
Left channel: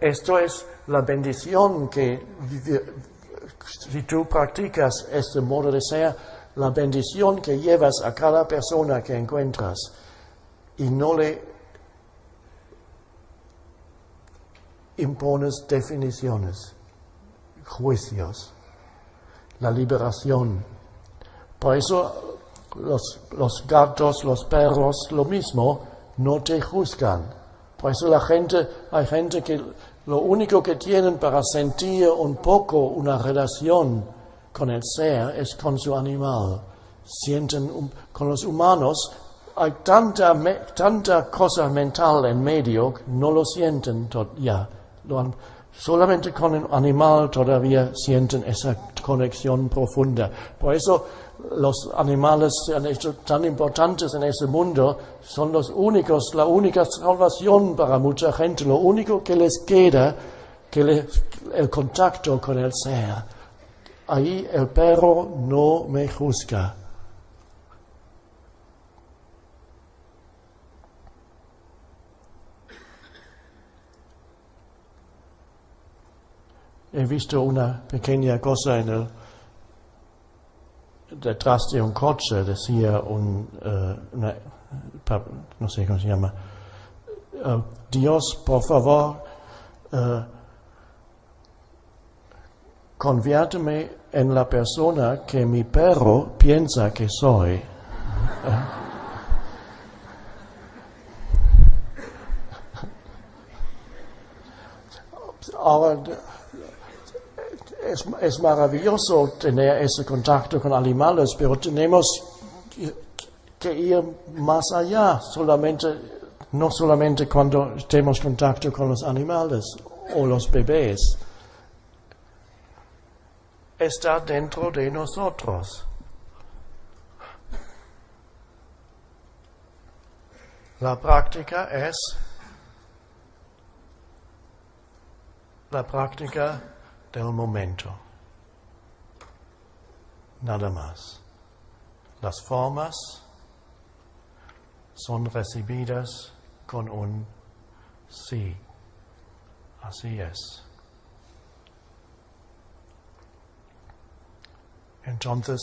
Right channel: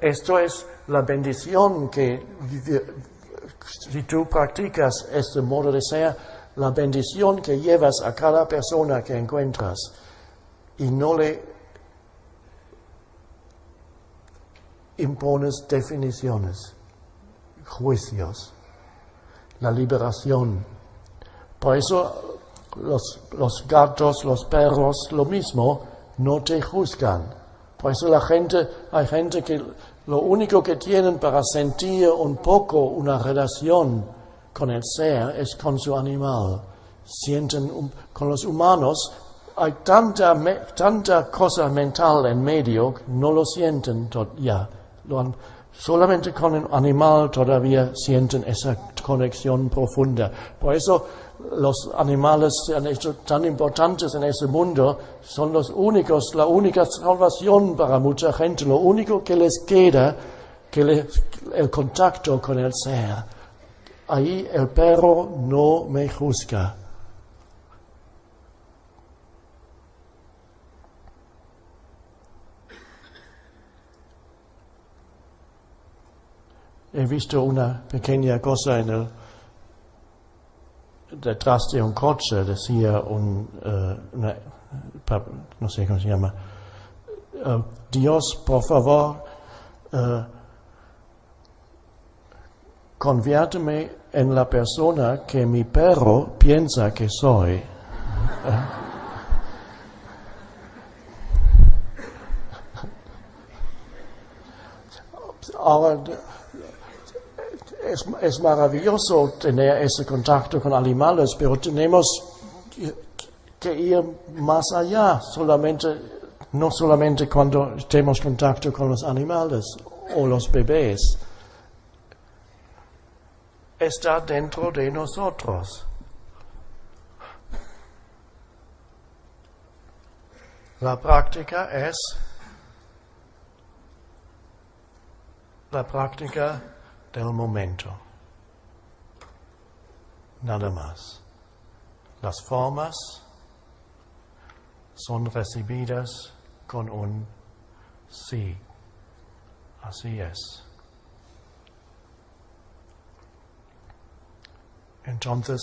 Esto es la bendición que, si tú practicas este modo de ser, la bendición que llevas a cada persona que encuentras y no le impones definiciones, juicios, la liberación. Por eso los gatos, los perros, lo mismo, no te juzgan. Por eso hay gente que lo único que tienen para sentir un poco una relación con el ser es con su animal. Sienten con los humanos hay tanta cosa mental en medio, no lo sienten ya. Solamente con el animal todavía sienten esa conexión profunda. Por eso los animales tan importantes en ese mundo son la única salvación para mucha gente, lo único que les queda, el contacto con el ser. Ahí el perro no me juzga. He visto una pequeña cosa detrás de un coche, decía no sé cómo se llama, Dios, por favor, conviérteme en la persona que mi perro piensa que soy. Ahora, es maravilloso tener ese contacto con animales, pero tenemos que ir más allá, no solamente cuando tenemos contacto con los animales o los bebés. Está dentro de nosotros. La práctica es la práctica del momento. Nada más. Las formas son recibidas con un sí. Así es. Entonces,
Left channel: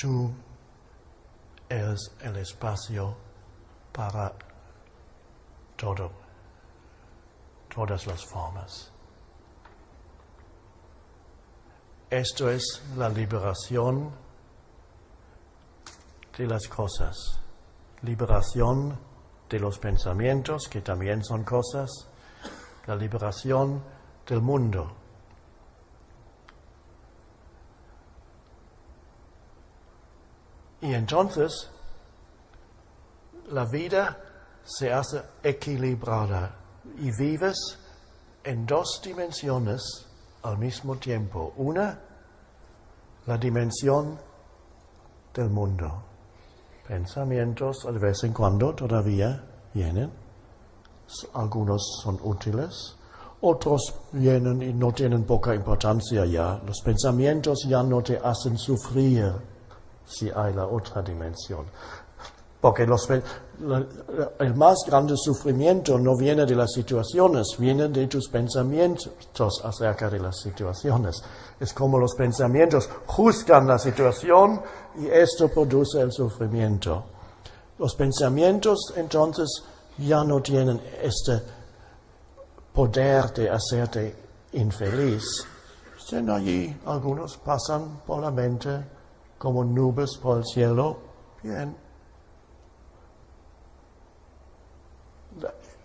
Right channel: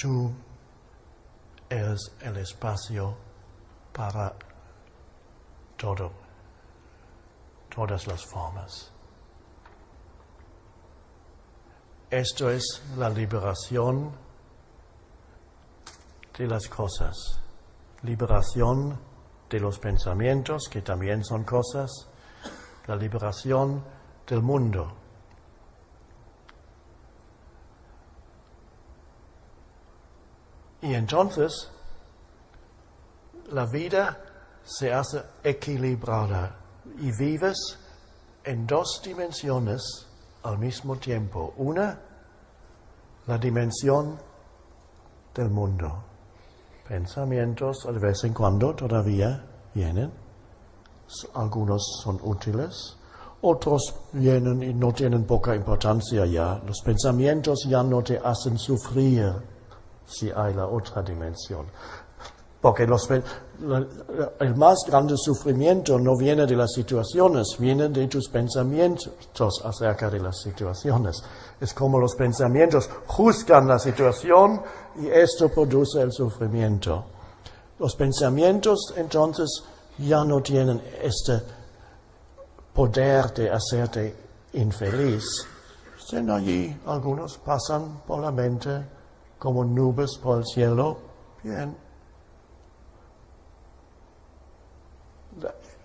tú eres el espacio para todas las formas. Esto es la liberación de las cosas. liberación de los pensamientos, que también son cosas, la liberación del mundo. Y entonces la vida se hace equilibrada y vives en dos dimensiones al mismo tiempo. Una, la dimensión del mundo. Pensamientos de vez en cuando todavía vienen. Algunos son útiles, otros vienen y no tienen poca importancia ya. Los pensamientos ya no te hacen sufrir si hay la otra dimensión. Porque el más grande sufrimiento no viene de las situaciones, viene de tus pensamientos acerca de las situaciones. Es como los pensamientos juzgan la situación y esto produce el sufrimiento. Los pensamientos entonces ya no tienen este poder de hacerte infeliz. Están allí, algunos pasan por la mente como nubes por el cielo. Bien.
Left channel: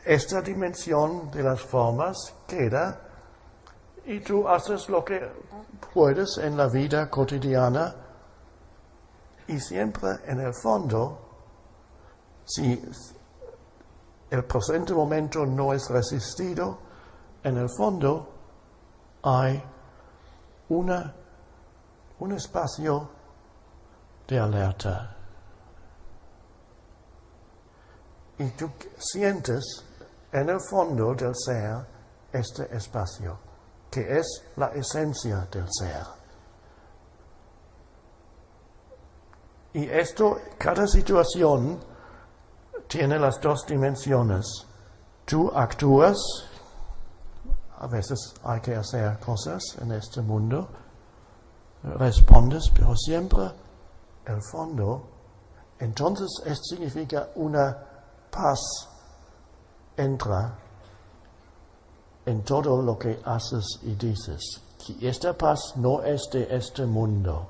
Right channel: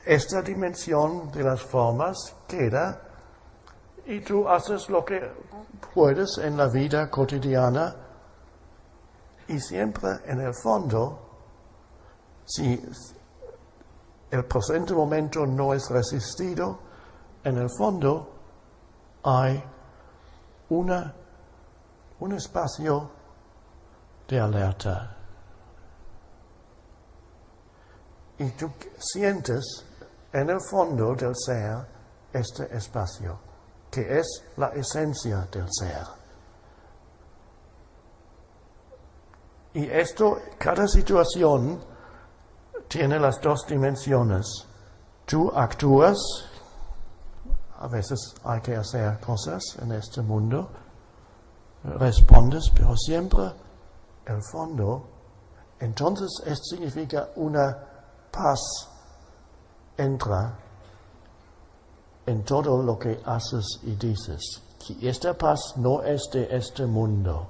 Esta dimensión de las formas queda y tú haces lo que puedes en la vida cotidiana y siempre en el fondo, si el presente momento no es resistido, en el fondo hay un espacio de alerta. Y tú sientes en el fondo del ser este espacio, que es la esencia del ser. Y esto, cada situación tiene las dos dimensiones. Tú actúas, a veces hay que hacer cosas en este mundo, respondes, pero siempre el fondo, entonces esto significa una paz entra en todo lo que haces y dices. Y esta paz no es de este mundo.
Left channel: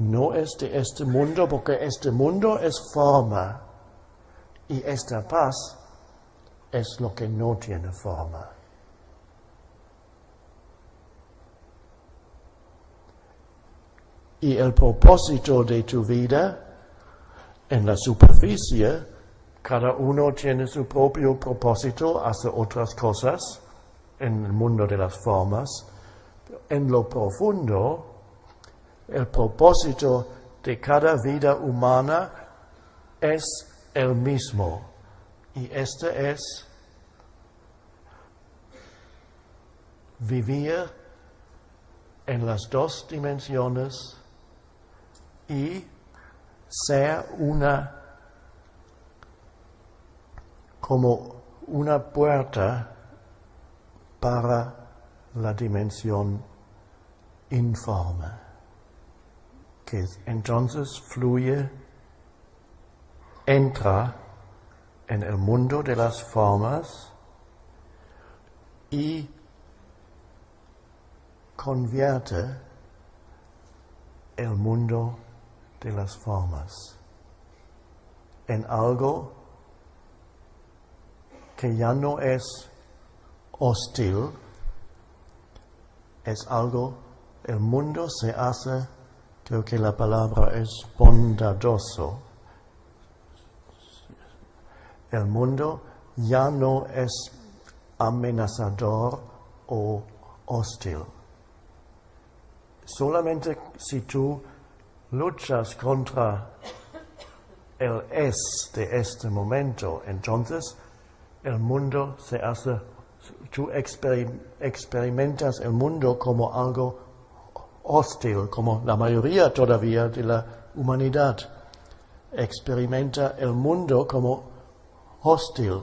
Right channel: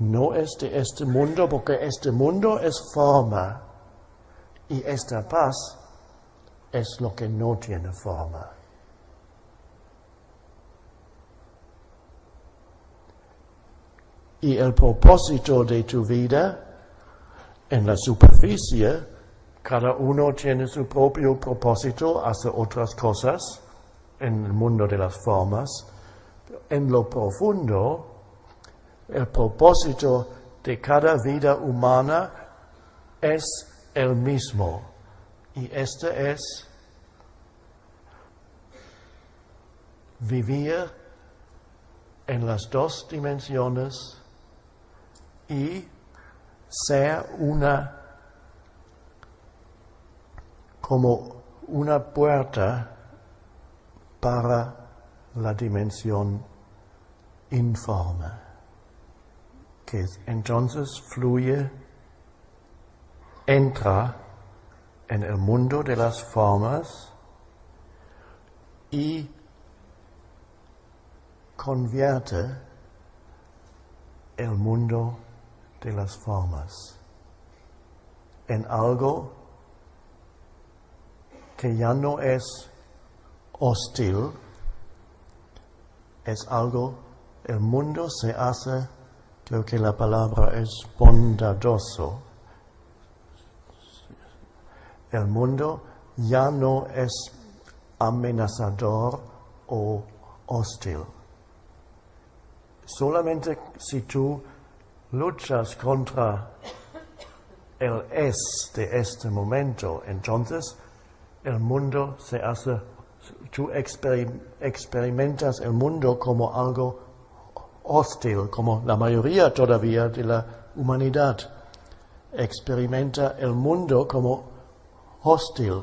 No es de este mundo porque este mundo es forma y esta paz es lo que no tiene forma. Y el propósito de tu vida en la superficie, cada uno tiene su propio propósito, hace otras cosas en el mundo de las formas. En lo profundo, el propósito de cada vida humana es el mismo. Y este es vivir en las dos dimensiones y ser como una puerta para la dimensión informe, que entonces fluye, entra en el mundo de las formas y convierte el mundo de las formas en algo que ya no es hostil, es algo, el mundo se hace, creo que la palabra es bondadoso. El mundo ya no es amenazador o hostil. Solamente si tú luchas contra el es de este momento, entonces el mundo se hace, tú experimentas el mundo como algo hostil, como la mayoría todavía de la humanidad experimenta el mundo como hostil.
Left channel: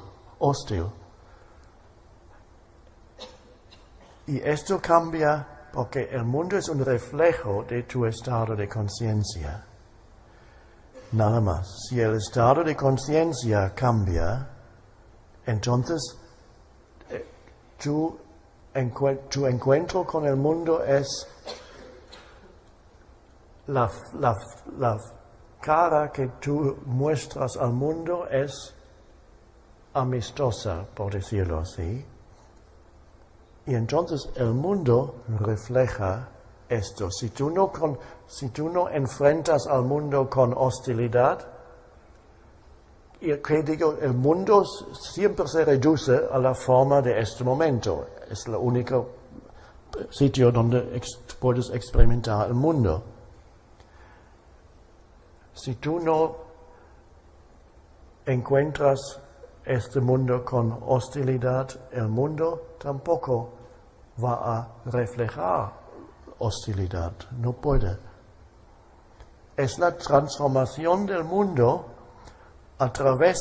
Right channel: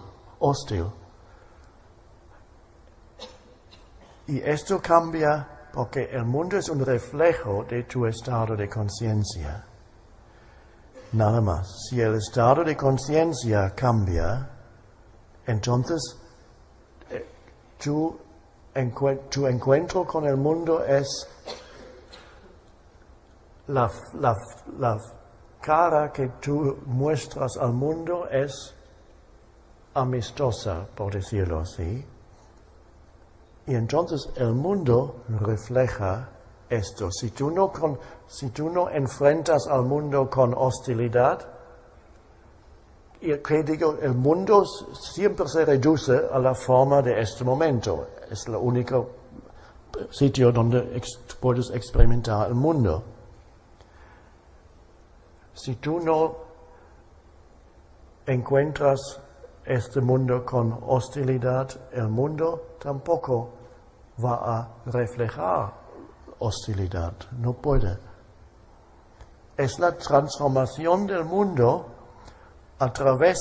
Y esto cambia porque el mundo es un reflejo de tu estado de conciencia. Nada más. Si el estado de conciencia cambia, entonces tu encuentro con el mundo es la cara que tú muestras al mundo es amistosa, por decirlo así. Y entonces el mundo refleja esto. Si tú no enfrentas al mundo con hostilidad, y que digo, el mundo siempre se reduce a la forma de este momento. Es el único sitio donde puedes experimentar el mundo. Si tú no encuentras este mundo con hostilidad, el mundo tampoco va a reflejar hostilidad. No puede. Es la transformación del mundo a través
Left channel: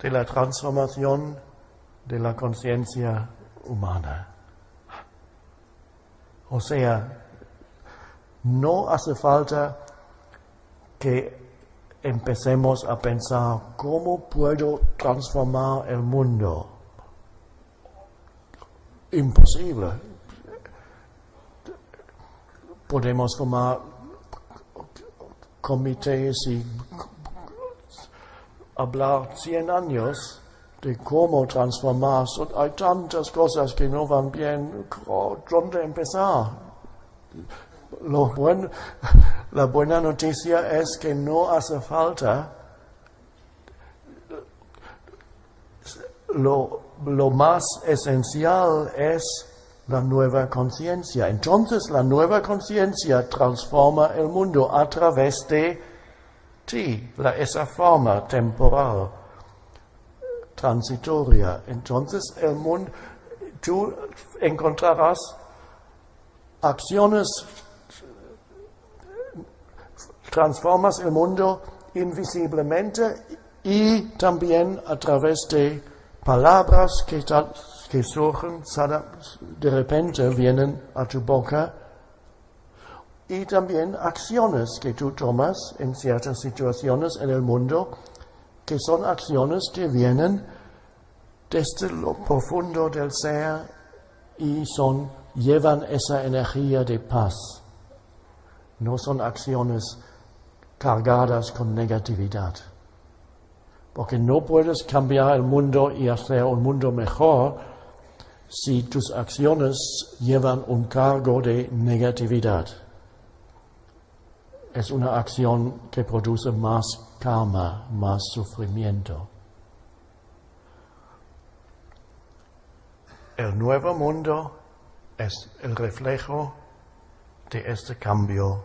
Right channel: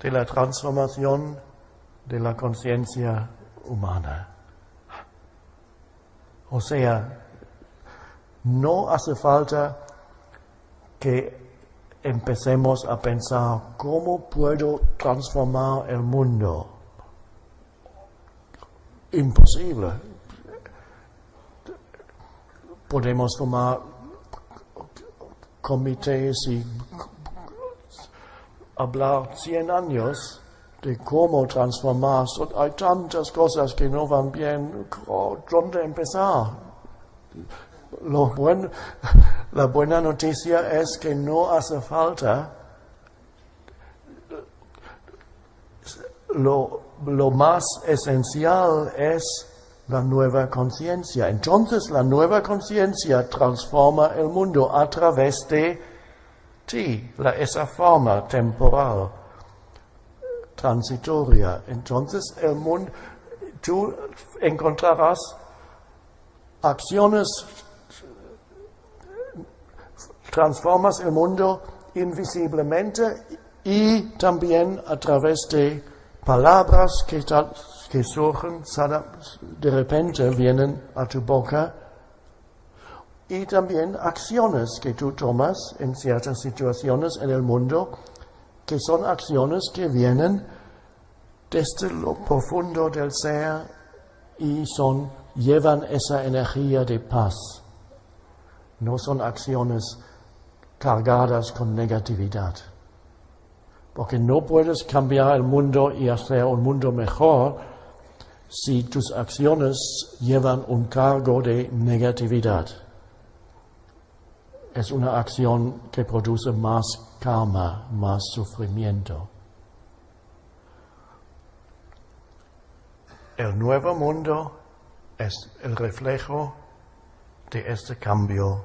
de la transformación de la conciencia humana. O sea, no hace falta que empecemos a pensar cómo puedo transformar el mundo. Imposible. Podemos formar comités y hablar 100 años de cómo transformar. Hay tantas cosas que no van bien. ¿Dónde empezar? La buena noticia es que no hace falta. Lo más esencial es la nueva conciencia. Entonces la nueva conciencia transforma el mundo a través de ti, esa forma temporal, transitoria. Entonces el mundo, tú encontrarás acciones, transformas el mundo invisiblemente y también a través de palabras que surgen, de repente vienen a tu boca, y también acciones que tú tomas en ciertas situaciones en el mundo, que son acciones que vienen desde lo profundo del ser y llevan esa energía de paz. No son acciones cargadas con negatividad. Porque no puedes cambiar el mundo y hacer un mundo mejor si tus acciones llevan un cargo de negatividad. Es una acción que produce más karma, más sufrimiento. El nuevo mundo es el reflejo de este cambio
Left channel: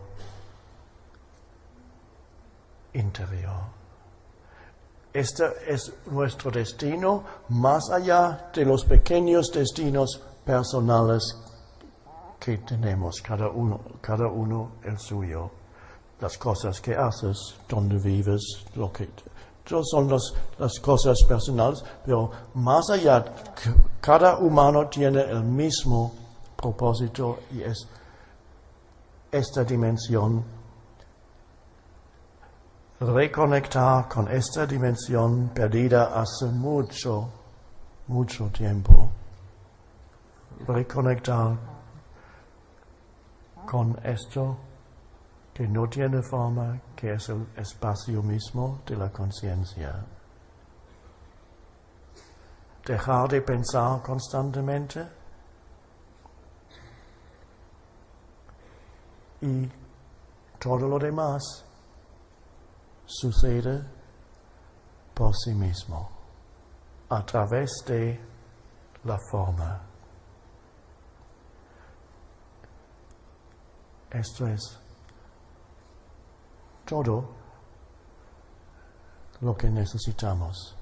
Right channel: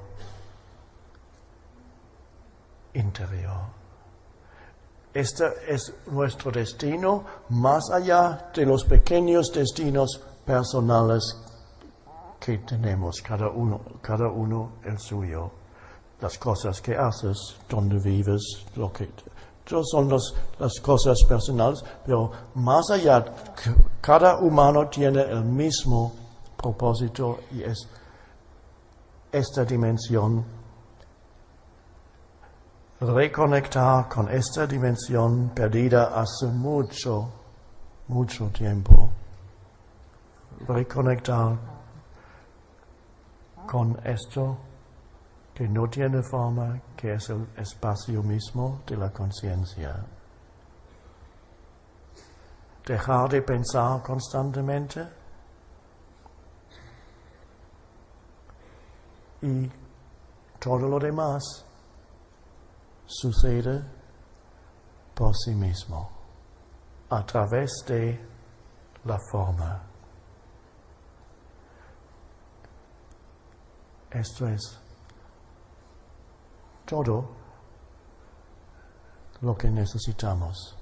interior. Este es nuestro destino, más allá de los pequeños destinos personales que tenemos, cada uno el suyo. Las cosas que haces, donde vives, todas son las cosas personales, pero más allá, cada humano tiene el mismo propósito y es esta dimensión. Reconectar con esta dimensión perdida hace mucho, mucho tiempo. Reconectar con esto que no tiene forma, que es el espacio mismo de la conciencia. Dejar de pensar constantemente y todo lo demás sucede por sí mismo, a través de la forma. Esto es todo lo que necesitamos.